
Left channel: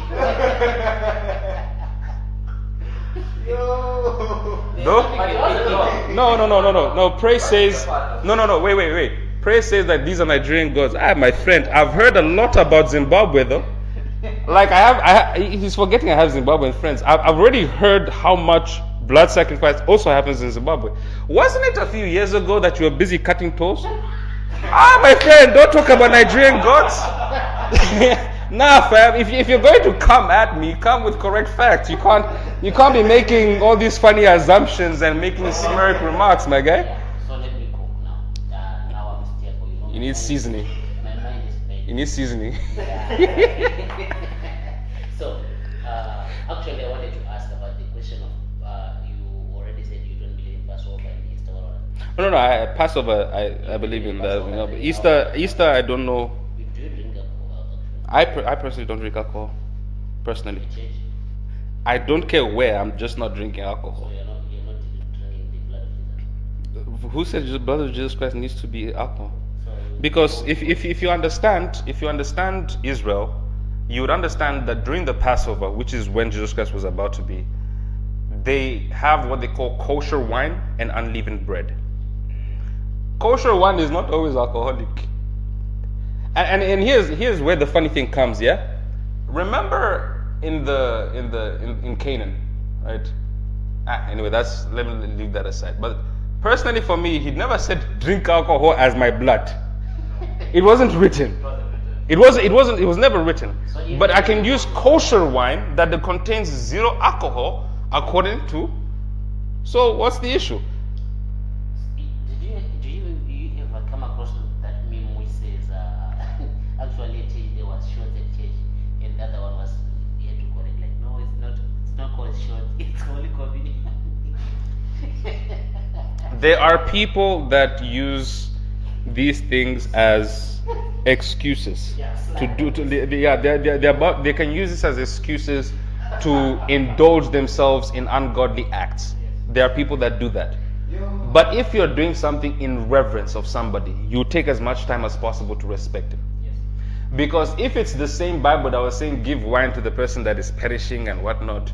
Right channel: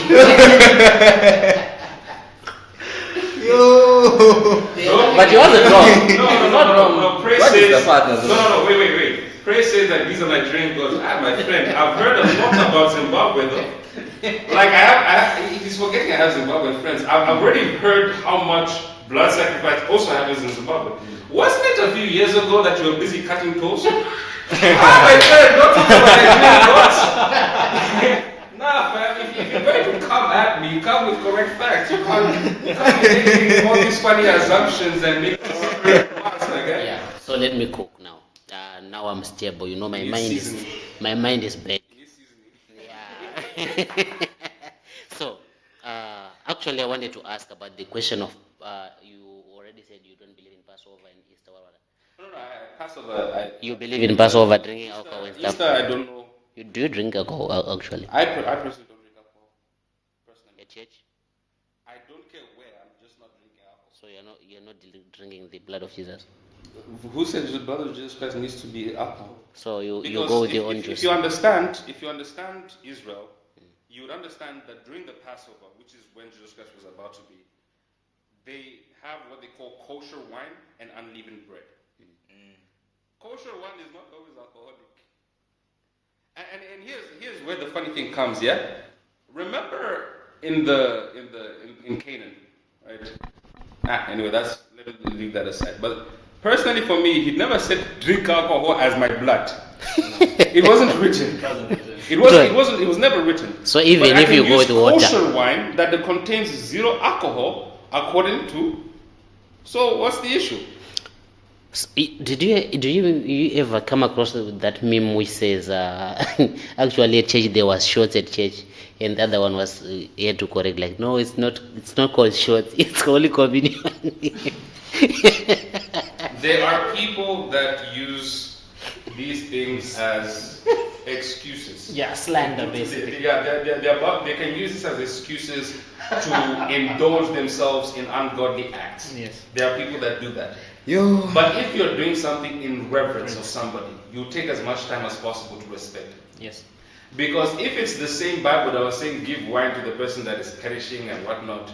No, But you wasn't wrong. No. Praise What is says the father? no. Wait. Praise says that these are Nigerian gods. My friend, I've heard a lot about Zimbabwe though. Like he's forgetting I have Zimbabwean friends. I've already heard how much blood sacrifice also happens in Zimbabwe. Wasn't it a few years ago that you were busy cutting toes? My friend, don't talk about Nigerian gods. Nah, fam. If you're going to come at me, come with correct facts. You can't be making all these funny assumptions and making slurred remarks, my guy. Yeah. So let me cook now. Now I'm stable. You know my need mind. seasoning. My mind is bad. You need seasoning. So actually, I wanted to ask about the question of you already said you don't believe in Passover and Easter. No. Passover. You I believe in Passover, No, drinking Easter. alcohol. Easter. I don't know. Do you drink alcohol actually? I personally don't drink alcohol. Personally, Church? I don't care where. I'm just not drinking So alcohol. you're not drinking the blood of Jesus. Who said the blood of Jesus Christ needs to be alcohol? So you Because go with your own if juice. you understand Israel, you would understand that during the Passover, which is when Jesus Christ was about to be, they have what they call kosher wine and unleavened bread. Kosher wine is not always alcoholic. And here's where the funny thing comes, yeah? Remember in Canaan, right? Anyway, let me leave that aside. But personally for me, he never said drink alcohol as my blood. It wasn't written. It was never written. So even but I if can you go use with water. kosher wine that contains 0 alcohol according to. So what's the issue? Did you ever come across that meme which says actually at church there was shots at church and the other one was here to correct like no it's not called shots, it's only communion. There are people that use these things as excuses. Yeah, slang. They can use this as excuses to indulge themselves in ungodly acts. Yes. There are people that do that. But if you're doing something in reverence of somebody, you take as much time as possible to respect it. Yes. Because if it's the same Bible that was saying give wine to the person that is perishing and whatnot,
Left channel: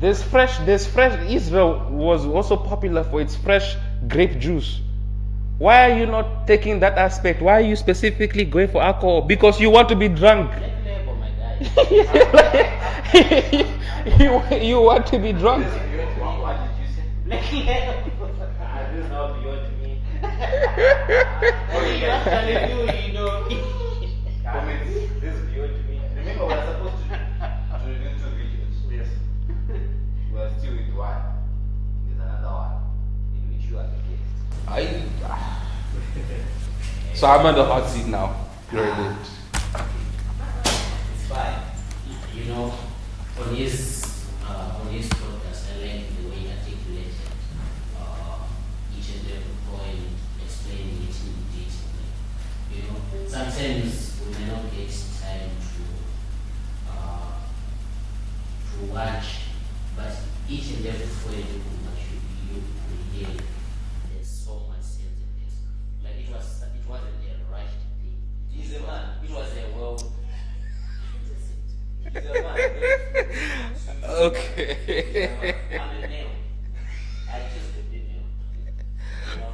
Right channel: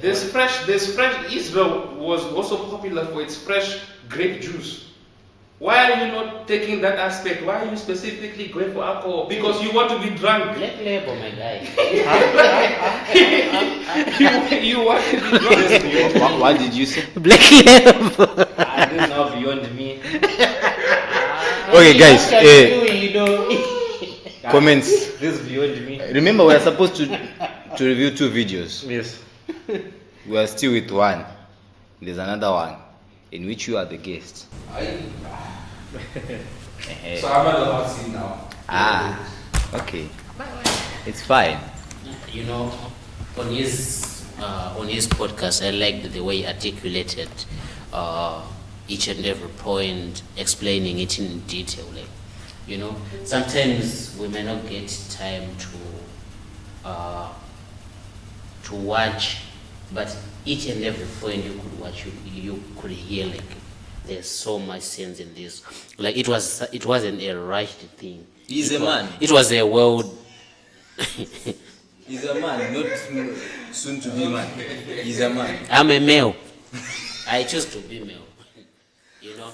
this fresh Israel was also popular for its fresh grape juice. Why are you not taking that aspect? Why are you specifically going for alcohol? Because you want to be drunk. Black label, my guy. You want to be drunk. What did you say? Black label. This is now beyond me. Okay, guys. You know. Comments. This is beyond me. Remember, we are supposed to review 2 videos. Yes. We are still with one. There's another one in which you are the guest. So I'm at the hot seat now. Okay. It's fine. You know, on his podcast, I liked the way he articulated each and every point, explaining it in detail. Like, you know, sometimes we may not get time to watch, but each and every point you could watch, you could hear like there's so much sense in this. Like it wasn't a rushed thing. He's It a wa- man. It was a world. He's a man, not soon to be man. He's a man. I'm a male. I choose to be male. You know,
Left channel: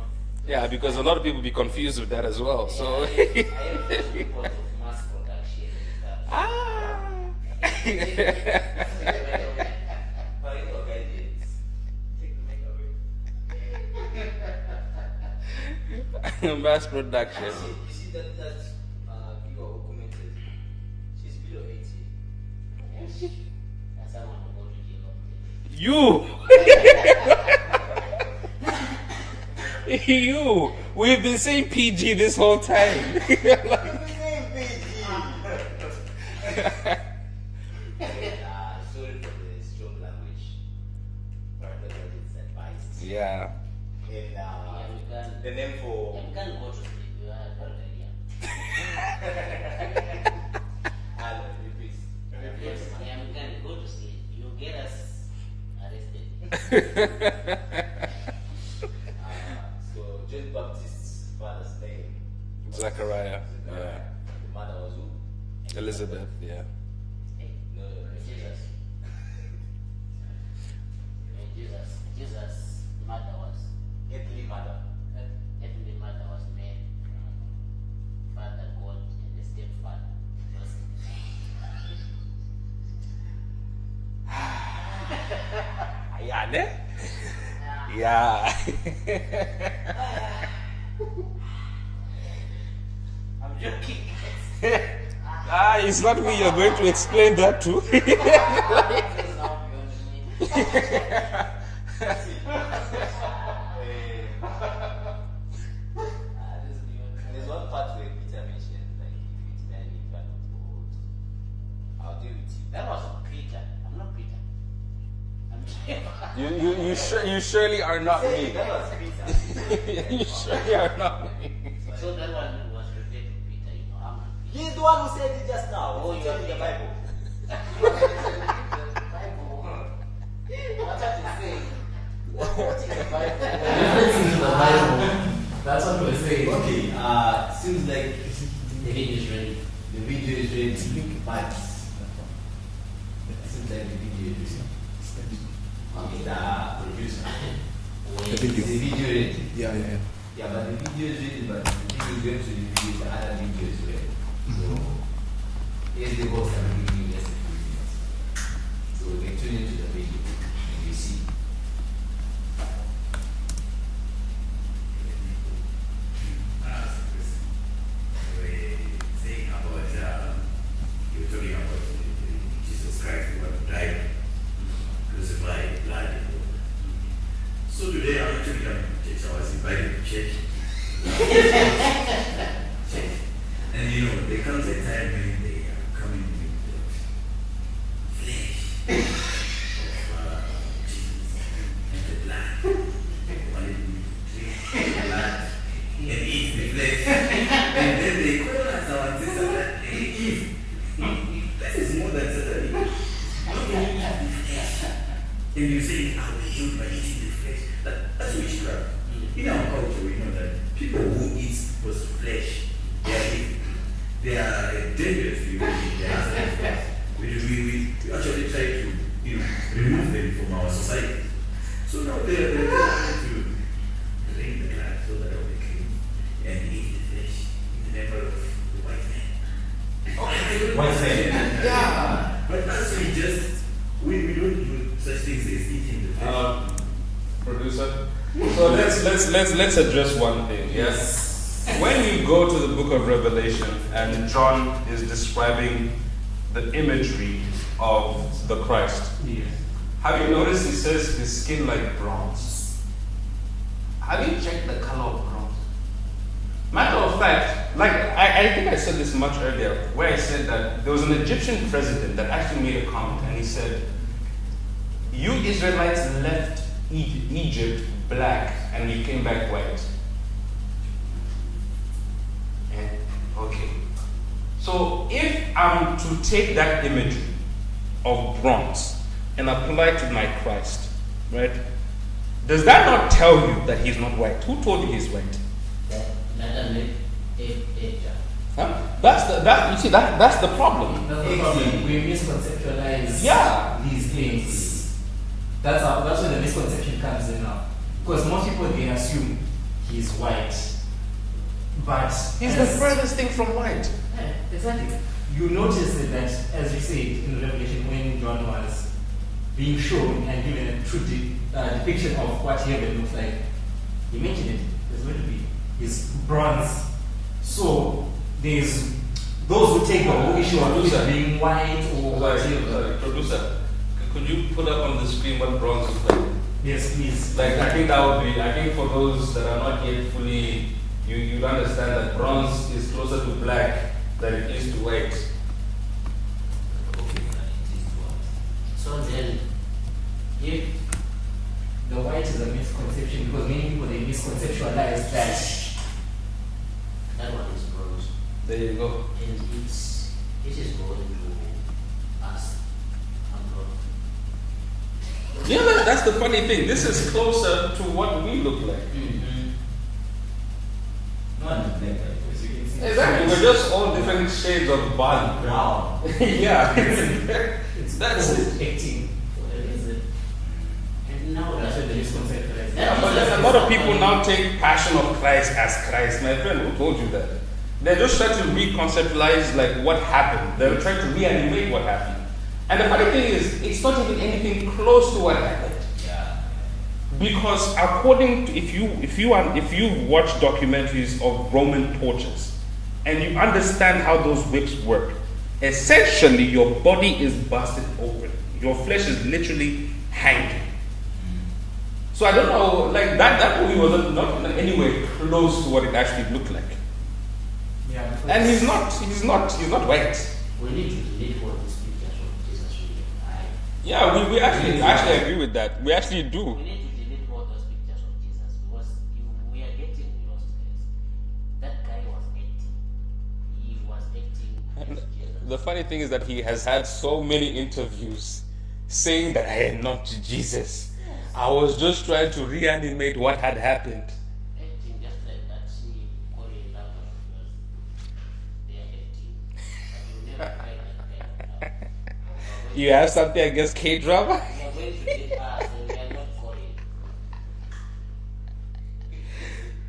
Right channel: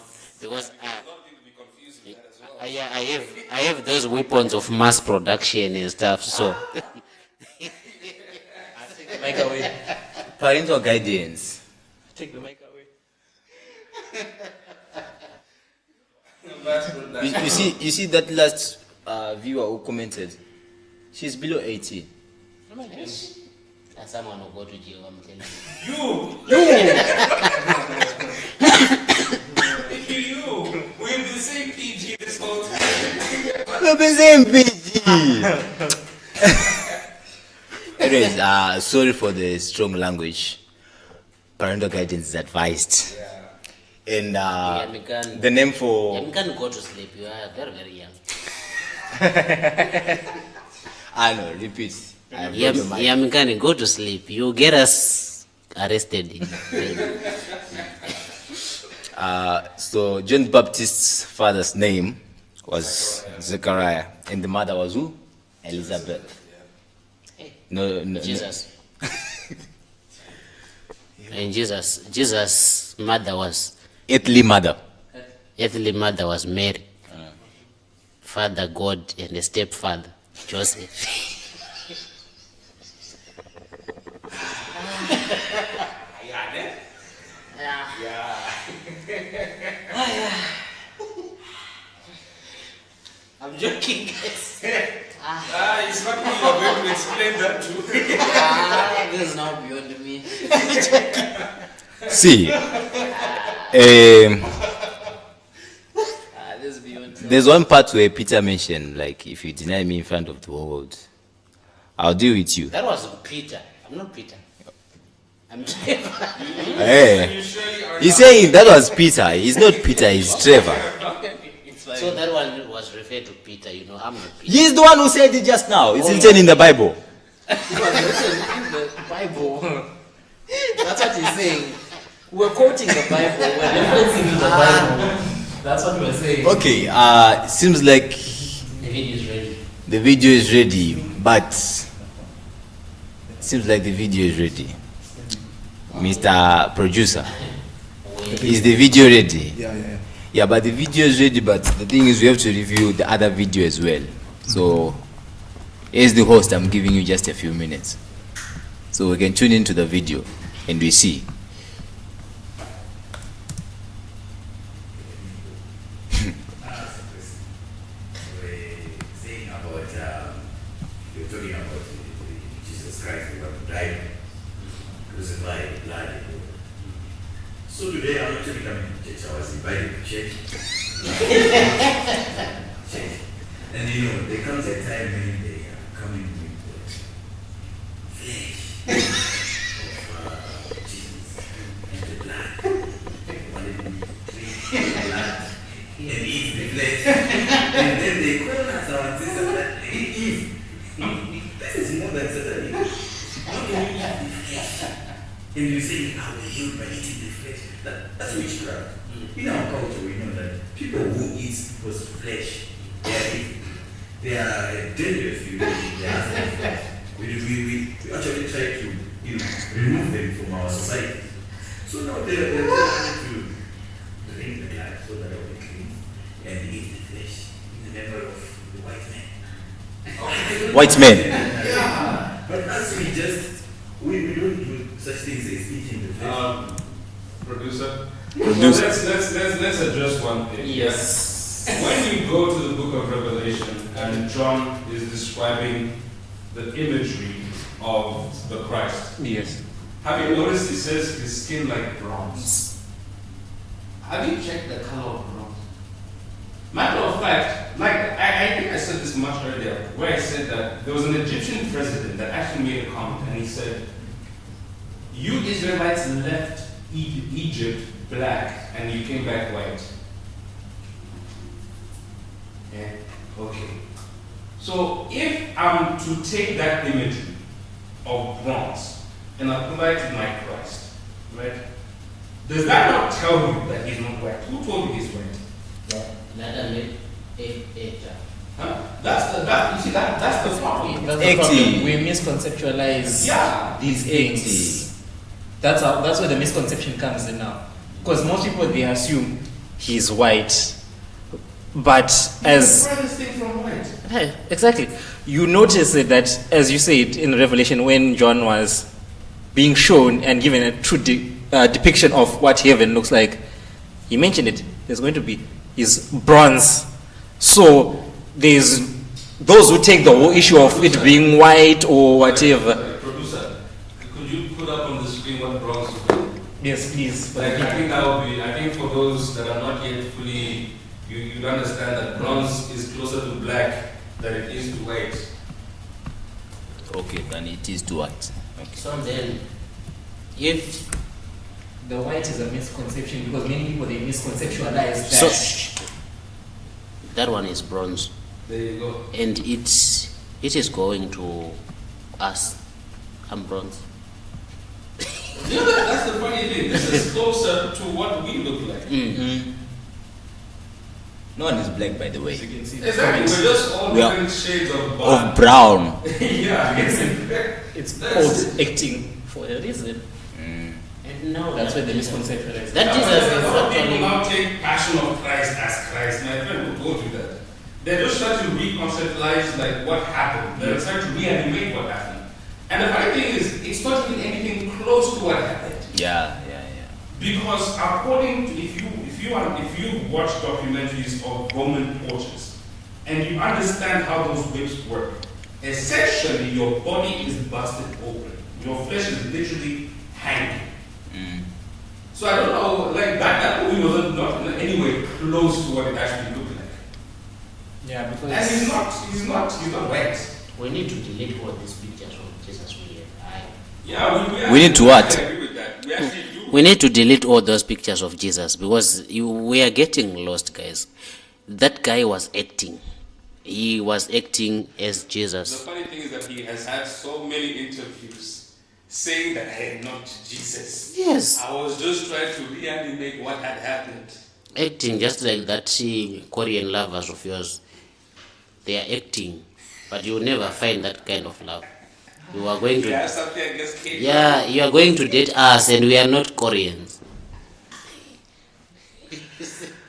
Yeah, because a lot of people be confused with that as well. yeah, I have those weapons of mass production and stuff. So Parental guidance. Take the mic away. Mass production. You see that last viewer who commented? She's below 18. someone will go to jail. I'm telling you. You. We've been saying PG this whole time. We've been saying PG. Anyways, sorry for the strong language. Parental guidance is advised. Yeah. And we can- the name for You can go to sleep. You are very, very young. I know, repeat. I have Yeah, got the mic. yeah, Mikani, go to sleep. You get us arrested. So John Baptist's father's name was Zechariah. Zechariah, and the mother was who? Elizabeth. Yeah. No. Jesus. And Jesus' mother was, Earthly mother. earthly mother was Mary. Father God and a stepfather, Joseph. Yeah. I'm joking, guys. It's not me you're going to explain that to. This is now beyond me. See, This is beyond me. there's one part where Peter mentioned, like, if you deny me in front of the world, I'll deal with you. That was Peter. I'm not Peter. I'm Trevor. Hey. You surely are He's not. saying that was Peter. He's not Peter, he's Trevor. So that one was referred to Peter. You know, I'm not Peter. He's the one who said it just now. It's written in the Bible. Bible. That's what he's saying. We're quoting the Bible. We're quoting the Bible. That's what we're saying. Okay, seems like The video is ready. the video is ready, but seems like the video is ready. Mr. Producer, is the video ready? Yeah. Yeah, but the video is ready, but the thing is we have to review the other video as well. So, as the host, I'm giving you just a few minutes. So we can tune into the video and we see. Saying about you're talking about Jesus Christ who died, crucified, blood. And all. So today I'm actually coming to church. I was invited to church. Church. And you know, there comes a time when they are coming with the flesh of Jesus and the blood. Wanted to drink the blood and eat the flesh. And then they call us our sister Eve. This is more than Satan. How can you eat the flesh? And you say, I will heal by eating the flesh. That's witchcraft. In our culture, we know that people who eat was flesh, they are evil. They are dangerous. We actually try to remove them from our society. So now they're trying to drink the blood so that they will be clean. White men. Yeah, but us we don't do such things as eating the fish. Producer. So let's address one thing. Yes. When you go to the book of Revelation and John is describing the imagery of the Christ, Yes. have you noticed he says his skin like bronze? Have you checked the color of bronze? Matter of fact, like I think I said this much earlier, where I said that there was an Egyptian president that actually made a comment and he said, "You Israelites left Egypt black and you came back white." Yeah, okay. So if I'm to take that imagery of bronze and apply it to my Christ, right? Does that not tell you that he's not white? Who told you he's white? Huh? That's the problem. That's the problem. We misconceptualize these things. That's where the misconception comes in now. Because most people, they assume he's white. But He's the furthest thing from white. Hey, exactly. You notice it that, as you said in Revelation, when John was being shown and given a true depiction of what heaven looks like, he mentioned it. There's going to be is bronze. So there's those who take the whole issue of it being white or whatever. Producer, could you put up on the screen what bronze is like? Yes, please. Like I think for those that are not yet fully, you understand that bronze is closer to black than it is to white. Okay, then it is to what? So then, if The white is a misconception because many people, they misconceptualize that. so, that one is bronze, There you go. and it is going to us. I'm bronze. Yeah, that's the funny thing. This is closer to what we look like. No one is black, by the way. Exactly. We're just all We are- different shades of Of brown. brown. Yeah. It's That's- called acting for a reason. And now That's where the misconceptualize. That Yeah, is but there's a lot of people actually- now take Passion of Christ as Christ. My friend, who told you that? They're just trying to reconceptualize like what happened. They're trying to reanimate what happened. And the funny thing is, it's not even anything close to what happened. Yeah. Because according to, if you watch documentaries of Roman torches and you understand how those whips work, essentially your body is busted open. Your flesh is literally hanging. So I don't know, like that movie was not in any way close to what it actually looked like. Yeah, because And he's not white. We need to delete all these pictures of Jesus we have. Yeah, we We need to actually what? agree with that. We actually do. We need to delete all those pictures of Jesus because we are getting lost, guys. That guy was acting. He was acting as The Jesus. funny thing is that he has had so many interviews saying that I am not Jesus. Yes. I was just trying to reanimate what had happened. Acting just like that Korean lovers of yours. They are acting, but you will never find that kind of love. You are going You to, have something against K-drama? yeah, you are going to date us, and we are not Koreans.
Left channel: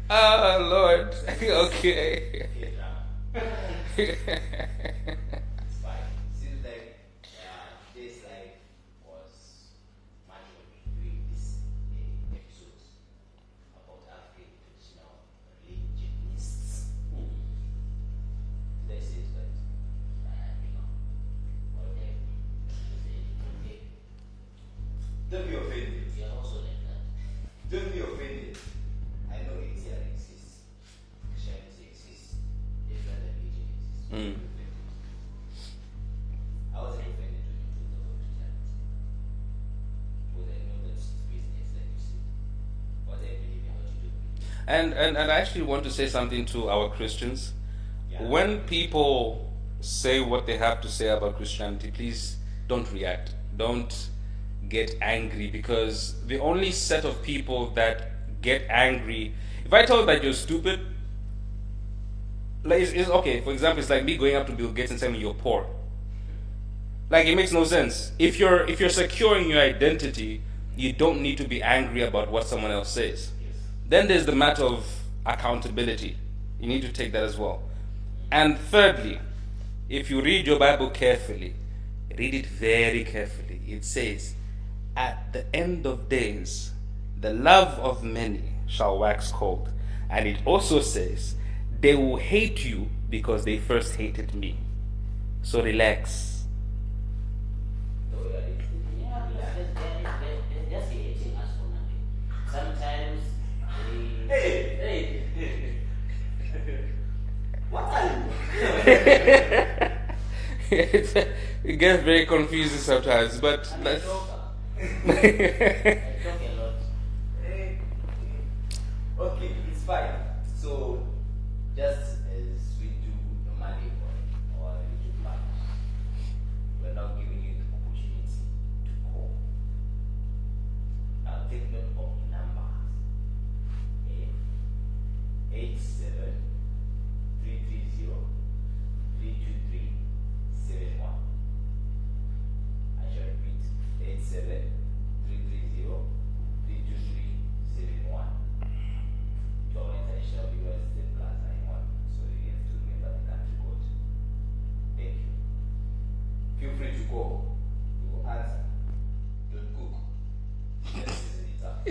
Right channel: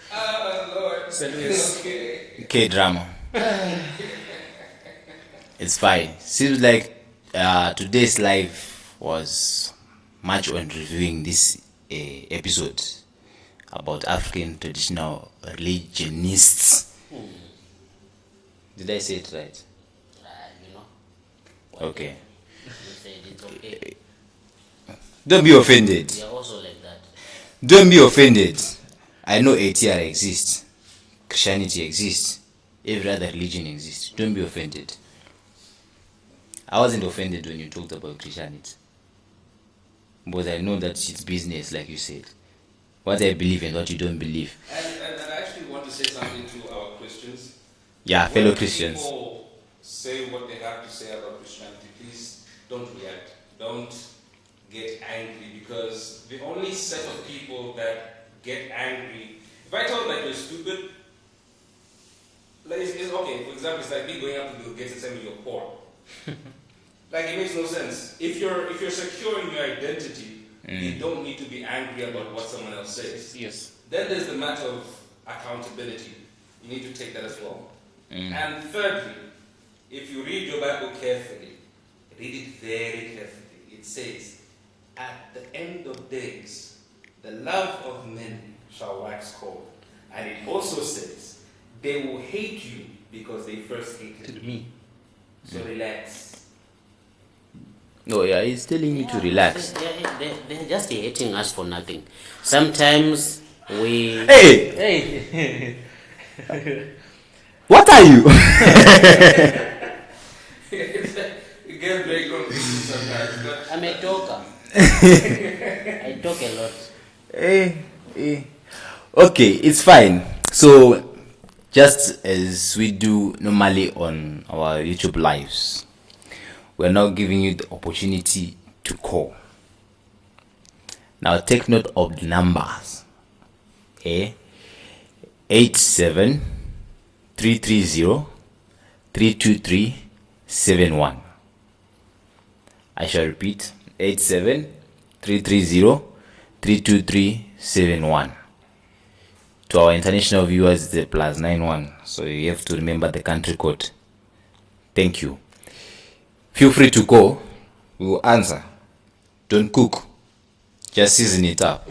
Oh Lord. Okay. K-drama. It's fine. Seems like today's live was much on reviewing this episode about African traditional religionists. Did I say it right? You know, Okay. you said it's okay. Don't be offended. We are also like that. Don't be offended. I know ATR exists. Christianity exists. Every other religion exists. Don't be offended. I wasn't offended when you talked about Christianity. But I know that it's business, like you said. What I believe and what you don't believe. And I actually want to say something to our Christians. Yeah, When fellow Christians. people say what they have to say about Christianity, please don't react. Don't get angry, because the only set of people that get angry, if I tell you that you're stupid, like it's okay. For example, it's like me going up to Bill Gates and saying you're poor. Like it makes no sense. If you're secure in your identity, you don't need to be angry about what someone else says. yes. Then there's the matter of accountability. You need to take that as well. And thirdly, if you read your Bible carefully, read it very carefully. It says, at the end of days, the love of many shall wax cold. And it also says, they will hate you because they first hated me. So relax. No, yeah, he's telling you to relax. They're just hating us for nothing. Sometimes we. Hey! What are you? It gets very confusing sometimes, but I'm a talker. I talk a lot. Okay, it's fine. So, just as we do normally on our YouTube lives, we're now giving you the opportunity to call. Now, take note of the numbers. 87 330 323 71. I shall repeat, 87 330 323 71. To our international viewers, it's the +91, so you have to remember the country code. Thank you. Feel free to call. We will answer. Don't cook, just season it up.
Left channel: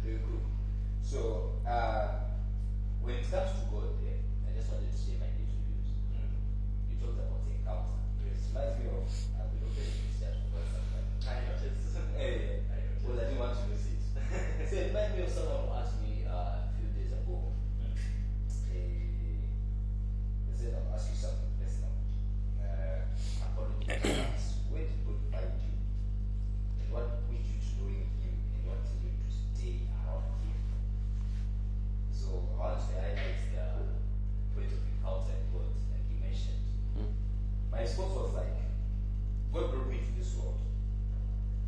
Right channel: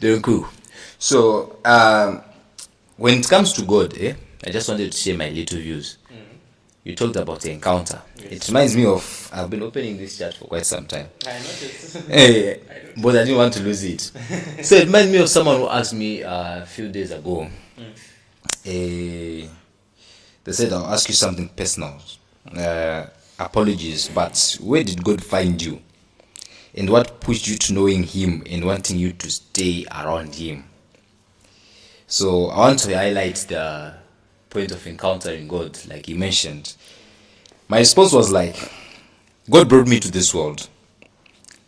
Don't cook. So when it comes to God, I just wanted to share my little views. You talked about the encounter. It reminds me of, I've been opening this chat for quite some time. I noticed. But I didn't want to lose it. So it reminds me of someone who asked me a few days ago. They said, I'll ask you something personal. Apologies, but where did God find you? And what pushed you to knowing Him and wanting you to stay around Him? So I want to highlight the point of encountering God, like you mentioned. My response was like, God brought me to this world.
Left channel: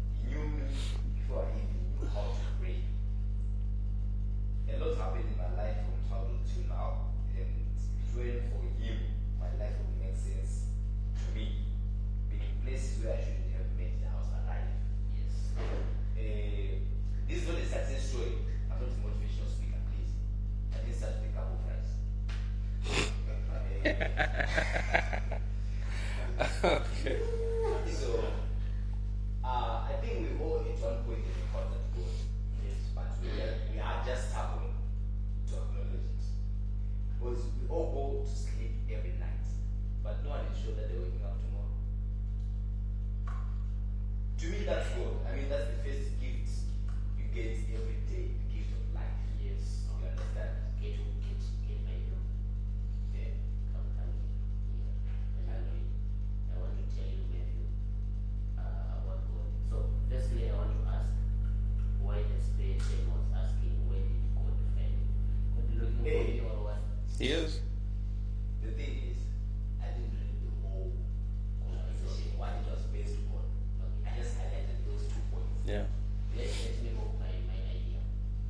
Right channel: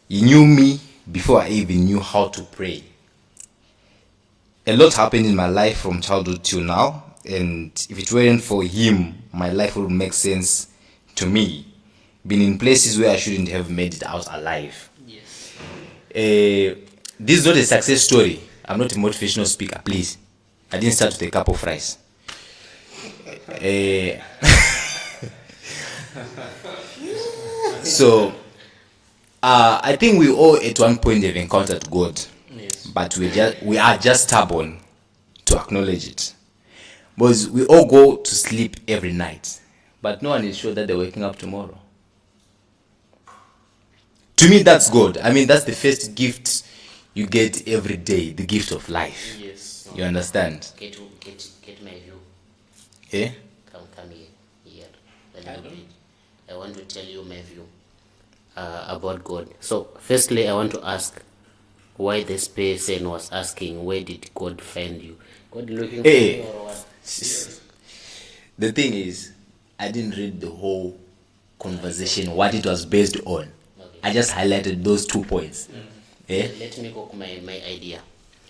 He knew me before I even knew how to pray. A lot happened in my life from childhood till now, and if it weren't for Him, my life would make sense to me. Been in places where I shouldn't have made it out alive. Yes. This is not a success story. I'm not a motivational speaker, please. I didn't start with a cup of rice. So I think we all at one point have encountered God, but we are just stubborn to acknowledge it. Because we all go to sleep every night, but no one is sure that they're waking up tomorrow. To me, that's God. I mean, that's the first gift you get every day, the gift of life. Yes. You understand? Get my view. Yeah? Come here. I want to tell you my view about God. So, firstly, I want to ask why this person was asking, where did God find you? God looking for you or what? The thing is, I didn't read the whole conversation, what it was based on. I just highlighted those 2 points. Let me cook my idea.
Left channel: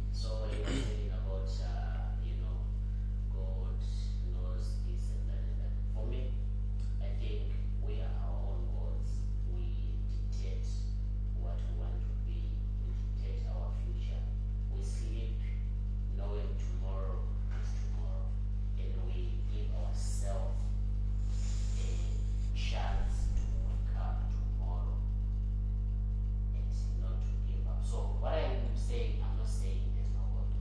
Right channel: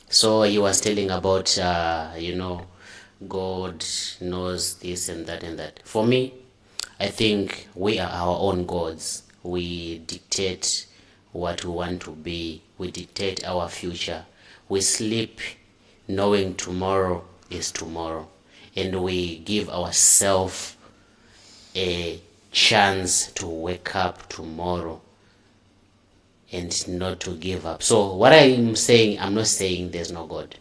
So he was telling about God knows this and that and that. For me, I think we are our own gods. We dictate what we want to be. We dictate our future. We sleep knowing tomorrow is tomorrow, and we give ourselves a chance to wake up tomorrow and not to give up. So what I'm saying, I'm not saying there's no God.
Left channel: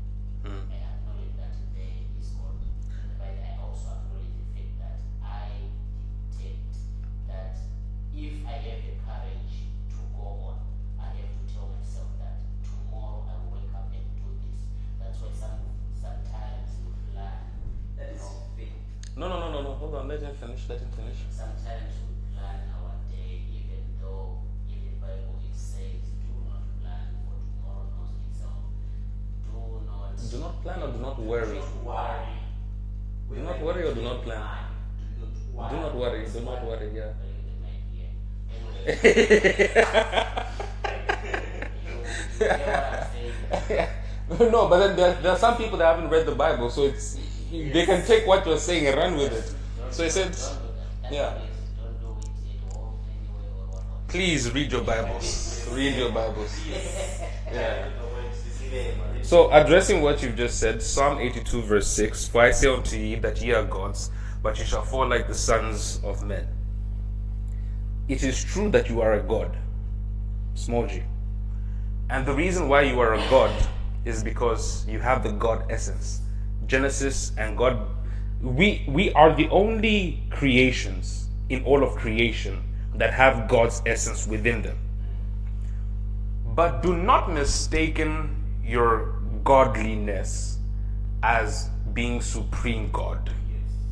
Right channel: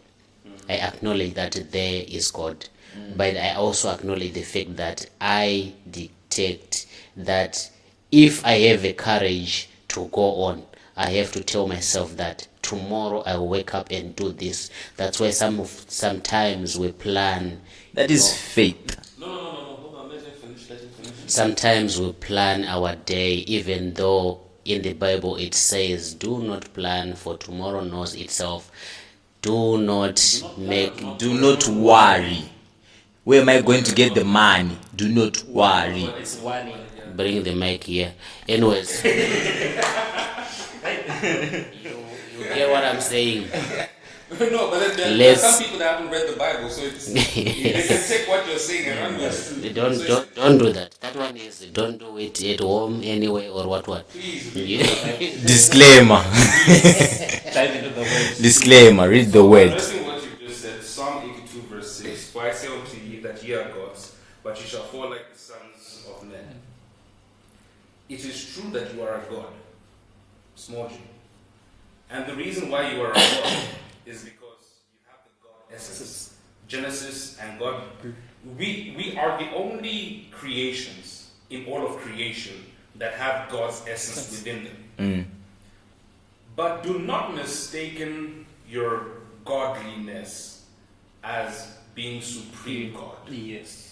I acknowledge that there is God, but I also acknowledge the fact that I dictate that if I have the courage to go on, I have to tell myself that tomorrow I will wake up and do this. That's why sometimes we plan. That is faith. No. Hold on. Let him finish. Sometimes we plan our day, even though in the Bible it says, do not plan, for tomorrow knows itself. Do not worry. Where am I going to get the money? Do not worry. Bring the mic here. Anyways, you get what I'm saying? No, but then there are some people that haven't read the Bible, so it's they can take what you're saying and run with it. Don't do that. That one is don't do it at home anyway or what. Please read the Bible. Disclaimer. Disclaimer, read the So word. addressing what you've just said, Psalm 82 verse 6, for I say unto ye that ye are gods, but you shall fall like the sons of men. It is true that you are a god, small g. And the reason why you are a god is because you have the God essence. Genesis and God, we are the only creations in all of creation that have God's essence within them. But do not mistaken your godliness as being supreme God. Yes.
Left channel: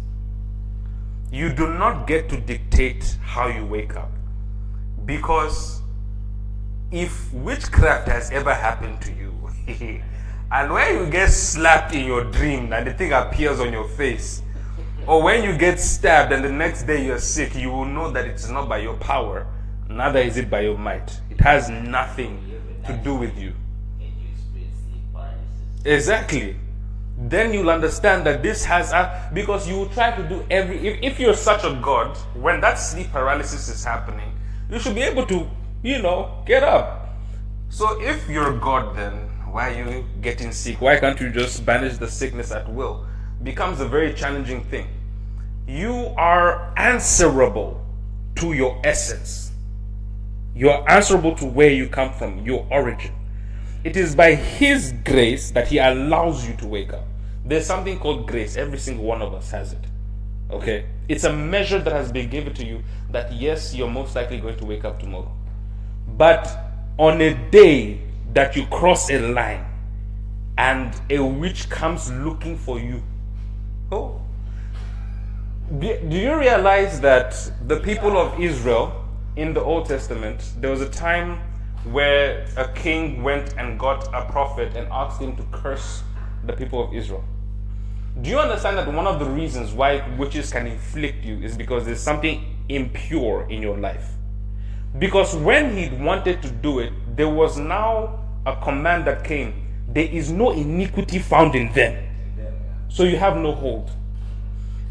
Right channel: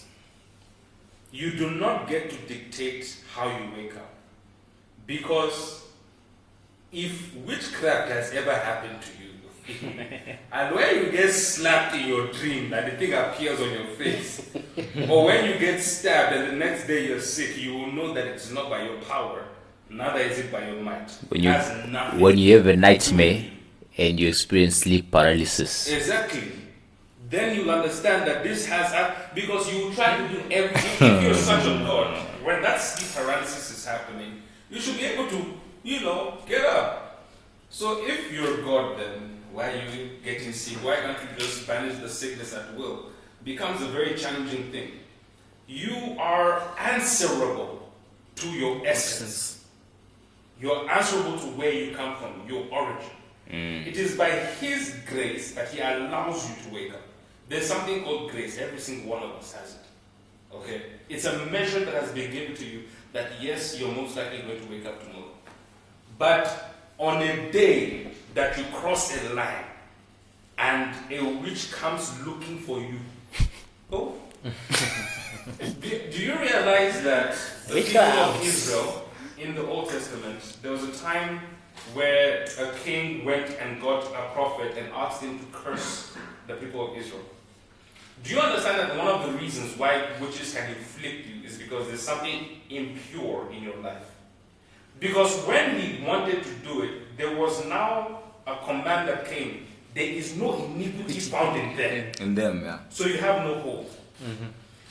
You do not get to dictate how you wake up. Because if witchcraft has ever happened to you, and when you get slapped in your dream and the thing appears on your face, or when you get stabbed and the next day you're sick, you will know that it's not by your power, neither is it by your might. It has nothing. When you have a to do with nightmare you. and you experience sleep paralysis. Exactly. Then you'll understand that this has because you will try to do if you're such a god, when that sleep paralysis is happening, you should be able to, get up. So if you're a god, then why are you getting sick? Why can't you just banish the sickness at will? Becomes a very challenging thing. You are answerable to your essence. You are answerable to where you come from, your origin. It is by His grace that He allows you to wake up. There's something called grace. Every single one of us has it. Okay? It's a measure that has been given to you that yes, you're most likely going to wake up tomorrow. But on a day that you cross a line and a witch comes looking for you, do you realize that the people of Israel in the Old Testament, there was a time where a king went and got a prophet and asked him to curse the people of Israel? Do you understand that one of the reasons why witches can inflict you is because there's something impure in your life? Because when he wanted to do it, there was now a command that came. There is no iniquity found in them. In them, yeah. So you have no hold.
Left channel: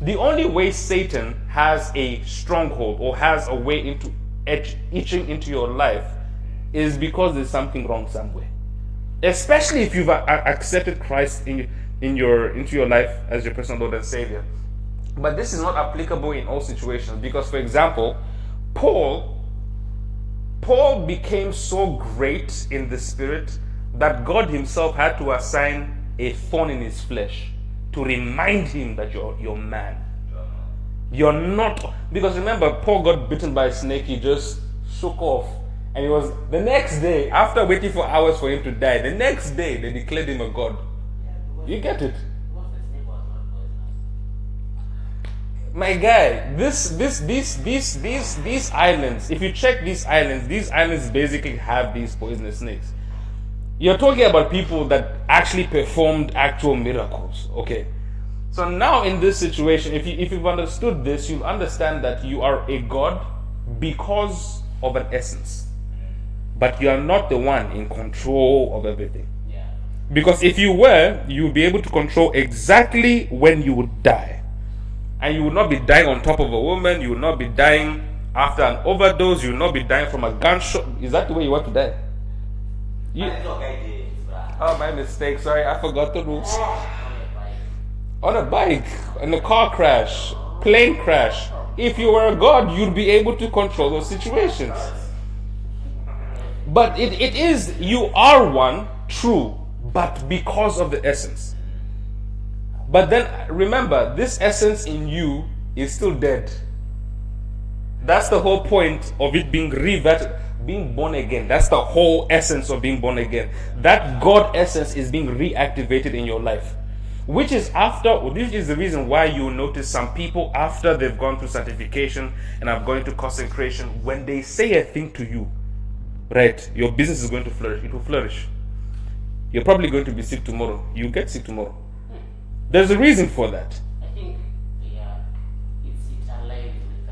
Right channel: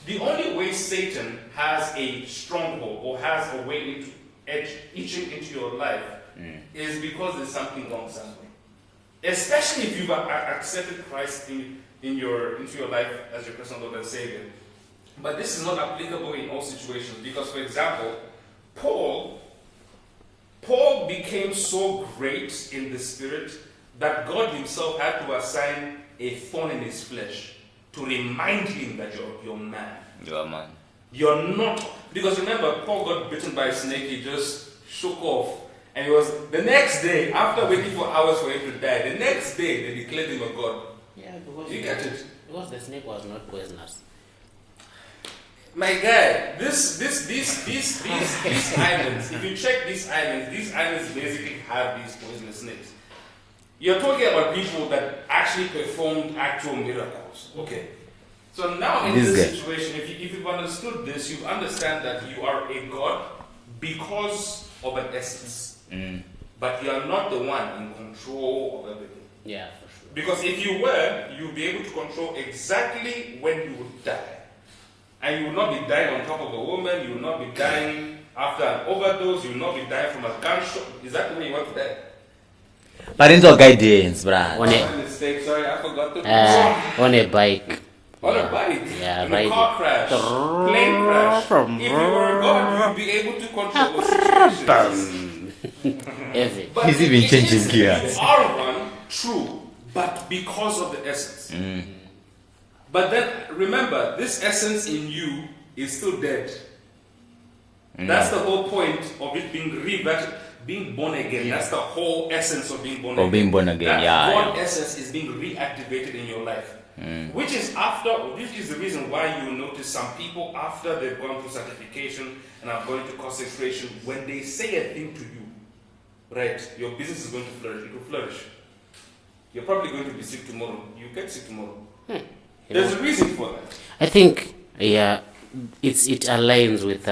The only way Satan has a stronghold or has a way into itching into your life is because there's something wrong somewhere. Especially if you've accepted Christ into your life as your personal Lord and Savior. But this is not applicable in all situations because, for example, Paul became so great in the spirit that God Himself had to assign a thorn in his flesh to remind him that you're man. You're a man. You're not, because remember, Paul got bitten by a snake. He just shook off, and it was the next day, after waiting for hours for him to die, the next day they declared him a god. Yeah, because You get it? Because the snake was not poisonous. My guy, these islands, if you check these islands basically have these poisonous snakes. You're talking about people that actually performed actual miracles. Okay. So now in this situation, if you've understood this, you understand that you are a god because of an essence. But you are not the one in control of everything. Yeah, for sure. Because if you were, you would be able to control exactly when you would die. And you would not be dying on top of a woman. You would not be dying after an overdose. You would not be dying from a gunshot. Is that the way you want to die? Parental guidance, bruh. Oh, my mistake. Sorry, I forgot to do that. On a bike. On a bike, Yeah, in bike. a car crash, plane crash. If you were a god, you'd be able to control those situations. Every. But He's it even changing is, gears. you are one, true, but because of the essence. But then remember, this essence in you is still dead. That's the whole point of it being being born again. That's the whole essence of being born again. being born again, That yeah, God essence is being reactivated in your life. Which is the reason why you notice some people after they've gone through sanctification and have gone into consecration, when they say a thing to you, right, your business is going to flourish. It will flourish. You're probably going to be sick tomorrow. You get sick tomorrow. There's a reason for that. I think, yeah, it aligns with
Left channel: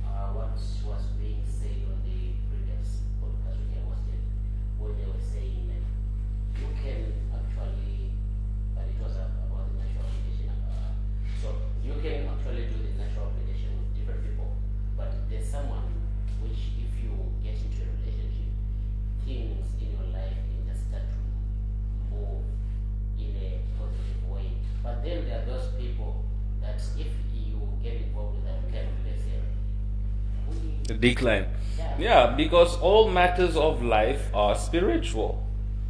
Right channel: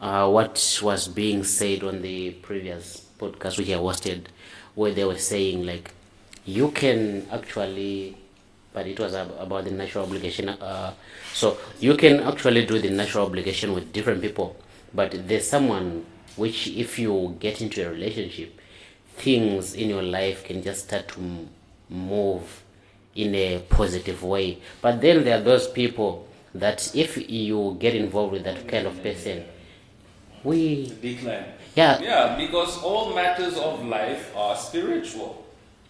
what was being said on the previous podcast which I hosted, where they were saying like you can actually, but it was about the natural obligation. So you can actually do the natural obligation with different people, but there's someone which, if you get into a relationship, things in your life can just start to move in a positive way. But then there are those people that if you get involved with that kind of person, we Decline. yeah, Yeah, because all matters of life are spiritual.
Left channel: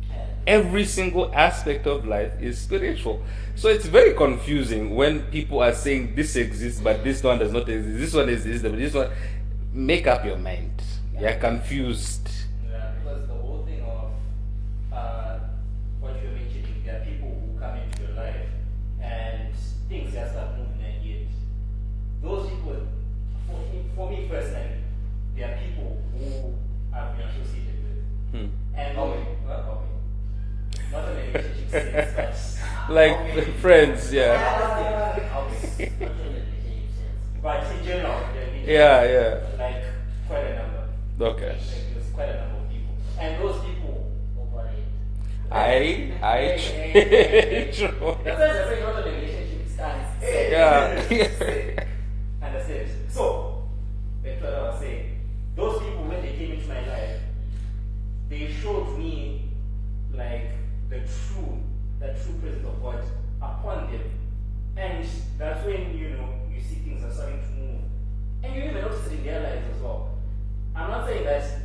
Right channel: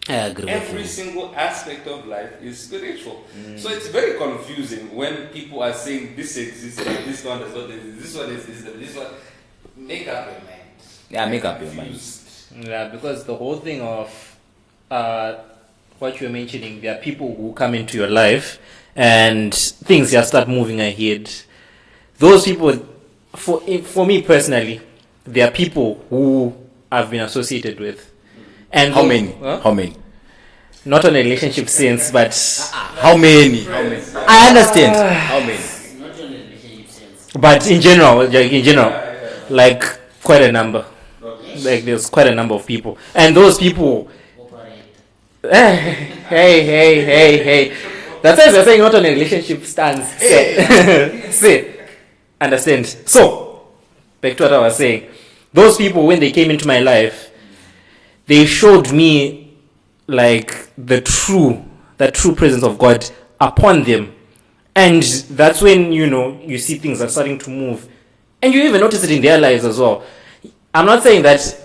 I agree. Every single aspect of life is spiritual. So it's very confusing when people are saying this exists, but this one does not exist. This one exists, but this one. Make up your mind. Yeah, I'm make up your mind. confused. Yeah, because the whole thing of what you're mentioning, there are people who come into your life and things just start moving ahead. Those people, for me personally, there are people who I've been associated with. And How many? Huh? How many? Not on a relationship sense, but How many? Friends, yeah. I understand. How many? in general, Yeah. like quite a number. Okay. Like there's quite a number of people, and those people. Hey. That's why they're saying not on a relationship stance. See, understand? So, back to what I was saying. Those people, when they came into my life, they showed me like the true presence of God upon them. And that's when, you see things are starting to move. And you even notice it in their lives as well. I'm not saying that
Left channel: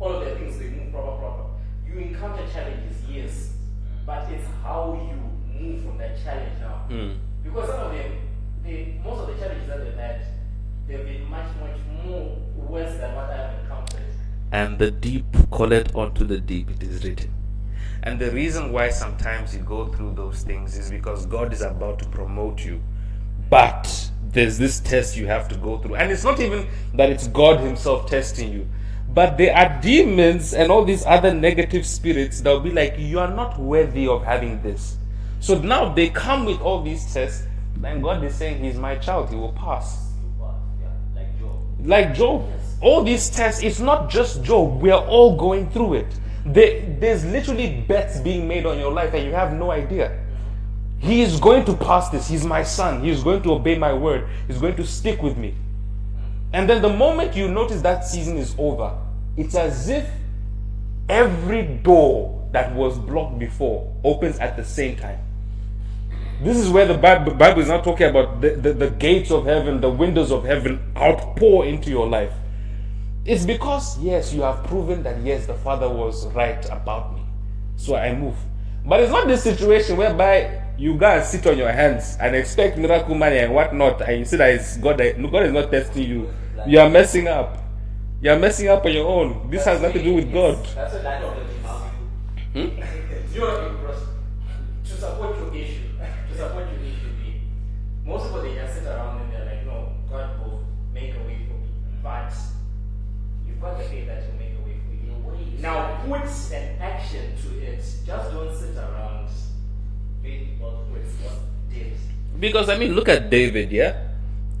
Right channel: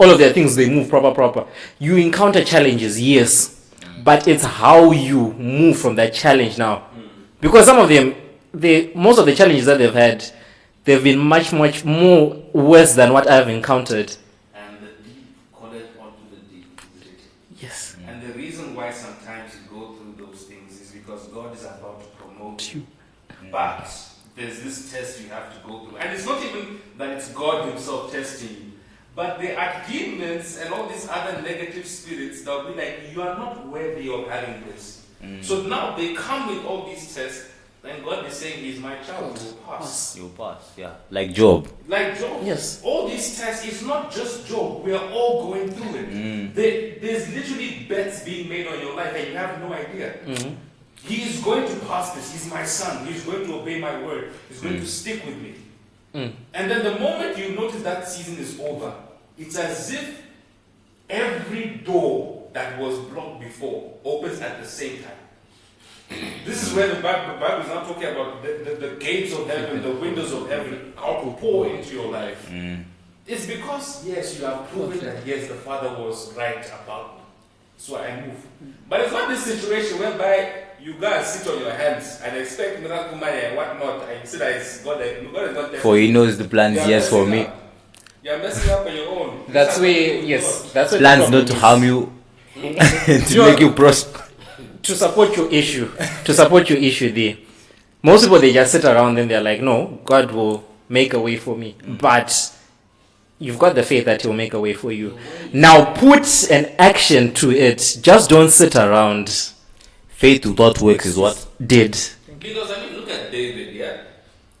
all of their things, they move proper. You encounter challenges, yes. But it's how you move from that challenge now. Because some of them, most of the challenges that they've had, they've been much more worse than what I've encountered. And the deep call it onto the deep, it is written. Yes. And the reason why sometimes you go through those things is because God is about to promote you. But there's this test you have to go through. And it's not even that it's God Himself testing you. But there are demons and all these other negative spirits that will be like, you are not worthy of having this. So now they come with all these tests. And God is saying, He's my child, you will pass. You pass, yeah. Like Job. Like Job, Yes. all these tests, it's not just Job, we are all going through it. There's literally bets being made on your life and you have no idea. He is going to pass this. He's my son. He is going to obey my word. He's going to stick with me. And then the moment you notice that season is over, it's as if every door that was blocked before opens at the same time. This is where the Bible is not talking about the gates of heaven, the windows of heaven outpour into your life. It's because, yes, you have proven that, yes, the Father was right about me. So I move. But it's not this situation whereby you go and sit on your hands and expect miracle money and whatnot, and you see that it's God is not testing For He you. knows the plans You are He has for messing me. up. You are messing up on your own. This That's has nothing to do where, with yes, God. that's where the Plans problem not to is. harm you, to make you prosper. To support your issue, there. Most people, they just sit around and they're like, no, God will make a way for me. But you've got the faith that He'll make a way for you. Now put an action to it. Just don't sit around. Faith without works is what? Did. Because I mean, look at David, yeah.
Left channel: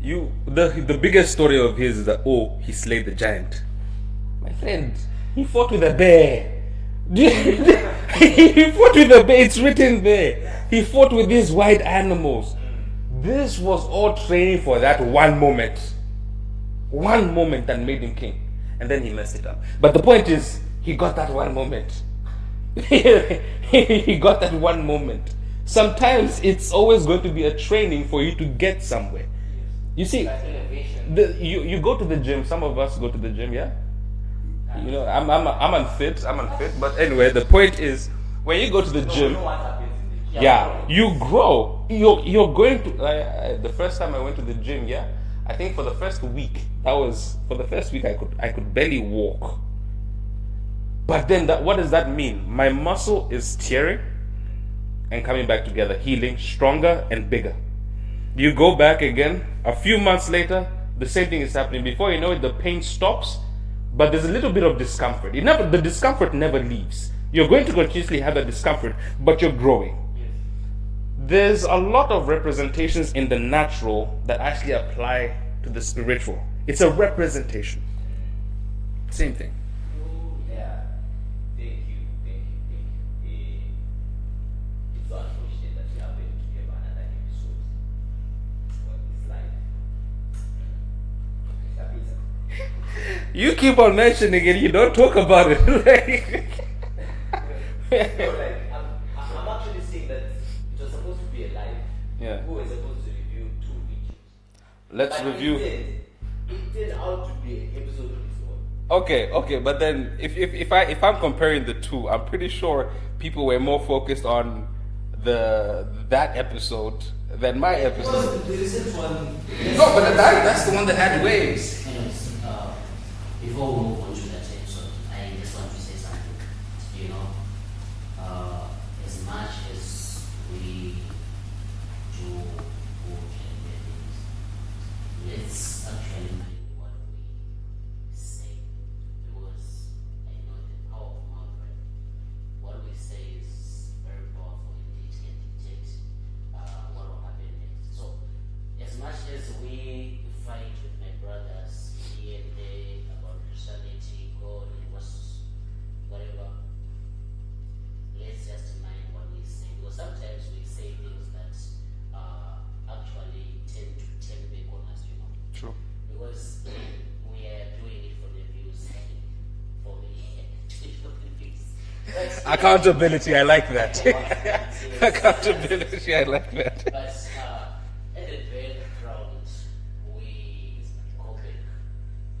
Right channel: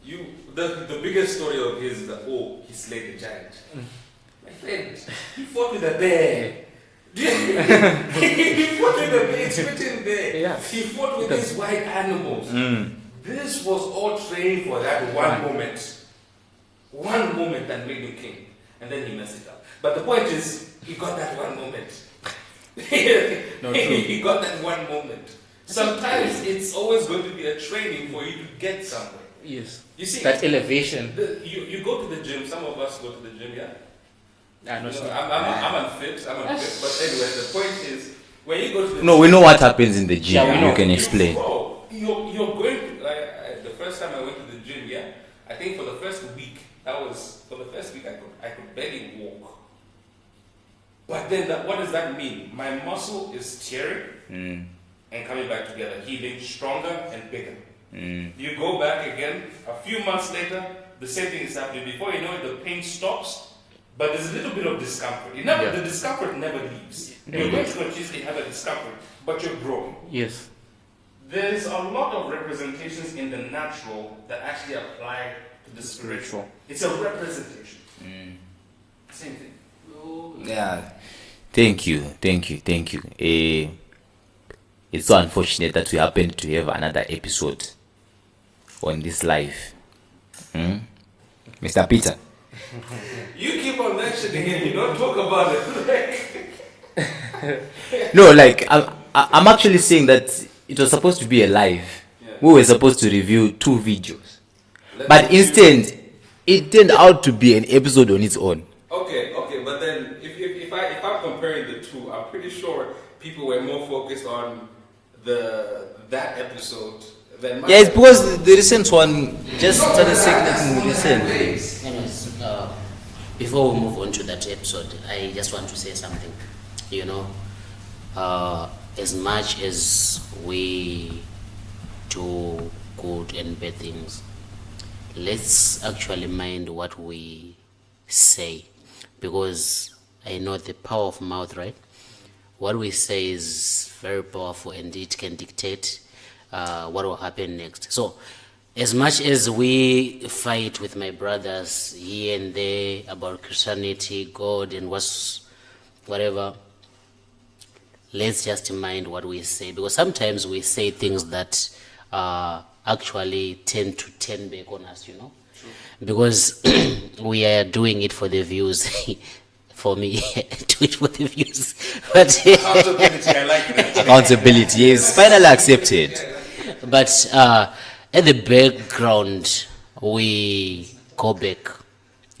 The biggest story of his is that he slayed the giant. My friend, he fought with a bear. He fought with a bear. It's written there. Yeah. He fought with these wild animals. This was all training for that one moment that made him king, and then he messed it up. But the point is, he got that one moment. He got that one moment. Sometimes it's always going to be a training for you to get somewhere. Yes. You see, That elevation. you go to the gym. Some of us go to the gym, yeah. I know. You know, I'm unfit. But anyway, the point is, when you go to the No, gym, we know what happens in the gym. Yeah, You can you explain. grow. You're going to. The first time I went to the gym, yeah, I think for the first week, I could barely walk. But then, what does that mean? My muscle is tearing and coming back together, healing, stronger and bigger. You go back again, a few months later, the same thing is happening. Before you know it, the pain stops, but there's a little bit of discomfort. The discomfort never leaves. You're going to continuously have a discomfort, but you're growing. Yes. There's a lot of representations in the natural that actually apply to the spiritual. It's a representation. Same thing. Yeah. Thank you. It's so unfortunate that we happen to have another episode on this life. Mr. Peter. You keep on mentioning it, you don't talk about it. No, like I'm actually saying that it was supposed to be a live. Yeah. we were supposed to review 2 videos. Let's But review- instead, it turned out to be an episode on its own. Okay, but then if I'm comparing the two, I'm pretty sure people were more focused on that episode than my. Yeah, it's because the recent one just started saying one that had waves. Anyways, before we move on to that episode, I just want to say something. You know, as much as we do good and bad things, let's actually mind what we say, because I know the power of mouth, right? What we say is very powerful and it can dictate what will happen next. So, as much as we fight with my brothers here and there about Christianity, God, and whatever, let's just mind what we say, because sometimes we say things that actually tend to turn back on us, you know. True. Because we are doing it for the views. For me, do it for the views. But Accountability, I like that. accountability. Yes, finally accepted. Yeah, I like that. But at the background, we go back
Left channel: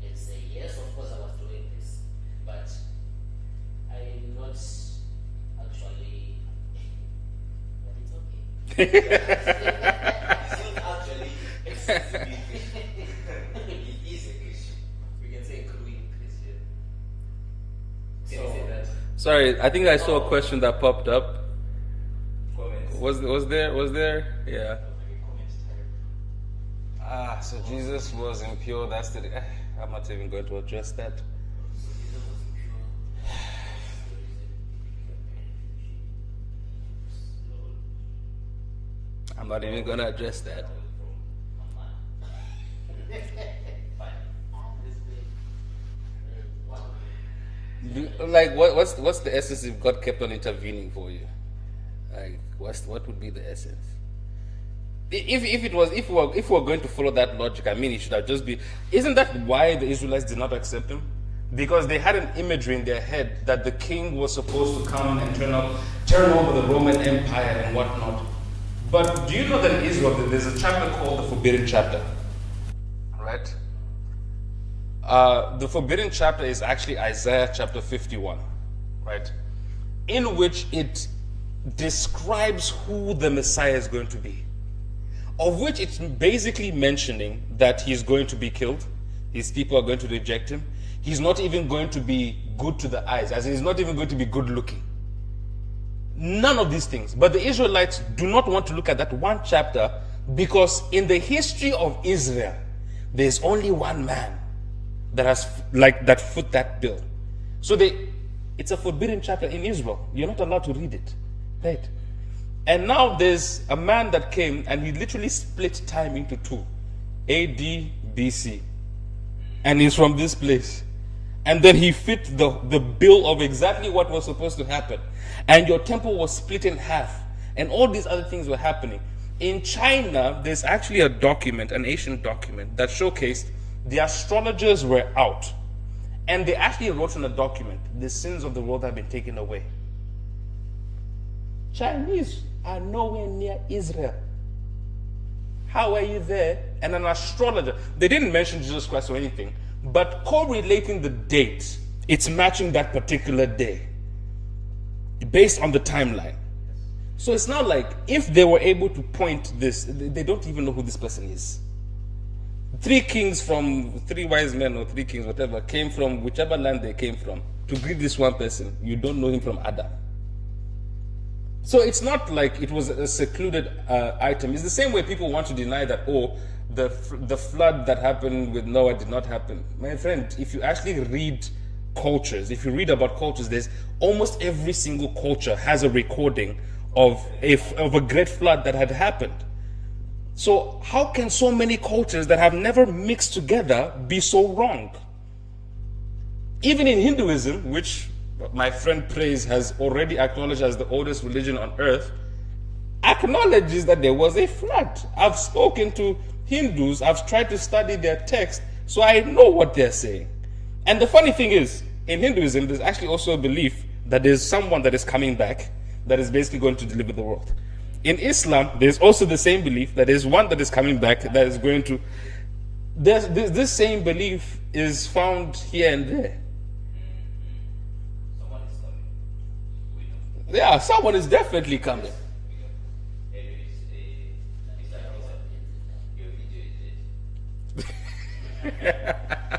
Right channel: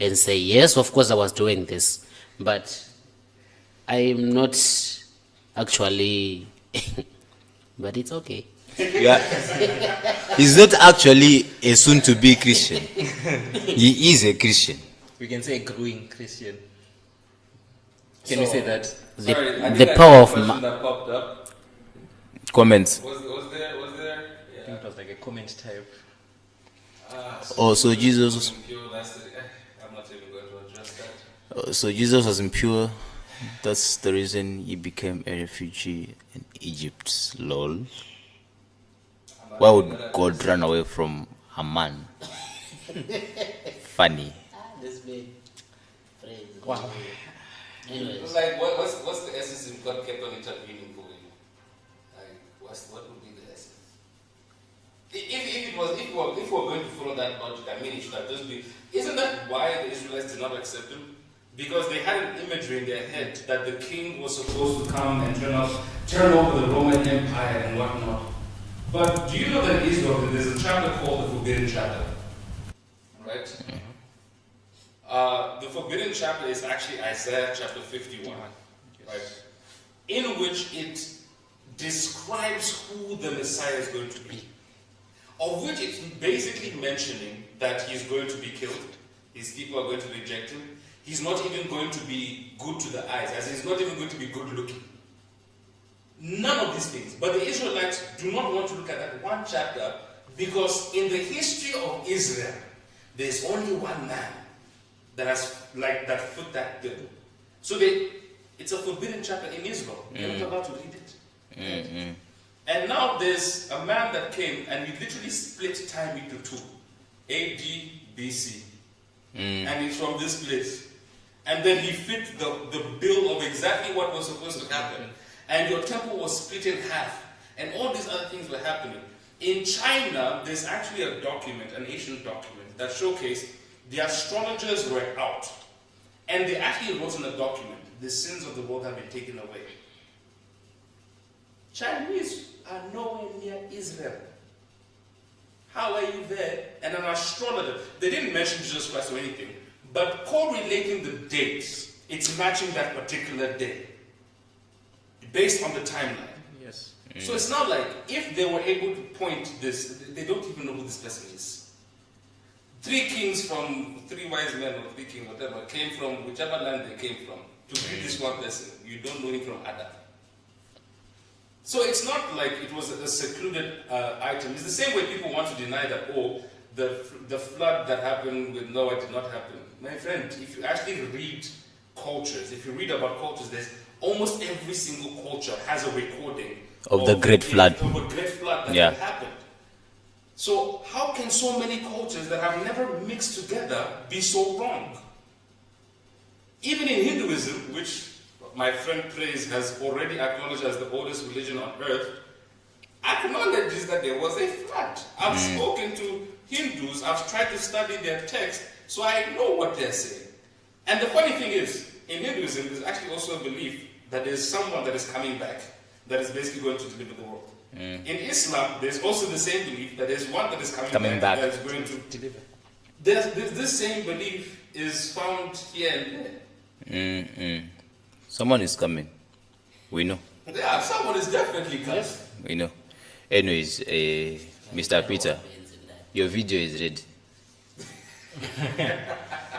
and say, yes, of course I was doing this, but I'm not actually, but it's okay. He's not actually a soon-to-be Christian. He is a Christian. We can say growing Christian. Can we say that? Sorry, I the think I power saw a of question that popped up. Comments. Was there? Yeah. It was like a comment type. Oh, so Jesus was impure. That's the. I'm not even going to address that. So Jesus was impure. That's the reason he became a refugee in Egypt. Lol. I'm not Why even would gonna God address run away from a man? Funny. Wow. Like what's the essence if God kept on intervening for you? Like what would be the essence? If we're going to follow that logic, I mean it should have just been. Isn't that why the Israelites did not accept him? Because they had an imagery in their head that the king was supposed to come and turn over the Roman Empire and whatnot. But do you know that in Israel there's a chapter called the Forbidden Chapter? Right? The forbidden chapter is actually Isaiah chapter 51, right? In which it describes who the Messiah is going to be. Of which it's basically mentioning that he's going to be killed, his people are going to reject him, he's not even going to be good to the eyes, as in he's not even going to be good looking. None of these things. But the Israelites do not want to look at that one chapter because in the history of Israel, there's only one man that has that foot that bill. So it's a forbidden chapter in Israel. You're not allowed to read it. Right? And now there's a man that came and he literally split time into 2. AD, BC. And he's from this place. And then he fit the bill of exactly what was supposed to happen. And your temple was split in half. And all these other things were happening. In China, there's actually a document, an ancient document, that showcased the astrologers were out. And they actually wrote in a document, the sins of the world have been taken away. Chinese are nowhere near Israel. How are you there? And an astrologer, they didn't mention Jesus Christ or anything, but correlating the dates, it's matching that particular day based on the timeline. Yes. So it's not like if they were able to point this, they don't even know who this person is. 3 kings from 3 wise men or 3 kings, whatever, came from whichever land they came from to greet this one person. You don't know him from Adam. So it's not like it was a secluded item. It's the same way people want to deny that, the flood that happened with Noah did not happen. My friend, if you actually read cultures, if you read about cultures, there's almost every single culture has a recording Of the great flood. Of a great flood that had happened. So how can so many cultures that have never mixed together be so wrong? Even in Hinduism, which my friend Praise has already acknowledged as the oldest religion on earth, acknowledges that there was a flood. I've spoken to Hindus, I've tried to study their text, so I know what they're saying. And the funny thing is, in Hinduism, there's actually also a belief that there's someone that is coming back that is basically going to deliver the world. In Islam, there's also the same belief that there's one that is coming back back. that is going to. This same belief is found here and there. Someone is coming. We know. Yeah, someone is definitely coming. We know. Anyways, Mr. Peter, your video is ready.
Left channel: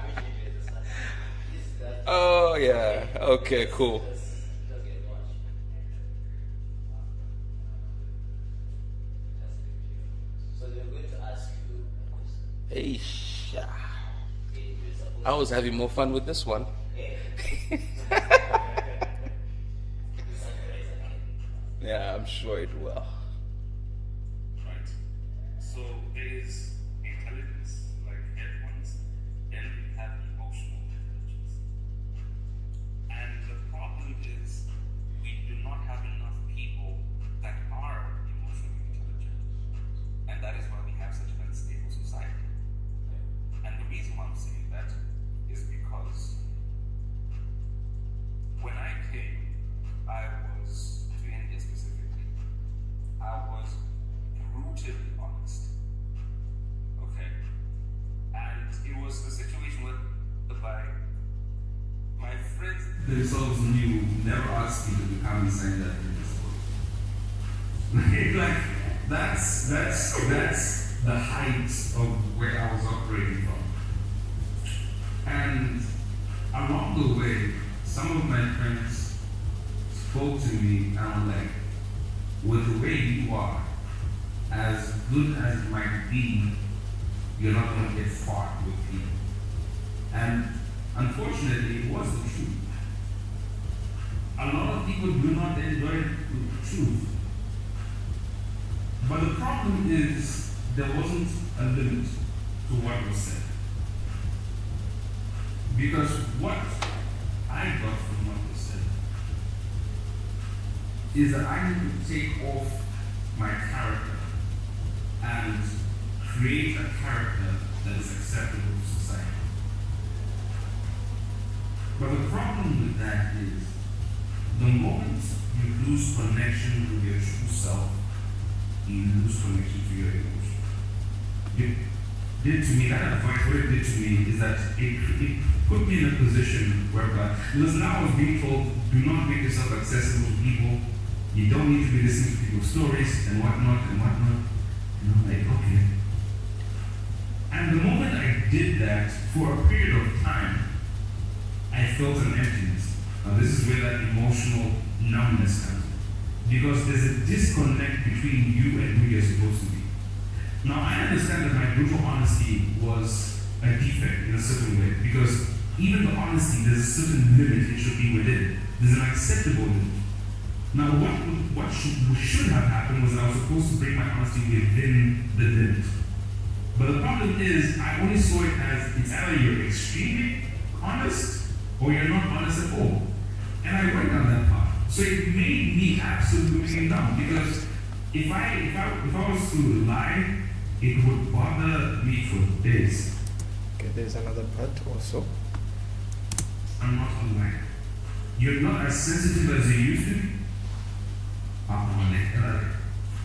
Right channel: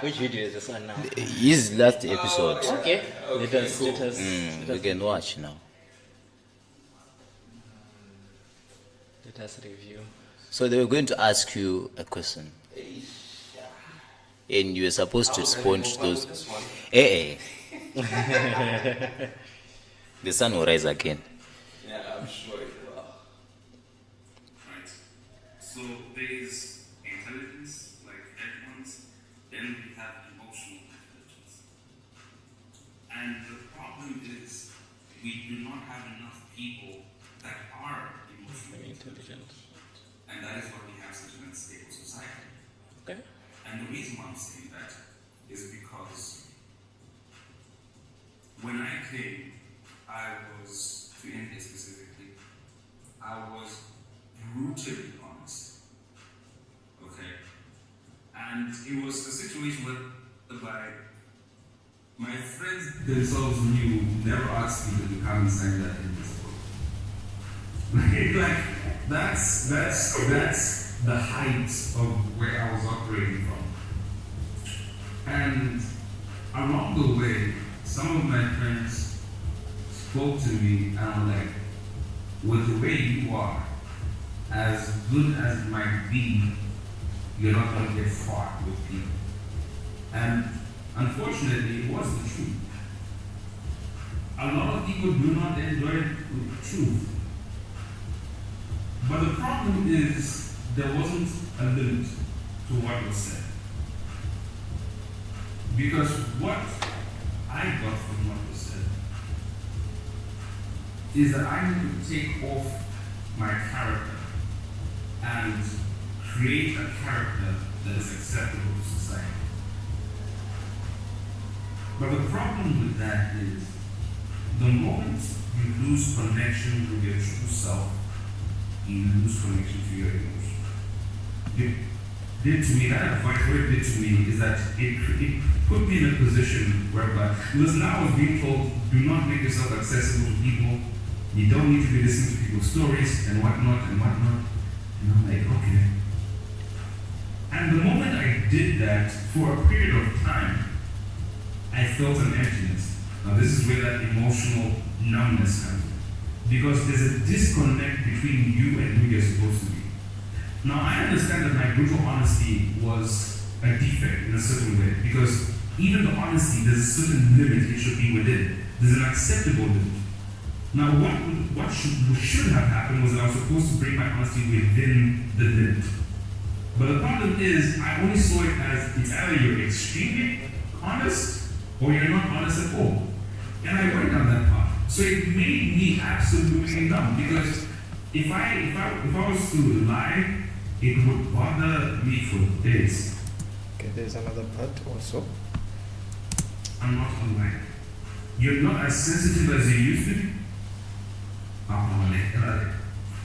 Which video is this one now? His last episode. Oh, yeah. Okay. Okay, Let us- cool. let us- We can watch now. Let us review. So they were going to ask you a question. And you were supposed I to was having respond more to fun those. with this one. The sun will rise again. Yeah, I'm sure it will. Right. So there is intelligence, like head ones, then we have emotional intelligence. And the problem is we do not have enough people that are emotionally intelligent. And that is why we have such an unstable society. Okay. And the reason why I'm saying that is because when I came, I was, to India specifically, I was brutally honest. Okay? And it was a situation whereby my friends themselves knew, never asked me to come and sign that in this book. Like, that's the height of where I was operating from. And along the way, some of my friends spoke to me and were like, with the way you are, as good as it might be, you're not going to get far with people. And unfortunately, it was the truth. A lot of people do not enjoy the truth. But the problem is, there wasn't a limit to what was said. Because what I got from what was said is that I need to take off my character and create a character that is acceptable to society. But the problem with that is the moment you lose connection with your true self, you lose connection to your emotion. It did to me, that what it did to me is that it put me in a position whereby, because now I was being told, do not make yourself accessible to people, you don't need to be listening to people's stories and whatnot and whatnot. And I'm like, okay. And the moment I did that, for a period of time, I felt an emptiness. Now this is where that emotional numbness comes in. Because there's a disconnect between you and who you're supposed to be. Now I understand that my brutal honesty was a defect in a certain way. Because even the honesty, there's a certain limit it should be within. There's an acceptable limit. Now what should have happened was that I was supposed to bring my honesty within the limit. But the problem is, I only saw it as it's either you're extremely honest or you're not honest at all. And I went down that path. So it made me absolutely numb because if I was to lie, it would bother me for days. Okay, there's another part also. I'm not online. You're not as sensitive as you used to be.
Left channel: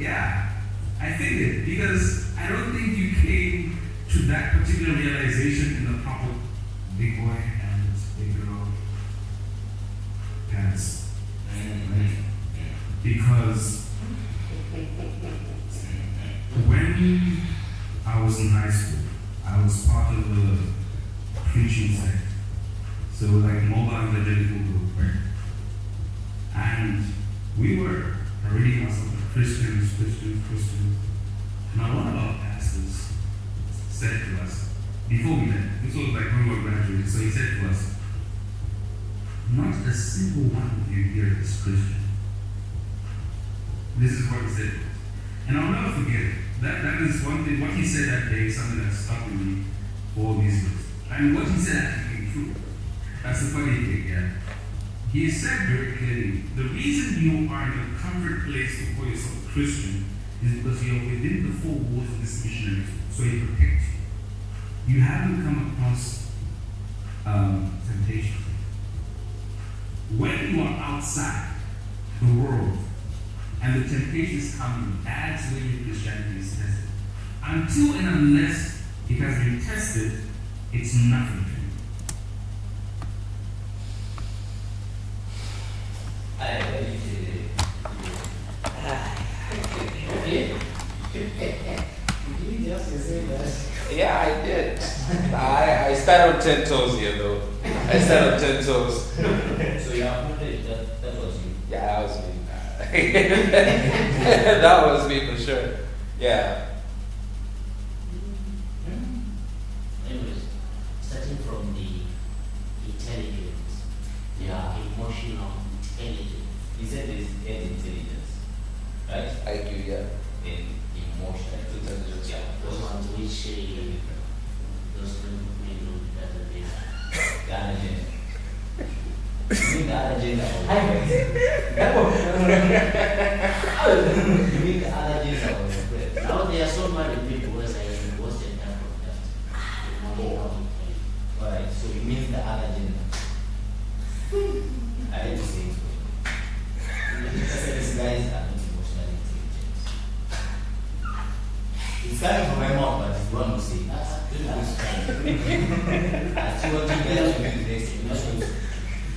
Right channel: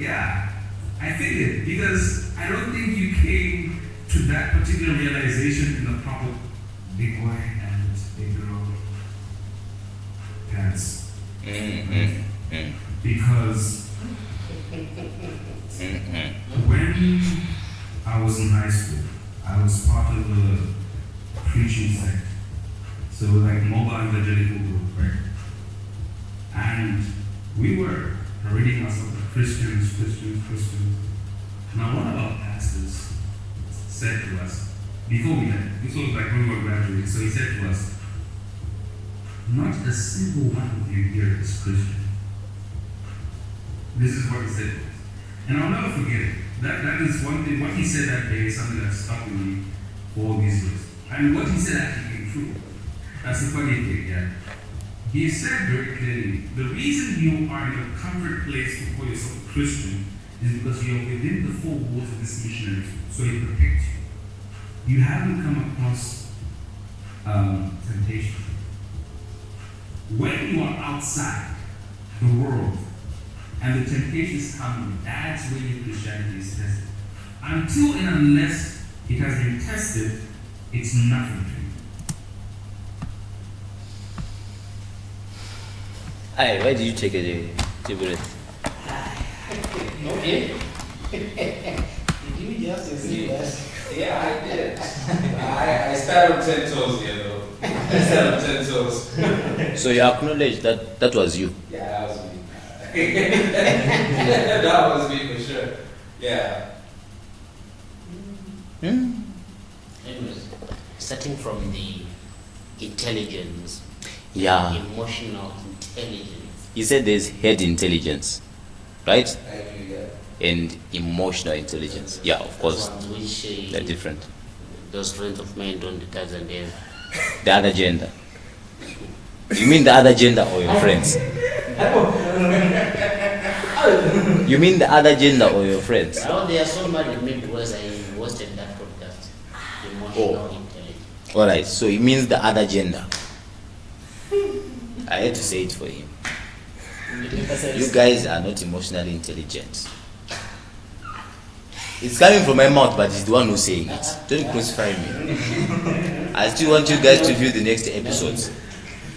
Yeah, I figured because I don't think you came to that particular realization in the proper big boy and big girl pants. Because when I was in high school, I was part of a preaching sect. So like mobile evangelical group, right? And we were parading ourselves as Christians. Now one of our pastors said to us, before we left, this was like when we were graduating, so he said to us, not a single one of you here is Christian. This is what he said to us. And I'll never forget it. That is one thing, what he said that day is something that stuck with me for all these years. And what he said actually came true. That's the funny thing, yeah. He said very clearly, the reason you are in a comfort place to call yourself a Christian is because you're within the four walls of this missionary school, so he protects you. You haven't come across temptation. When you are outside the world and the temptations come in. That's where your Christianity is tested. Until and unless it has been tested, it's nothing to you. Hi, why did you take a break? Okay. Yeah, I did. I stand on 10 toes here, though. I stand on 10 toes. So you acknowledge that that was you. Yeah, that was me. That was me for sure. Yeah. Anyways, starting from the intelligence, Yeah. emotional intelligence. You said there's head intelligence, right? I do, yeah. And emotional intelligence. Yeah, of course. Ones which They're different. those friends of mine don't understand them. The other gender. You mean the other gender or your friends? You mean the other gender or your friends? Now they are so mad at me because I hosted that podcast. Emotional intelligence. Alright, so it means the other gender. I had to say it for him. You guys are not emotionally intelligent. It's coming from my mouth, but it's the one who's saying it. Don't crucify me. I still want you guys to view the next episodes.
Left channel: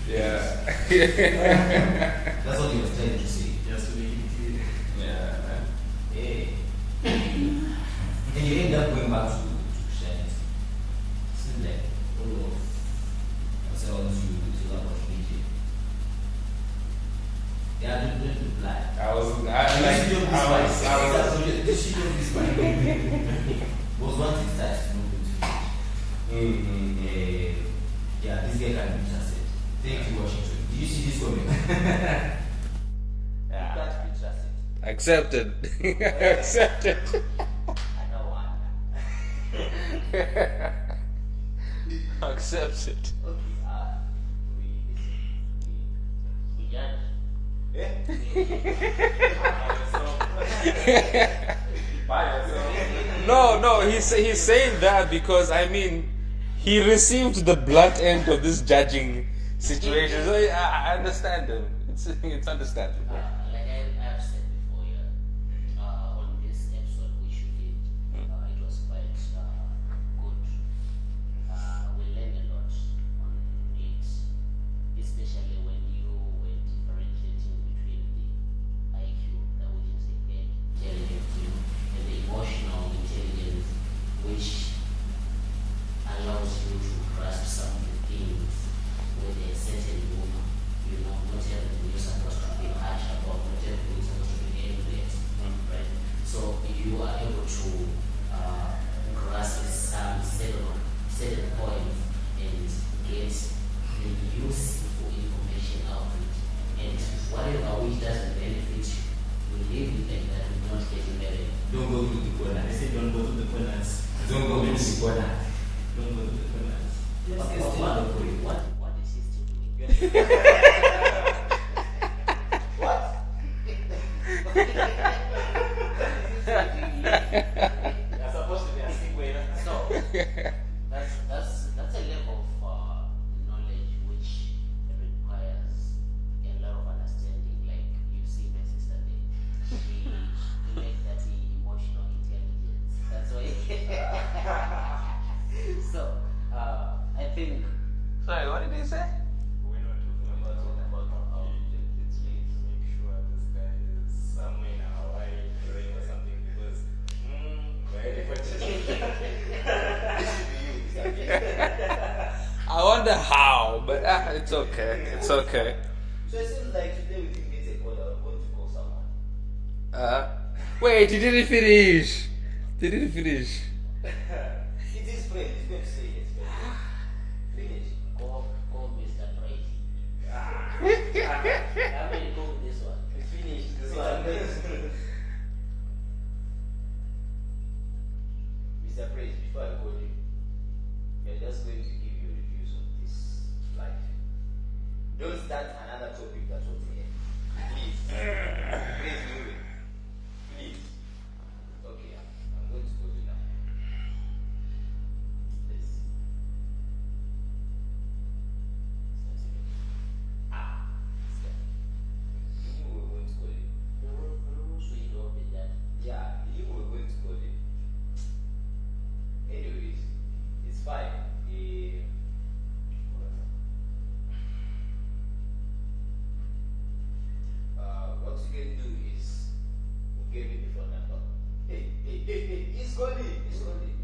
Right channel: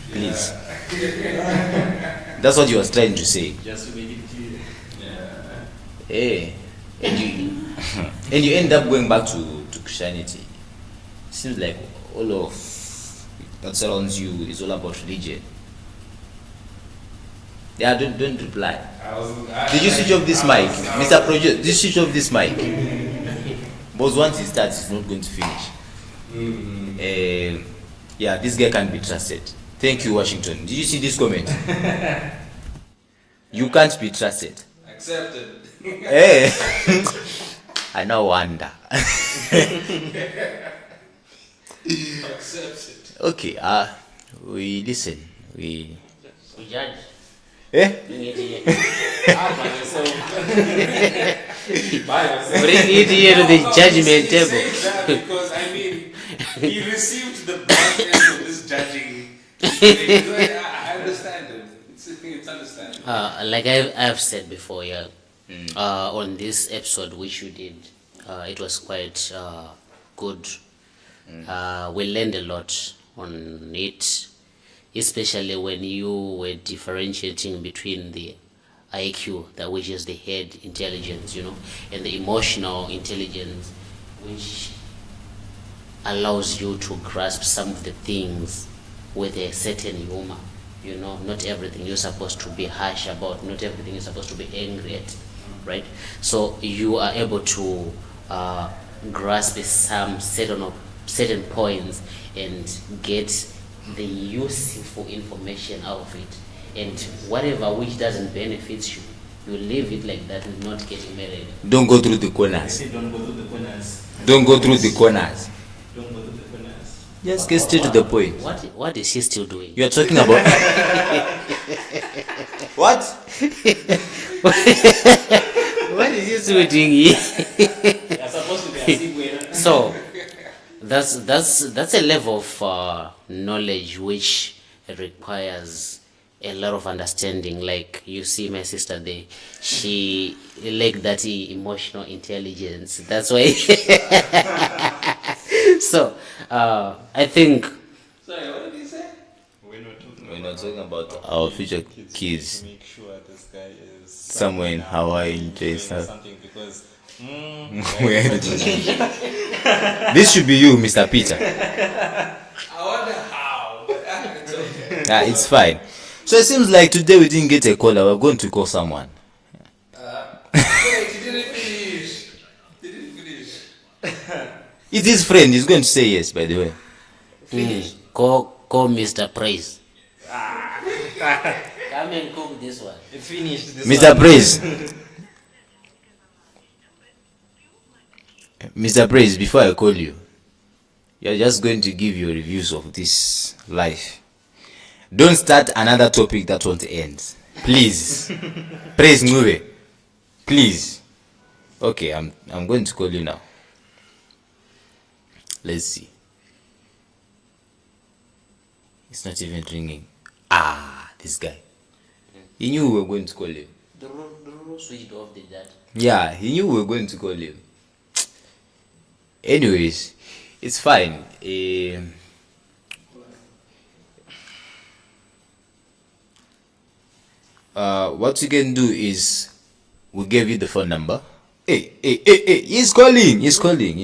Please. That's what you was trying to say. Just to make it clear. Yeah. Hey. And you end up going back to Christianity. Seems like all of that surrounds you is all about religion. Yeah, don't reply. Did you switch off this mic? Mr. Project, did you switch off this mic? Because once he starts, he's not going to finish. Yeah, this guy can't be trusted. Thank you, Washington. Did you see this comment? You can't be trusted. Accepted. Hey. I now wonder. Accepted. Okay, we listen. We judge. Eh? Bring it here to the judgment he's table. saying that because I mean he received the blunt end of this judging situation. I understand him. It's understandable. Like I've said before, yeah. On this episode which you did, it was quite good. We learned a lot on it, especially when you were differentiating between the IQ, that which is the head intelligence, you know, and the emotional intelligence, which allows you to grasp some of the things with a certain humor. You know, not everything you're supposed to be harsh about, not everything you're supposed to be angry at, right? So you are able to grasp some certain points and get the useful information out of it, and whatever which doesn't benefit you, you leave it like that, will not get married. don't go through the corners. Don't go to the corners. Don't go through the corners. Don't go to the corners. Just get straight to the point. What is he still doing? You are talking about what? What is he still doing here? You're supposed to be a segue. So that's a level of knowledge which requires a lot of understanding. Like you see my sister there, she like that emotional intelligence. That's why. So I think Sorry, what did he say? We're not talking about our future kids Make sure this guy is somewhere in Hawaii, in Jason. something because This should be you, Mr. Peter. I wonder how, but it's okay. It's fine. So it seems like today we didn't get a caller. We're going to call someone. Wait, you didn't finish. You didn't finish. It's his friend. He's going to say yes, by the way. call Mr. Praise. Come and cook this one. Finish this Mr. Praise. Mr. Praise, before I call you, you're just going to give your reviews of this life. Don't start another topic that won't end. Please. Praise Ngube. Please. Okay, I'm going to call you now. Let's see. It's not even ringing. This guy. He knew we were going to call you. The switched off the data. Yeah, he knew we were going to call him. Anyways, it's fine. What you can do is we gave you the phone number. Hey, he's calling. He's calling.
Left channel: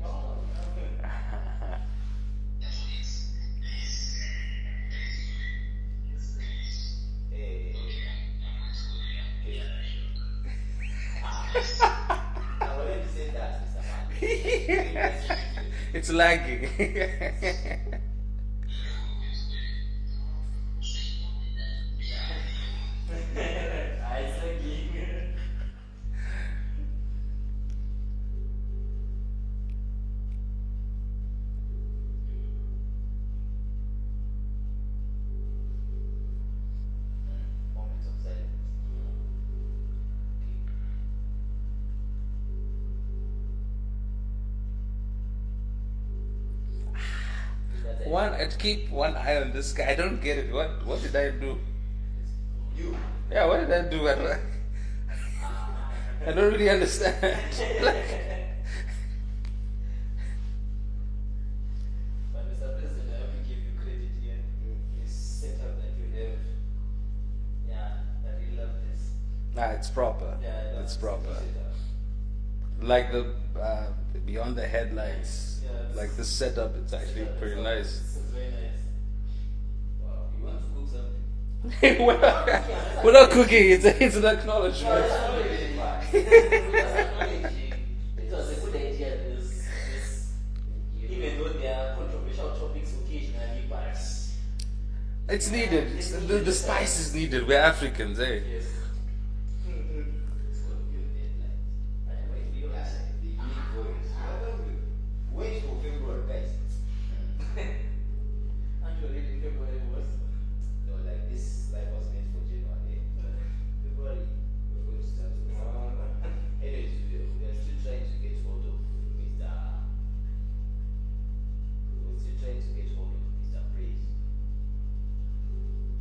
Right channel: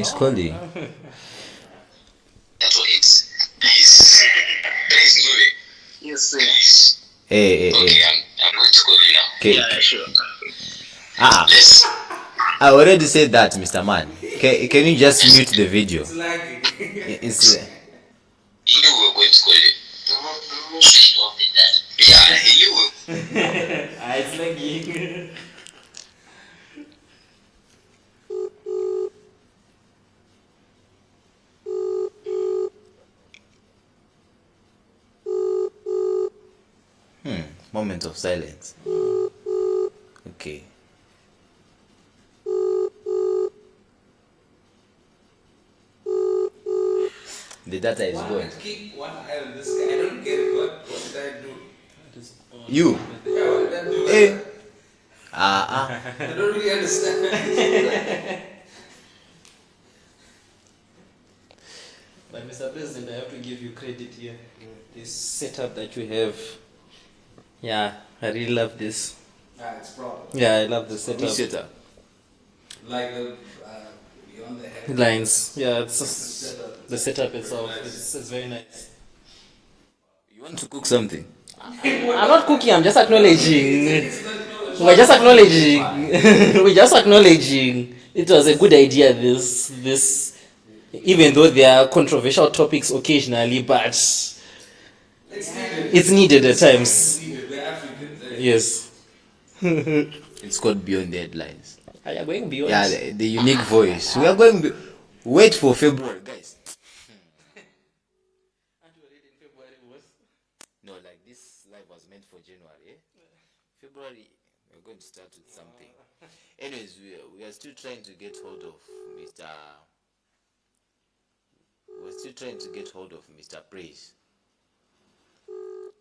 That's what it's. Please move. Yes, sir. Hey. Okay, I'm going to call you now. Okay. Yeah, sure. Yes. I already said that, Mr. Man. Can you just mute the video? It's lagging. It's, You knew we were going to call you. Switch off the data. Yeah, you will. It's lagging. moment of silence. Okay. The data is going. Keep one eye on this guy. I don't get it. What did I do? You. Yeah, what did I do? Hey. I don't really understand. But Mr. President, I have to give you credit here. This setup that you have. Yeah, I really love this. Nah, it's proper. Yeah, I love the Which setup. setup? Like the beyond the head Lines. Yeah, it's Like the setup. The setup Very itself. nice. It's very nice. You want to cook something? I'm not cooking. I'm just We're not cooking, acknowledging. it's an acknowledgement. We're just acknowledging. We're just acknowledging. It was a good idea. This, even though there are controversial topics occasionally, but It's needed. it's needed at It's times. needed. We're Africans, eh? Yes. It's called Beyond the Headlines. Are you going beyond? Yeah, the unique voice. We are going. Wait for February, guys. No, like this live was meant for January. February, we're going to start with something. Anyways, we are still trying to get hold of Mr. We're still trying to get hold of Mr. Praise.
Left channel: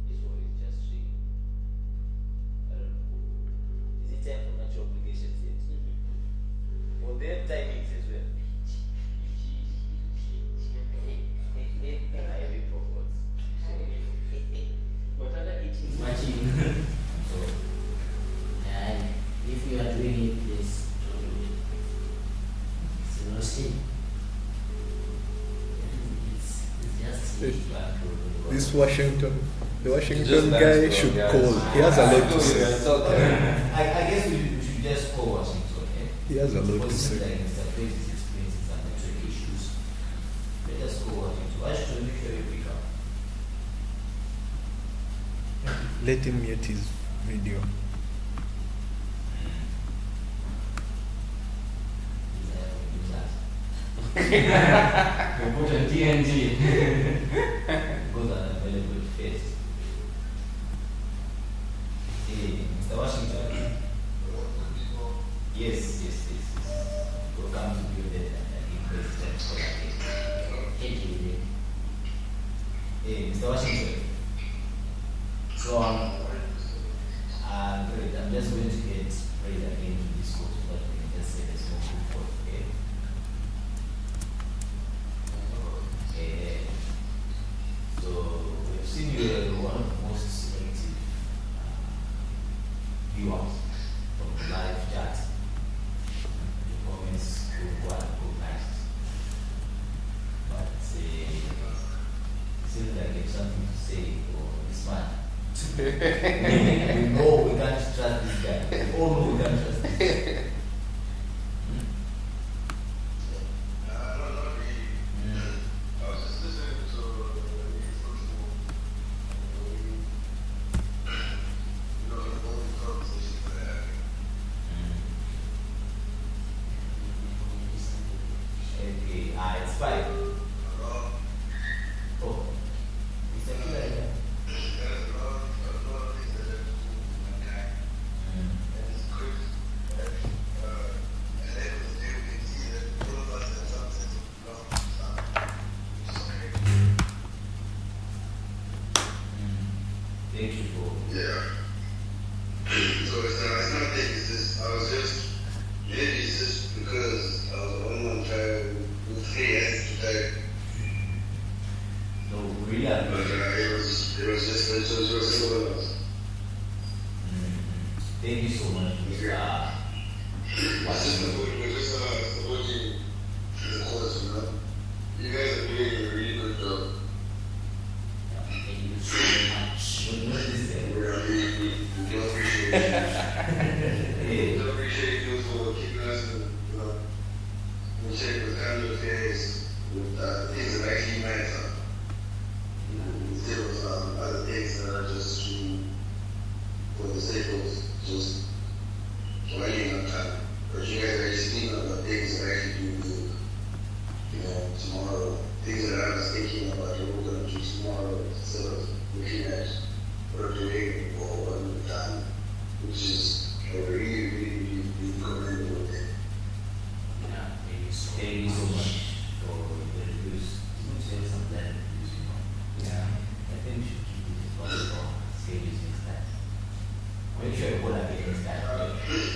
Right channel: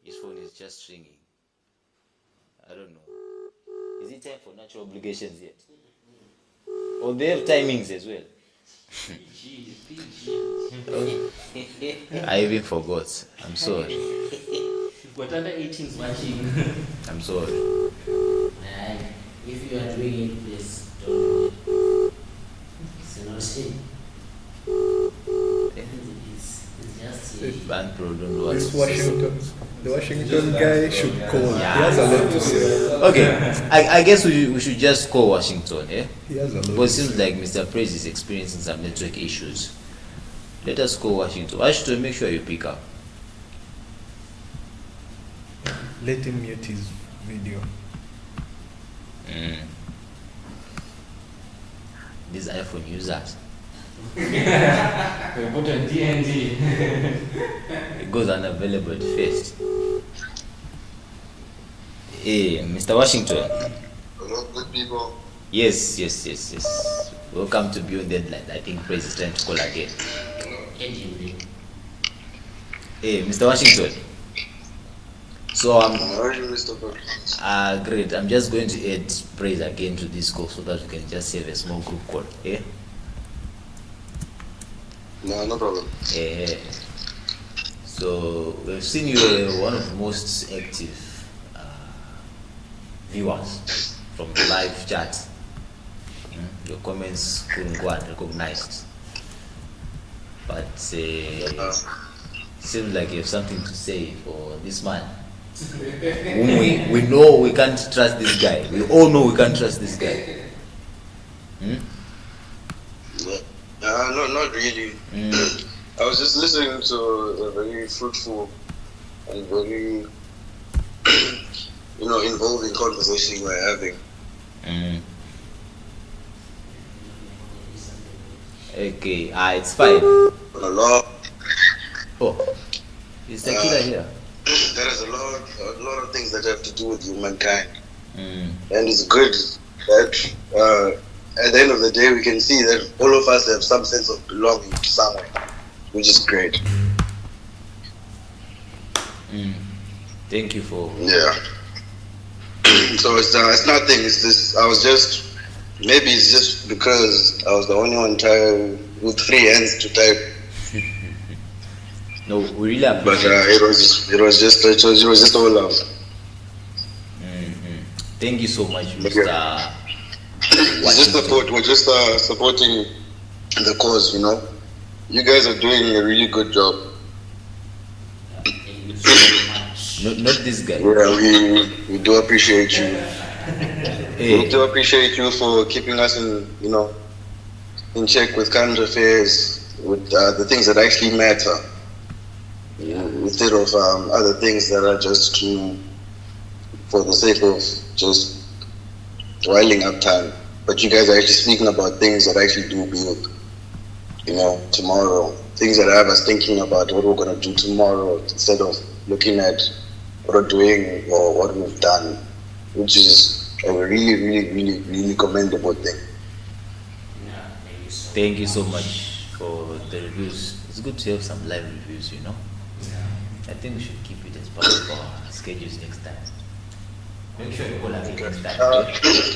His phone is just ringing. I don't know. Is it time for natural obligations yet? Or they have timings as well? I even forgot. I'm sorry. But under 18s watching. I'm sorry. If you are doing it, please. It's not sin. It's just Bad bro, don't do This what- the Washington guy should call. He has a lot to say. Okay, I guess we should just call Washington, eh? He has a lot Because to it seems say. like Mr. Praise is experiencing some network issues. Let us call Washington. Washington, make sure you pick up. Let him mute his video. These iPhone users. we put a DND. It goes unavailable at first. Hey, Mr. Washington. Hello, good people. Yes. Welcome to Beyond Deadline. I think Praise is trying to call again. Hey, Mr. Washington. So How are you, Mr. President? great. I'm just going to add Praise again to this call so that we can just save a small group call. Yeah. No problem. So we've seen you one of the most active viewers from the live chat. Your comments couldn't go unrecognized, but seems like you have something to say for this man. we know we can't trust this guy. We all know we can't trust this guy. No, not really. I was just listening to a very fruitful and very, involving conversation we're having. Okay, it's fine. A lot. Oh, is Tequila here? There is a lot of things that have to do with humankind, and it's good that at the end of the day we can see that all of us have some sense of belonging to someone, which is great. Thank you for. Yeah. So it's nothing. It's just maybe it's just because I was the only one trying with free hands to type. No, we really appreciate But it was just all love. Thank you so much, Okay. Mr. It's just we're just supporting the cause, you know. You guys are doing a really good job. Thank you so much. Not this guy. Yeah, we do appreciate you. We Hey, do appreciate you for keeping us in check with current affairs, with the things that actually matter, instead of other things that are just for the sake of just whiling up time. But you guys are actually speaking about things that actually do build, tomorrow. Things that have us thinking about what we're going to do tomorrow instead of looking at what we're doing or what we've done, which is a really, really, really, really commendable thing. Yeah, thank you so thank you so much for the reviews. It's good to have some live reviews, I think we should keep it as part of our schedules next time. Make sure you call again next time.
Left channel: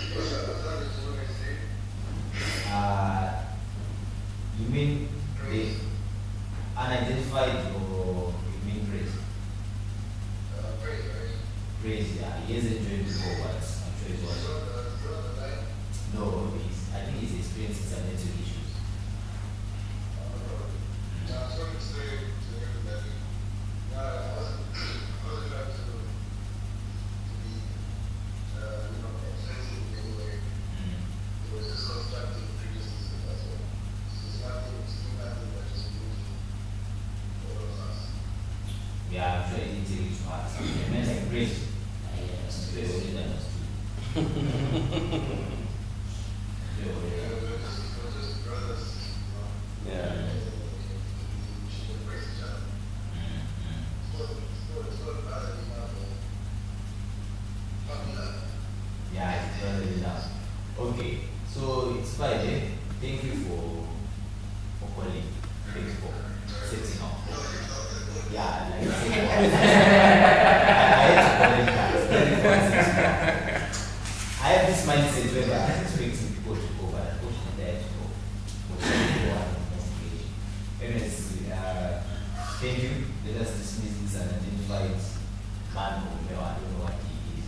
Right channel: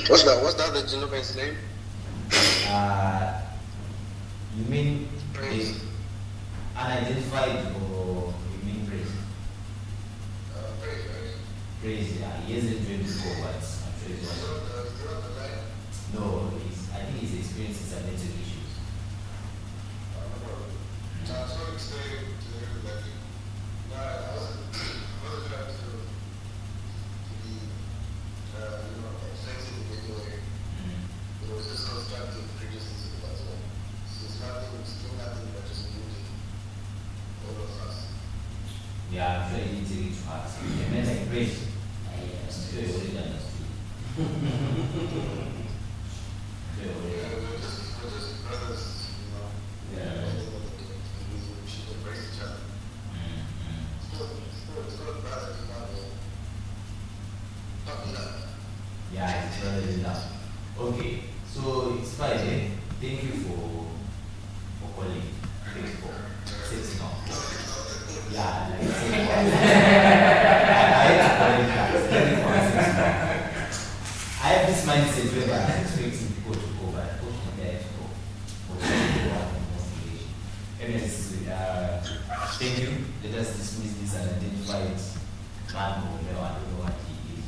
What's the other gentleman's name? You mean the unidentified or you mean praise? Praise, yeah. He hasn't joined before, but I'm sure he's watching. No, I think he's experiencing some mental issues. Yeah, I'm sure he didn't take it to heart. He meant like praise. I'm sure he already understood. Yeah, already yeah. Yeah, it's rather enough. Okay, so it's Friday. Thank you for calling. Thank you for setting up. Yeah, like I had to call it guys. Thank you for setting up. I have this mindset where I'm expecting people to go, but unfortunately I had to go. But thank you for an investigation. Thank you. Let us dismiss this unidentified man or whatever. I don't know what he is.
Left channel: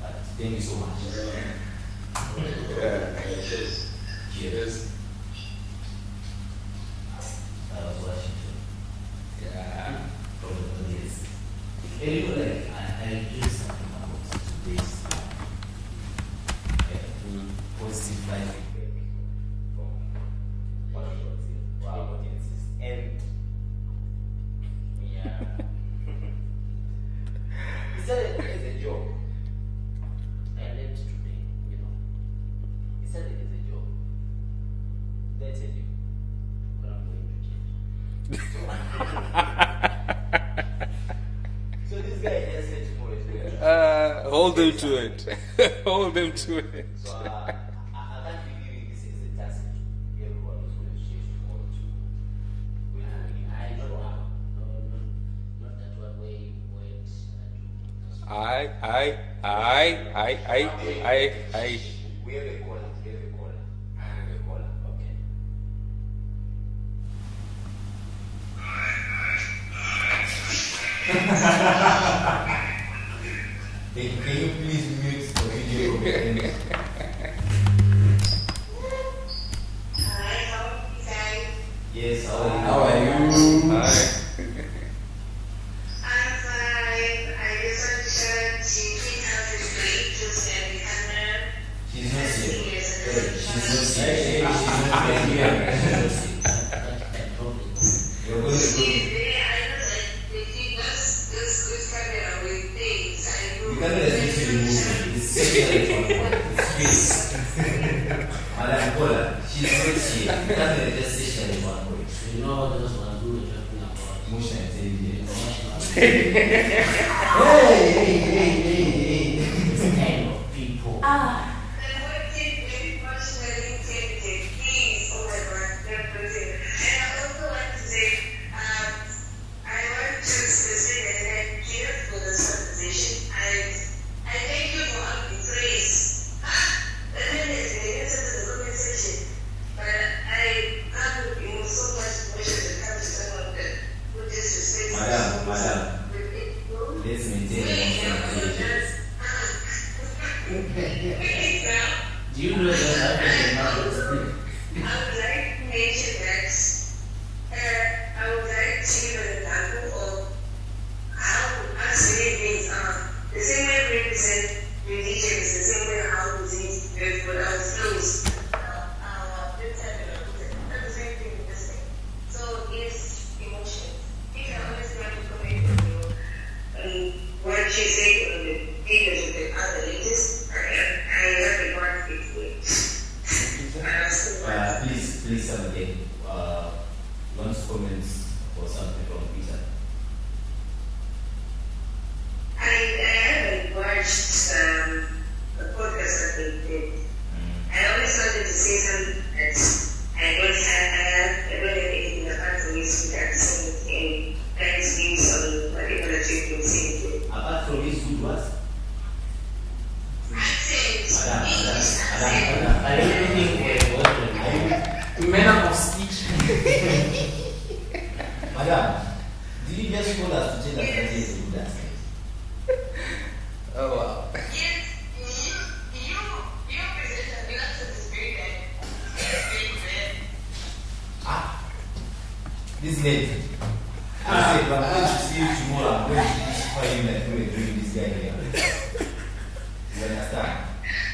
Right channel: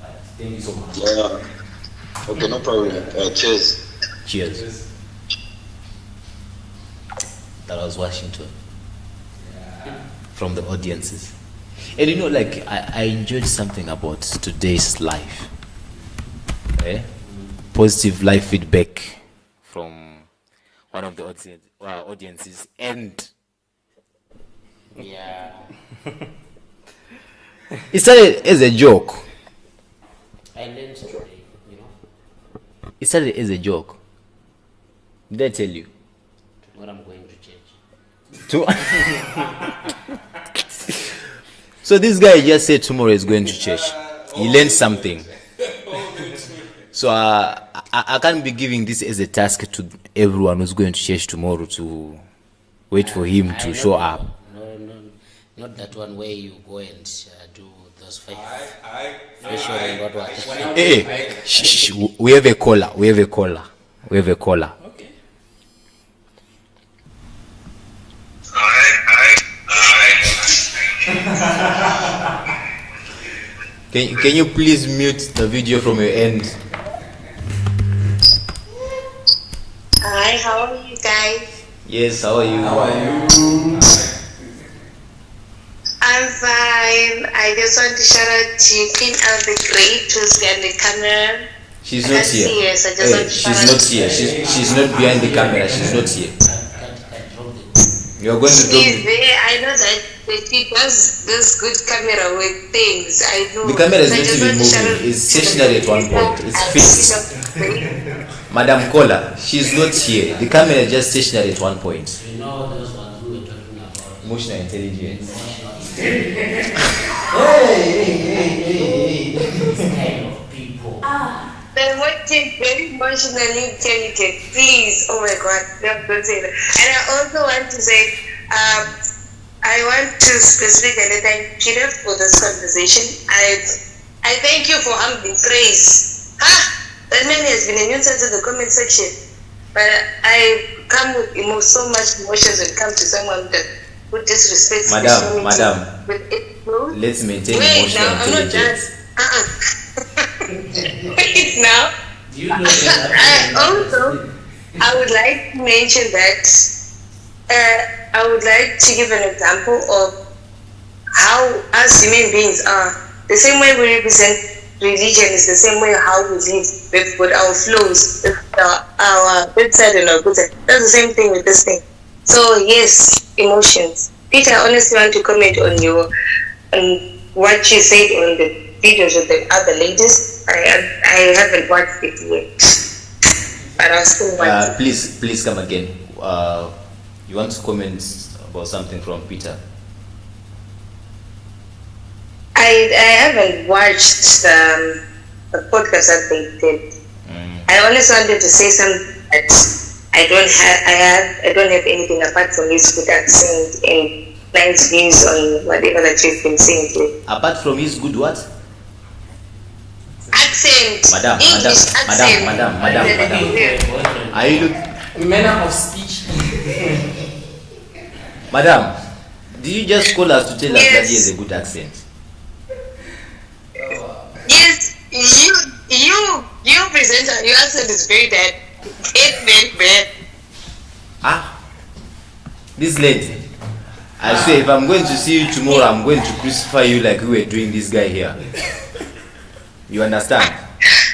But thank you so much. Yeah. Okay, no problem. Cheers. Cheers. That was Washington. From the audiences. And I enjoyed something about today's life. Positive life feedback from one of the audiences. And Yeah. it started as a joke. Identity, It started as a joke. Did I tell you? what I'm going to change. So this guy just said tomorrow is going to church. He learned something. Hold him to it. So I can't be giving this as a task to everyone who's going to church tomorrow to wait for him to show up. No, not that one where you go and do those five. Hey, shh, we have a caller. Okay. Can you please mute the video from your end? Hi, how are you guys? Yes, how are you? I'm fine. I just want to shout out to Queen Al the Great who's behind the camera. She's I not can't see here. her, so I just want to She's shout not out to here. her. She's not behind the camera. She's not here. You are going to She's do. there. I know that she does this good camera with things. I know. The camera is So I going just to be want shout out moving. It's to stationary at one point. It's fixed. Madam Kola, she's not here. The camera is just stationary at one point. You know those ones we were talking about. Emotional intelligence. Hey. These kind of people. Then what is very emotionally intelligent? Please, oh my God, don't say that. And I also want to say, I want to specifically thank Peter for this conversation. I thank you for humbling praise. That man has been a nuisance in the comment section. But I come with so much emotions when it comes to someone who disrespects Madam, let's maintain Wait, emotional now, I'm not done. intelligence. Wait now. Do you know that? Also, I would like to mention that I would like to give an example of how us human beings are. The same way we represent religion is the same way how we live. We've got our flows, our good side and our good side. That's the same thing with this thing. So yes, emotions. Peter, I honestly want to comment on what you said on the videos with the other ladies. I haven't watched it yet, but I still want. Please come again. You want to comment about something from Peter? I haven't watched the podcast that they did. I honestly wanted to say something that I don't have anything apart from his good accent and nice views on whatever that you've been saying today. Apart from his good what? Accent. Madam. Are you Manner of speech. Madam, did you just call us to tell us that he has a good accent? Yes, you presenter, your accent is very bad. It's very bad. This lady. I say if I'm going to see you tomorrow, I'm going to crucify you like we were doing this guy here. You understand?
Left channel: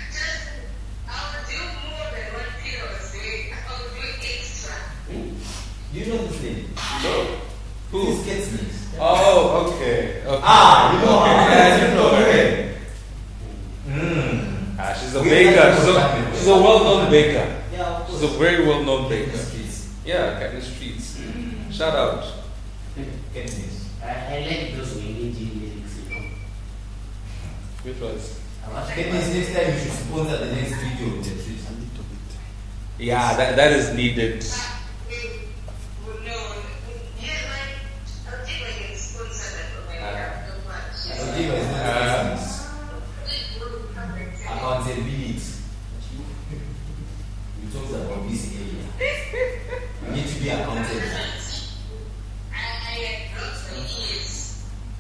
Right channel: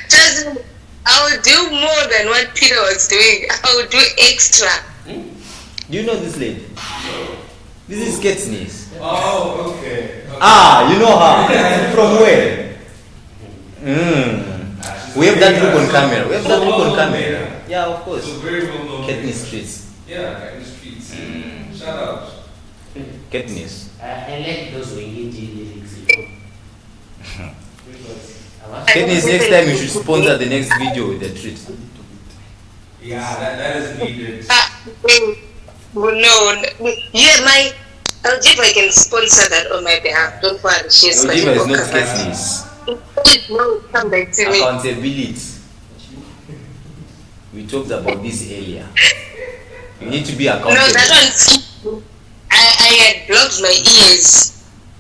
Just, I will do more than what Peter was doing. I will do extra. Do you know this lady? This is Katniss. Oh, okay. You know her. From where? We have that on camera. We have that on camera. Yeah, of course. It's a very well known Katniss Streets. Yeah, Katniss Streets. Shout out. Katniss. I like those Wendy lyrics. Katniss, next time you should sponsor the next video with the treat. Yeah, that is needed. No. Yeah, I'll see if I can sponsor that on my behalf. Don't worry, she's my Aljiba is not Katniss. No, come back to me. Accountability. We talked about this earlier. You need to be accountable. No, that one. I had blocked my ears.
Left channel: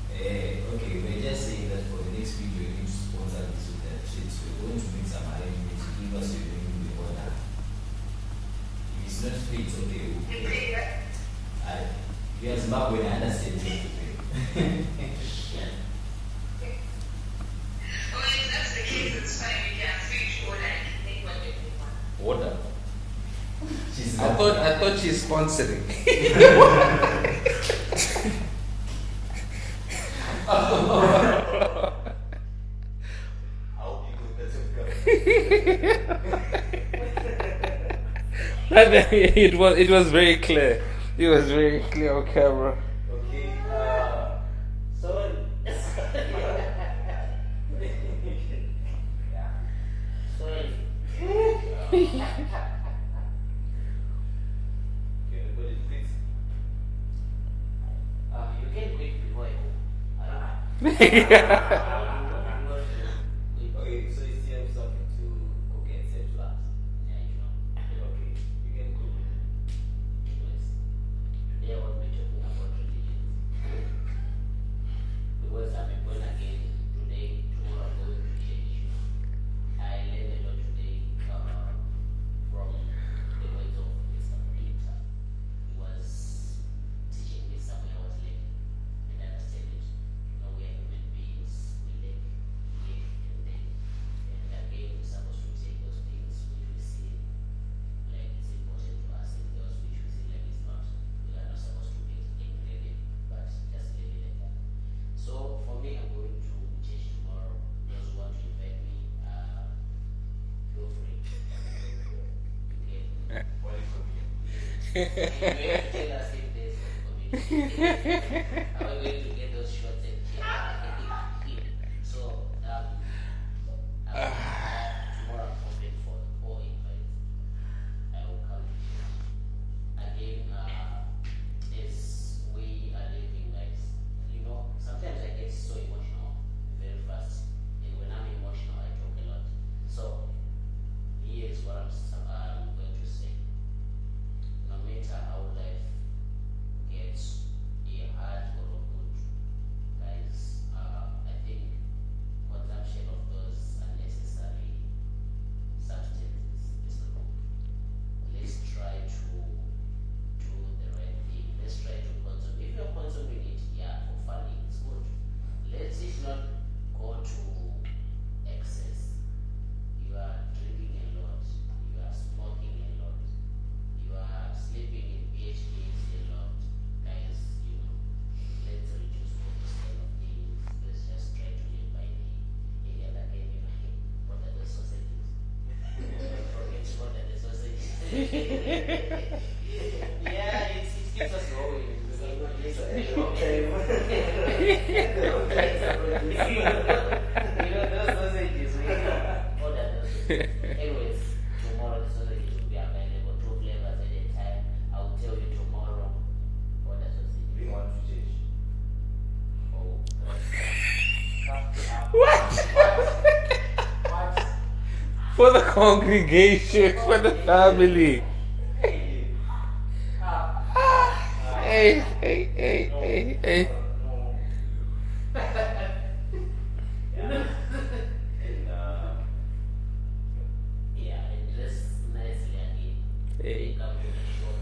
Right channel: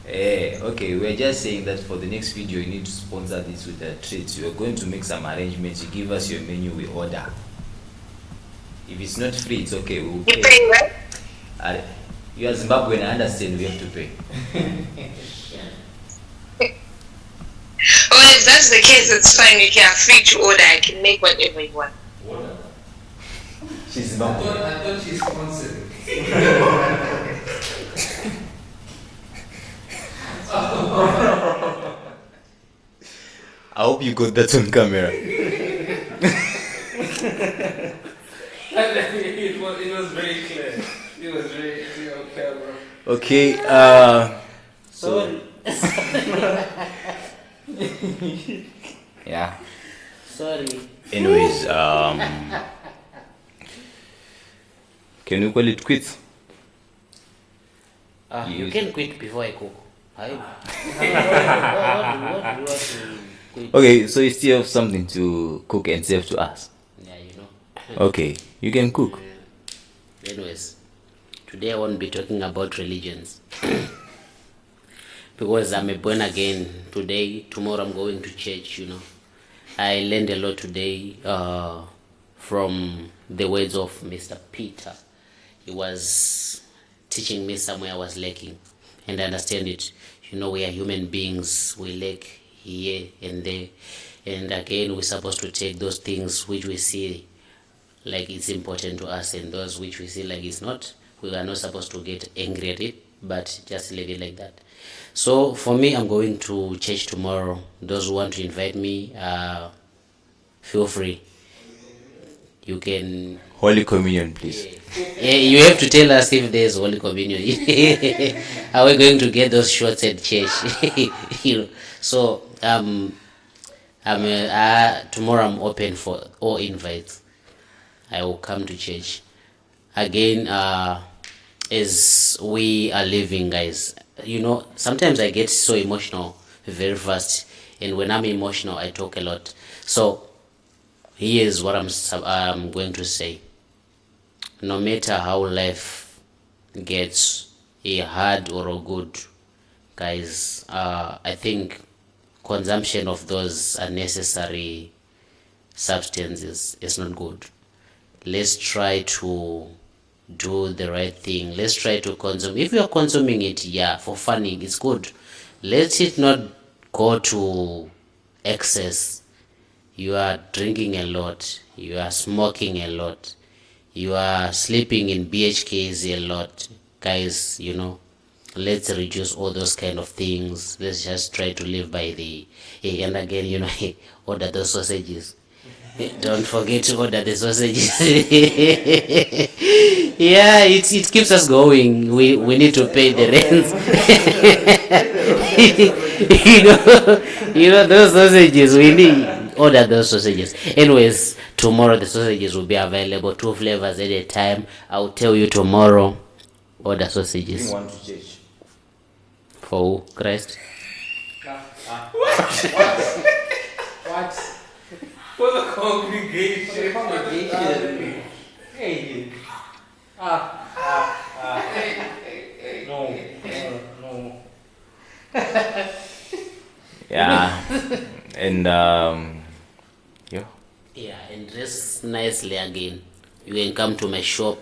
Okay, we're just saying that for the next video you need to sponsor this with the treats. We're going to make some arrangements. You give us your menu, we order. If it's not free, it's okay. We'll pay. You pay, right? You are Zimbabwean, I understand we have to pay. Well, if that's the case, it's fine. You can free to order. I can make whatever you want. Order? She's I thought she's sponsoring. I hope you got that on camera. It was very clear. It was very clear on camera. Okay, Sorry. yeah. Sorry. Anyways, can you call it quits? You can quit before I cook. Okay, so you still have something to cook and serve to us. Yeah, you know. Okay, you can cook. Anyways, today I won't be talking about religions because I'm a born again today. Tomorrow I'm going to church. You know, I learned a lot today from the words of Mr. Peter. He was teaching me somewhere I was lacking, and I understand it. You know, we are human beings. We lack here and there, and again we're supposed to take those things which we see like it's important to us, and those which we see like it's not, we are not supposed to get angry at it, but just leave it like that. So for me, I'm going to church tomorrow. Those who want to invite me, feel free. You can Holy Communion, please. yeah, you have to tell us if there's Holy Communion. Are we going to get those shots at church? You know? So tomorrow I'm open for all invites. I will come to church again. As we are living, guys, you know, sometimes I get so emotional very fast, and when I'm emotional, I talk a lot. So here's what I'm going to say. No matter how life gets a hard or a good, guys, I think consumption of those unnecessary substances is not good. Let's try to do the right thing. Let's try to consume. If you are consuming it, yeah, for funning, it's good. Let it not go to excess. You are drinking a lot, you are smoking a lot, you are sleeping in BHKs a lot. Guys, let's reduce all those kind of things. Let's just try to live by and again, order those sausages. Don't forget to order the sausages. Yeah, it keeps us going. We need to pay the rent. Those sausages, we need order those sausages. Anyways, tomorrow the sausages will be available, 2 flavors at a time. I'll tell you tomorrow. Order sausages. Bring one to church. For who? Christ. What? For the congregation, for the family. Hey. Yeah. And Yeah, and dress nicely again. You can come to my shop,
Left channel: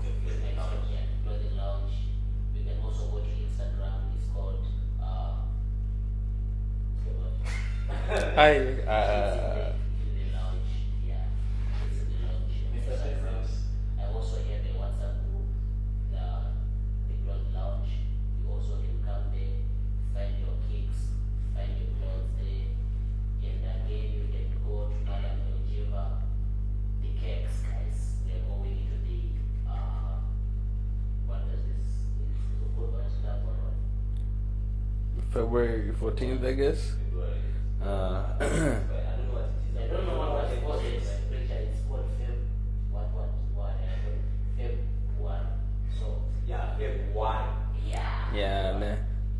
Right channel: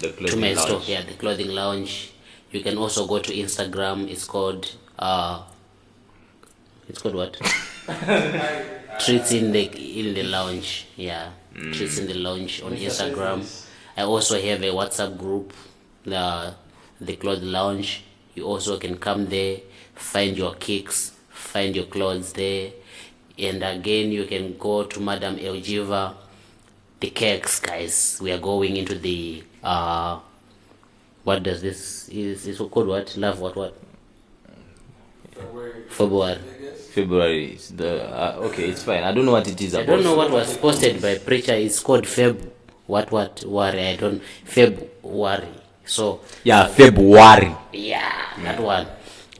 to my store, yeah, the clothing lounge. You can also go to Instagram. It's called what? Treats in the lounge. Yeah, Treats in the lounge on Instagram. I also have a WhatsApp group, the clothing lounge. You also can come there, find your kicks, find your clothes there. And again, you can go to Madam Elgiva, the cakes, guys. We are going into the what does this is called what? Love what? February. 14th, I guess. February is the okay, it's fine. I don't know what it is I about. don't know what was posted by preacher. It's called what worry. I don't February. So Yeah, February. yeah, that one.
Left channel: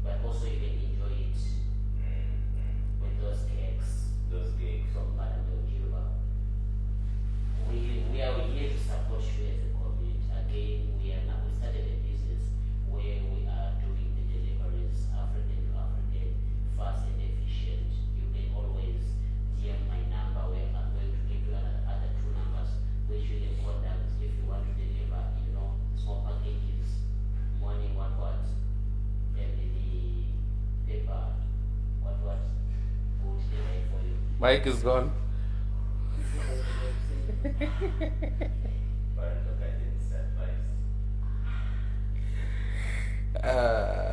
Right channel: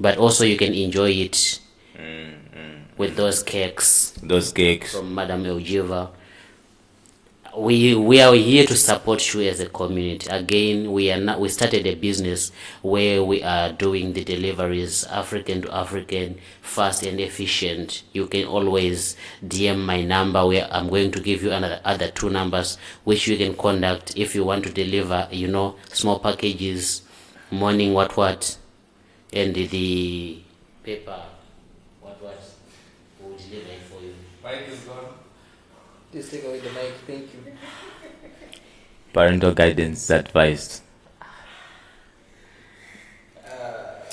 But also you can enjoy it with those cakes Those cakes. from Madam Elgiva. We are here to support you as a community. Again, we started a business where we are doing the deliveries African to African, fast and efficient. You can always DM my number, where I'm going to give you other 2 numbers which you can contact if you want to deliver, small packages, morning what, and the paper what will deliver it for you. Mike is gone. Please take away the mic. Thank you. Parental guidance advised. We are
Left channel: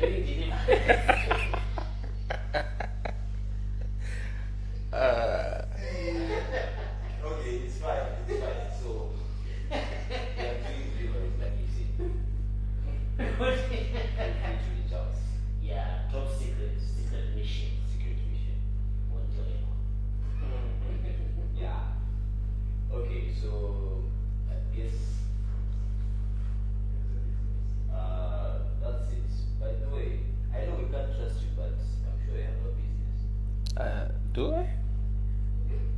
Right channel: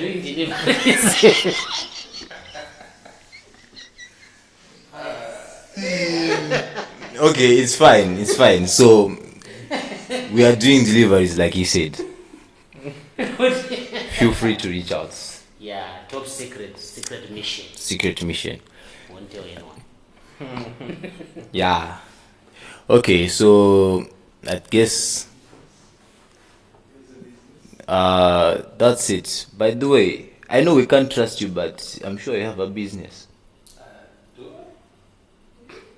doing deliveries. Okay, it's fine. So we are doing deliveries like he said. Feel free to reach out. Yeah, top secret mission. Secret mission. Won't tell anyone. Yeah. Okay, so I guess that's it. By the way, I know we can't trust you, but I'm sure you have a business. Do I?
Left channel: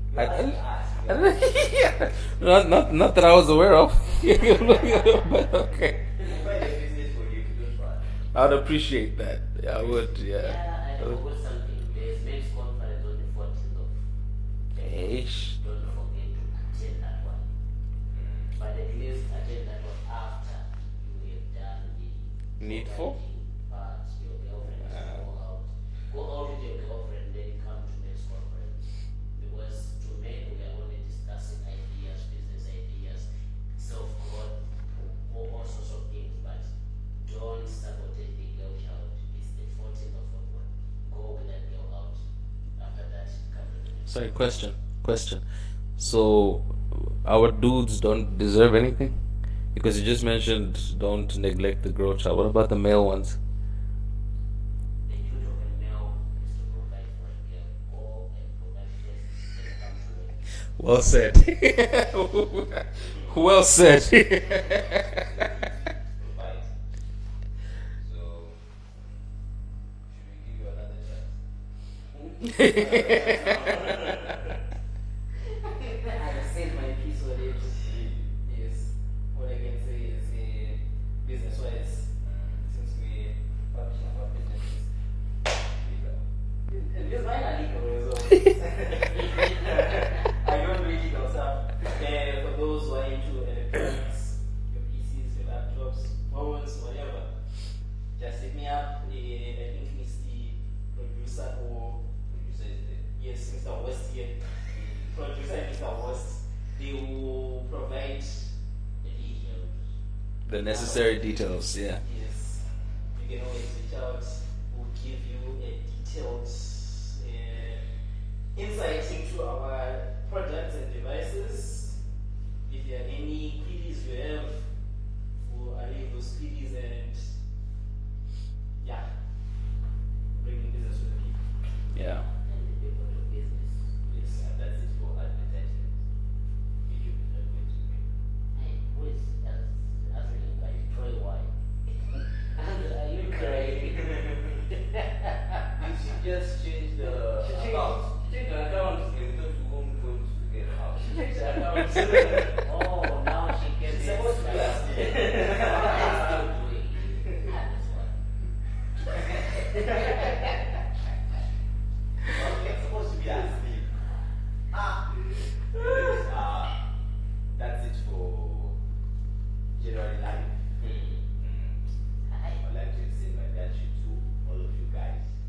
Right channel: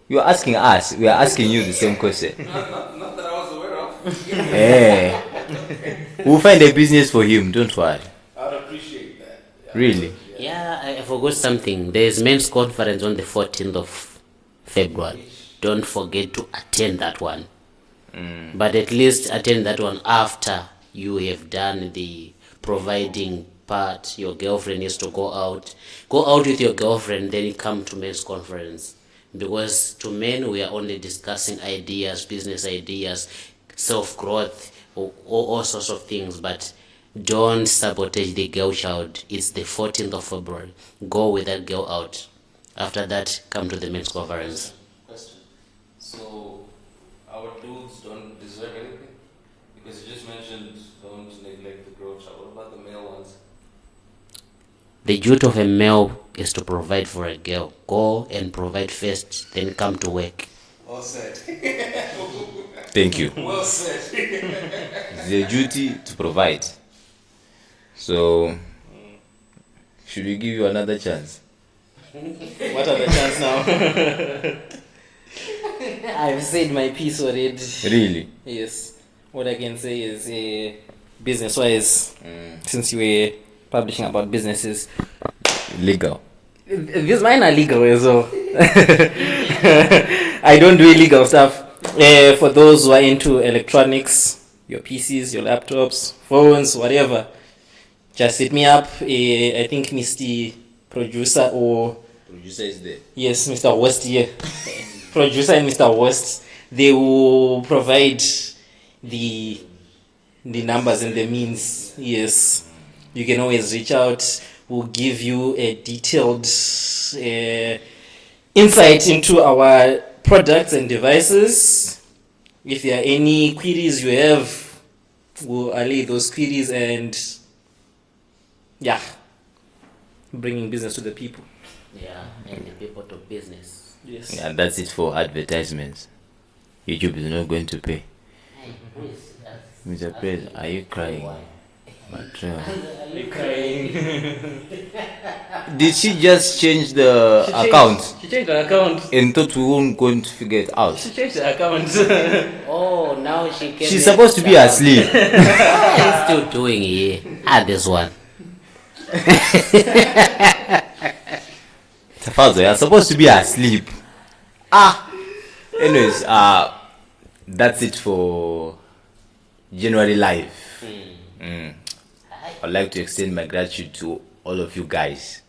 You are asking us. We are asking you the same question. Not that I was aware of. Yeah. We'll find a business for him. Don't worry. I would appreciate that. Yeah, Really? but, Yeah, I forgot something. There is men's conference on the 14th of February. Don't forget to attend that one. But at least attend that one after you have done the providing part. Your girlfriend needs to go out. Go out with your girlfriend, then you come to men's conference. Because to men, we are only discussing ideas, business ideas, self-growth, all sorts of things. But don't sabotage the girl child. It's the 14th of February. Go with that girl out. After that, come to the men's conference. Question. So, our dudes don't deserve anything? Because you just mentioned don't neglect the girl child. What about the male ones? The duty of a male is to provide for a girl. Go and provide first, then come to work. Well said. Thank you. Well said. It's a duty to provide. So Should we give you another chance? What are the chance now? I've said my piece already. Really? Yes. What I can say is, business-wise, since you were publishing about businesses, Legal. these mine are legal as well. I don't do illegal stuff. For those who are into electronics, your PCs, your laptops, phones, whatever, just hit me up. I think Mr. Producer or Producer is there. yes, Mr. West here. Producer and Mr. West, they will provide the numbers and the necessary means. details, Yes, you can always reach out. We'll give you a detailed insight into our products and devices. If there are any queries you have, we'll allay those queries and yeah, bringing business to the people. Yeah, and the people to business. Yes. And that's it for advertisements. YouTube is not going to pay. Hey, who is that? Mr. Prez, are you crying? Are you crying? Did she just change the account She changed her account. and thought we weren't going to figure it out? She changed her account. Oh, now she came. She's supposed to be asleep. What are you still doing here? This one. Tafazo, you're supposed to be asleep. Anyways, that's it for January Live. I'd like to extend my gratitude to all of you guys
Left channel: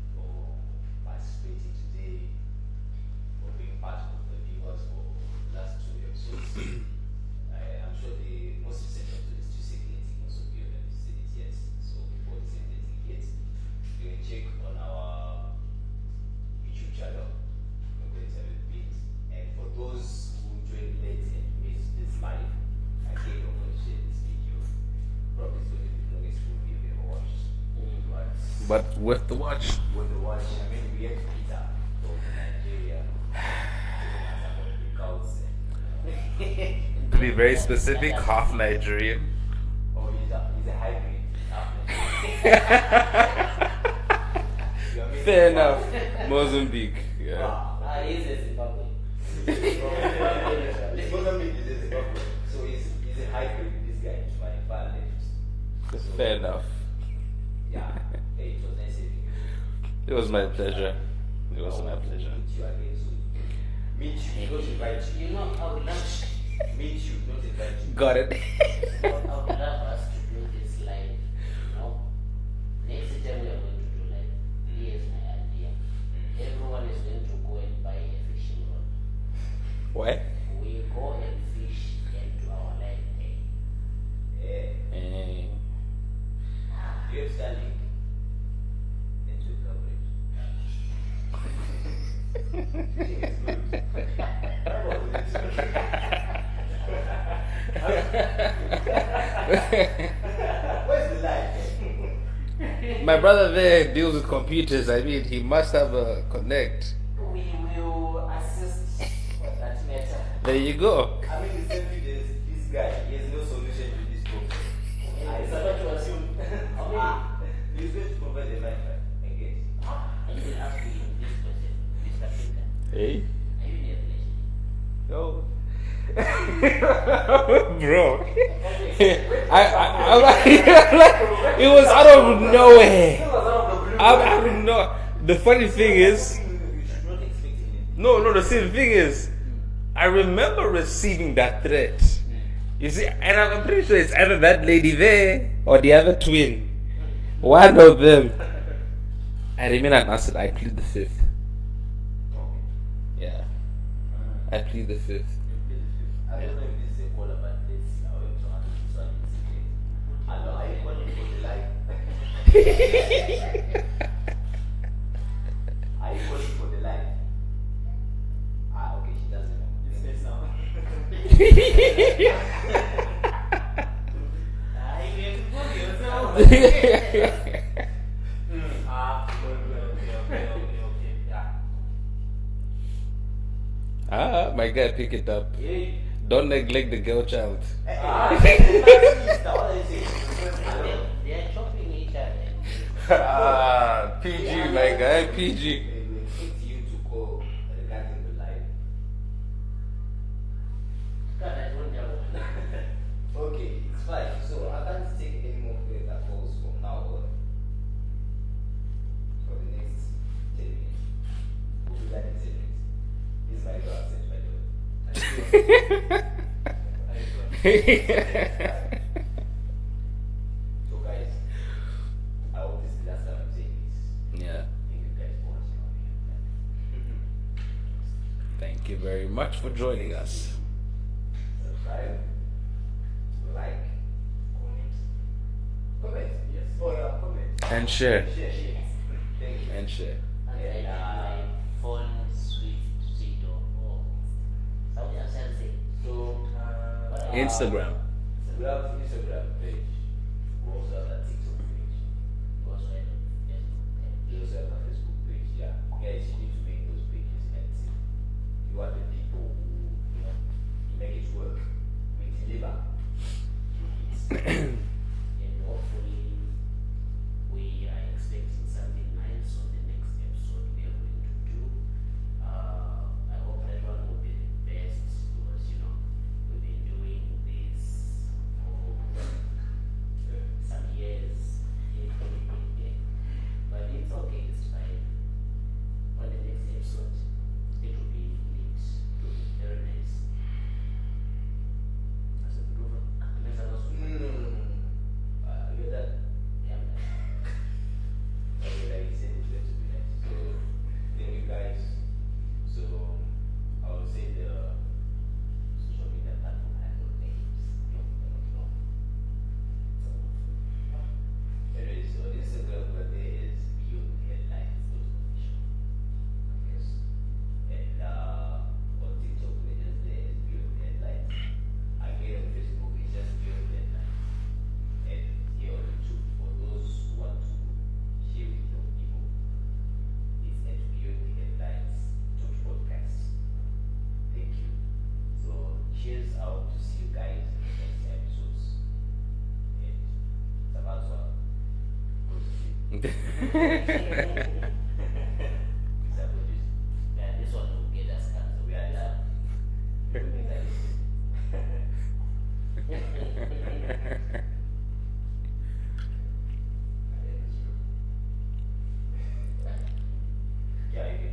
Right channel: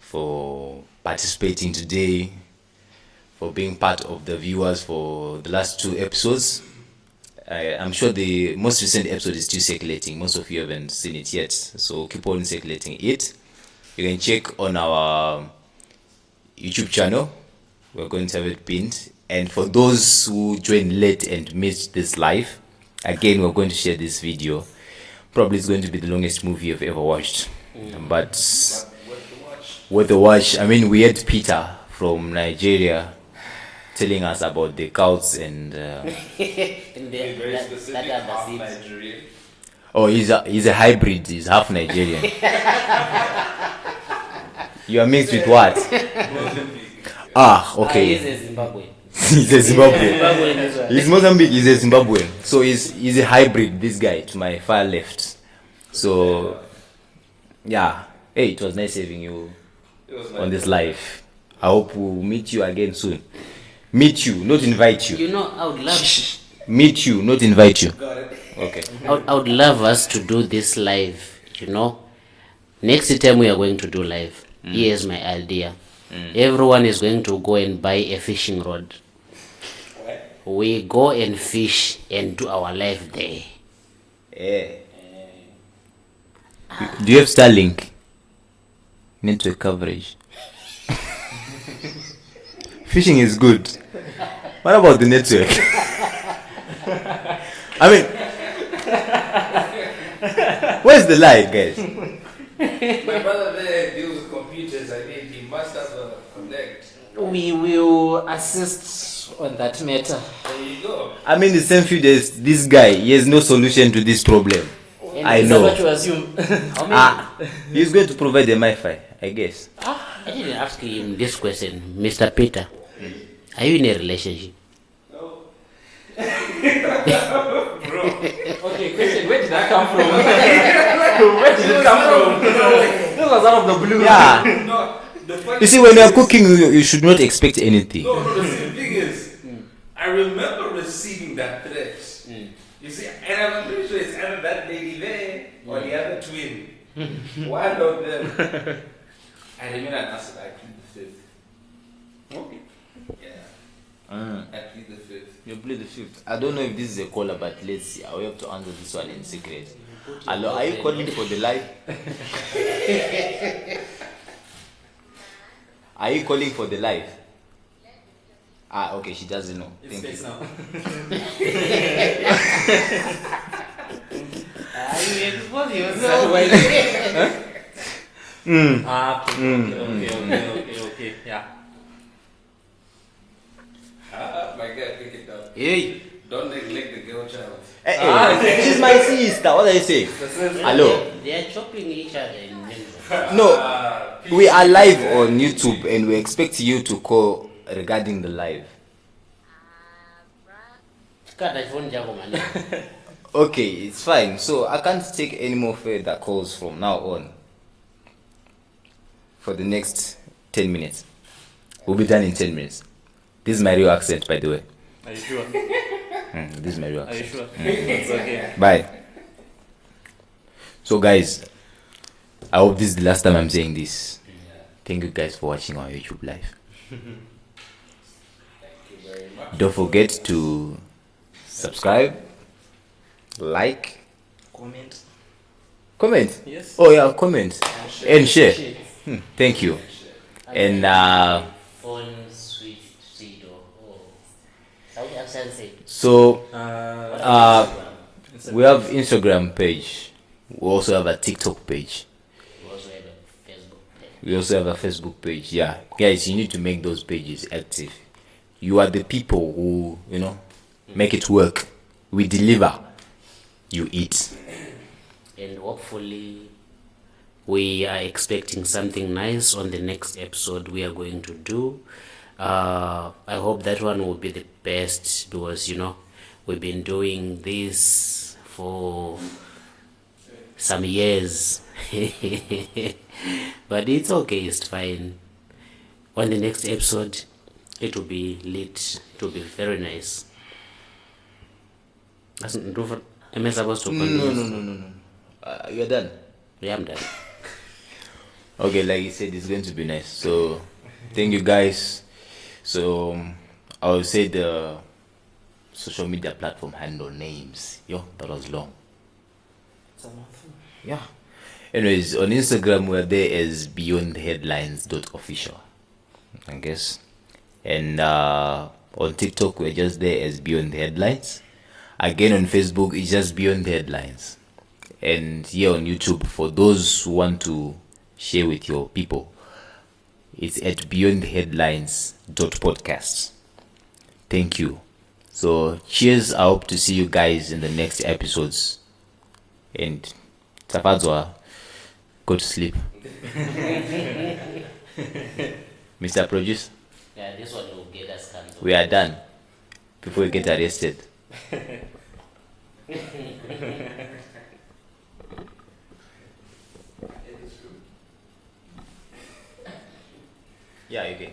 for participating today, for being part of the viewers for the last 2 episodes. I'm sure the most recent episode is still circulating. Most of you haven't seen it yet, so keep on circulating it. You can check on our YouTube channel. We're going to have it pinned. And for those who joined late and missed this live, again, we're going to share this video. Probably it's going to be the longest movie you've ever watched. But worth the watch. worth the watch. I mean, we had Peter from Nigeria telling us about the cults and To be very specific, half Nigerian. oh, he's a hybrid. He's half Nigerian. You are mixed with what? Mozambique. Ah, He's okay. a Zimbabwe. He's a Zimbabwean. Zimbabwe is right. He's Mozambique. He's a Zimbabwean. So he's a hybrid. This guy to my far left. So yeah. Hey, it was nice having you It was my on this pleasure. live. I hope we'll meet you again soon. Meet you, not invite you. You know, I would love. Meet you, not invite you. Got it. Okay. I would love us to do this live. You know, next time we are going to do live. Here's my idea. Everyone is going to go and buy a fishing rod. What? We go and fish and do our live there. Yeah. Do you have Starlink? Network coverage. Fishing is good. What about the network? I mean, where's the lie, guys? My brother there deals with computers. I mean, he must have a connect. We will assist on that matter. There you go. I mean, the same few days, this guy, he has no solution to this problem. And I is know. that what you assume? He's going to provide the Wi-Fi, I guess. I didn't ask him this question, Mr. Peter. Are you in a relationship? No. Okay, question, where did I come from? It was out of nowhere. This was out of the blue. Yeah. No, the funny You see, thing when you're is- cooking, you should not expect anything. No, the thing is, I remember receiving that threat. You see, and I'm pretty sure it's either that lady there or the other twin. One of them. I remain unanswered. I plead the fifth. Yeah. I plead the fifth. You play the fifth. I don't know if this is a caller, but let's see. I will have to answer this one in secret. Hello, are you calling for the live? Are you calling for the live? Ah, okay, she doesn't know. Thank you. You expose yourself. Okay, yeah. My guy, pick it up. Hey, Don't neglect the girl child. hey, she's my sister. What are you saying? Hello. They are chopping each other in No, we are live on YouTube and we expect you to call regarding the live. Okay, it's fine. So I can't take any more further calls from now on. For the next 10 minutes. We'll be done in 10 minutes. This is my real accent, by the way. Are you sure? This is my real Are you accent. sure? It's okay. Bye. So guys, I hope this is the last time I'm saying this. Yeah. Thank you guys for watching our YouTube live. Thank you very much. Don't for forget joining us. to subscribe, like, comment. Yes. Oh yeah, comment And share. and share. Thank you. And share. And Phone switch state or Saudi accent say. so Instagram. we have Instagram page. We also have a TikTok page. We also have a Facebook page. We also have a Facebook page. Yeah, guys, you need to make those pages active. You are the people who, make it work. We deliver. You eat. And hopefully we are expecting something nice on the next episode we are going to do. I hope that one will be the best because we've been doing this for some years. But it's okay, it's fine. On the next episode it will be lit, it will be very nice. Am I supposed to continue? No. You're done. Yeah, I'm done. Okay, like you said, it's going to be nice. So, thank you guys. So, I will say the social media platform handle names. Yo, that was long. Yeah. Anyways, on Instagram we're there as beyondheadlines.official, I guess. And on TikTok we're just there as Beyond the Headlines. Again on Facebook it's just Beyond the Headlines. And here on YouTube, for those who want to share with your people, it's at beyondheadlines.podcast. Thank you. So cheers. I hope to see you guys in the next episodes. And Tafadzwa, go to sleep. Mr. Produce, Yeah, this one will get us cancelled. we are done before we get arrested. Yeah, you can.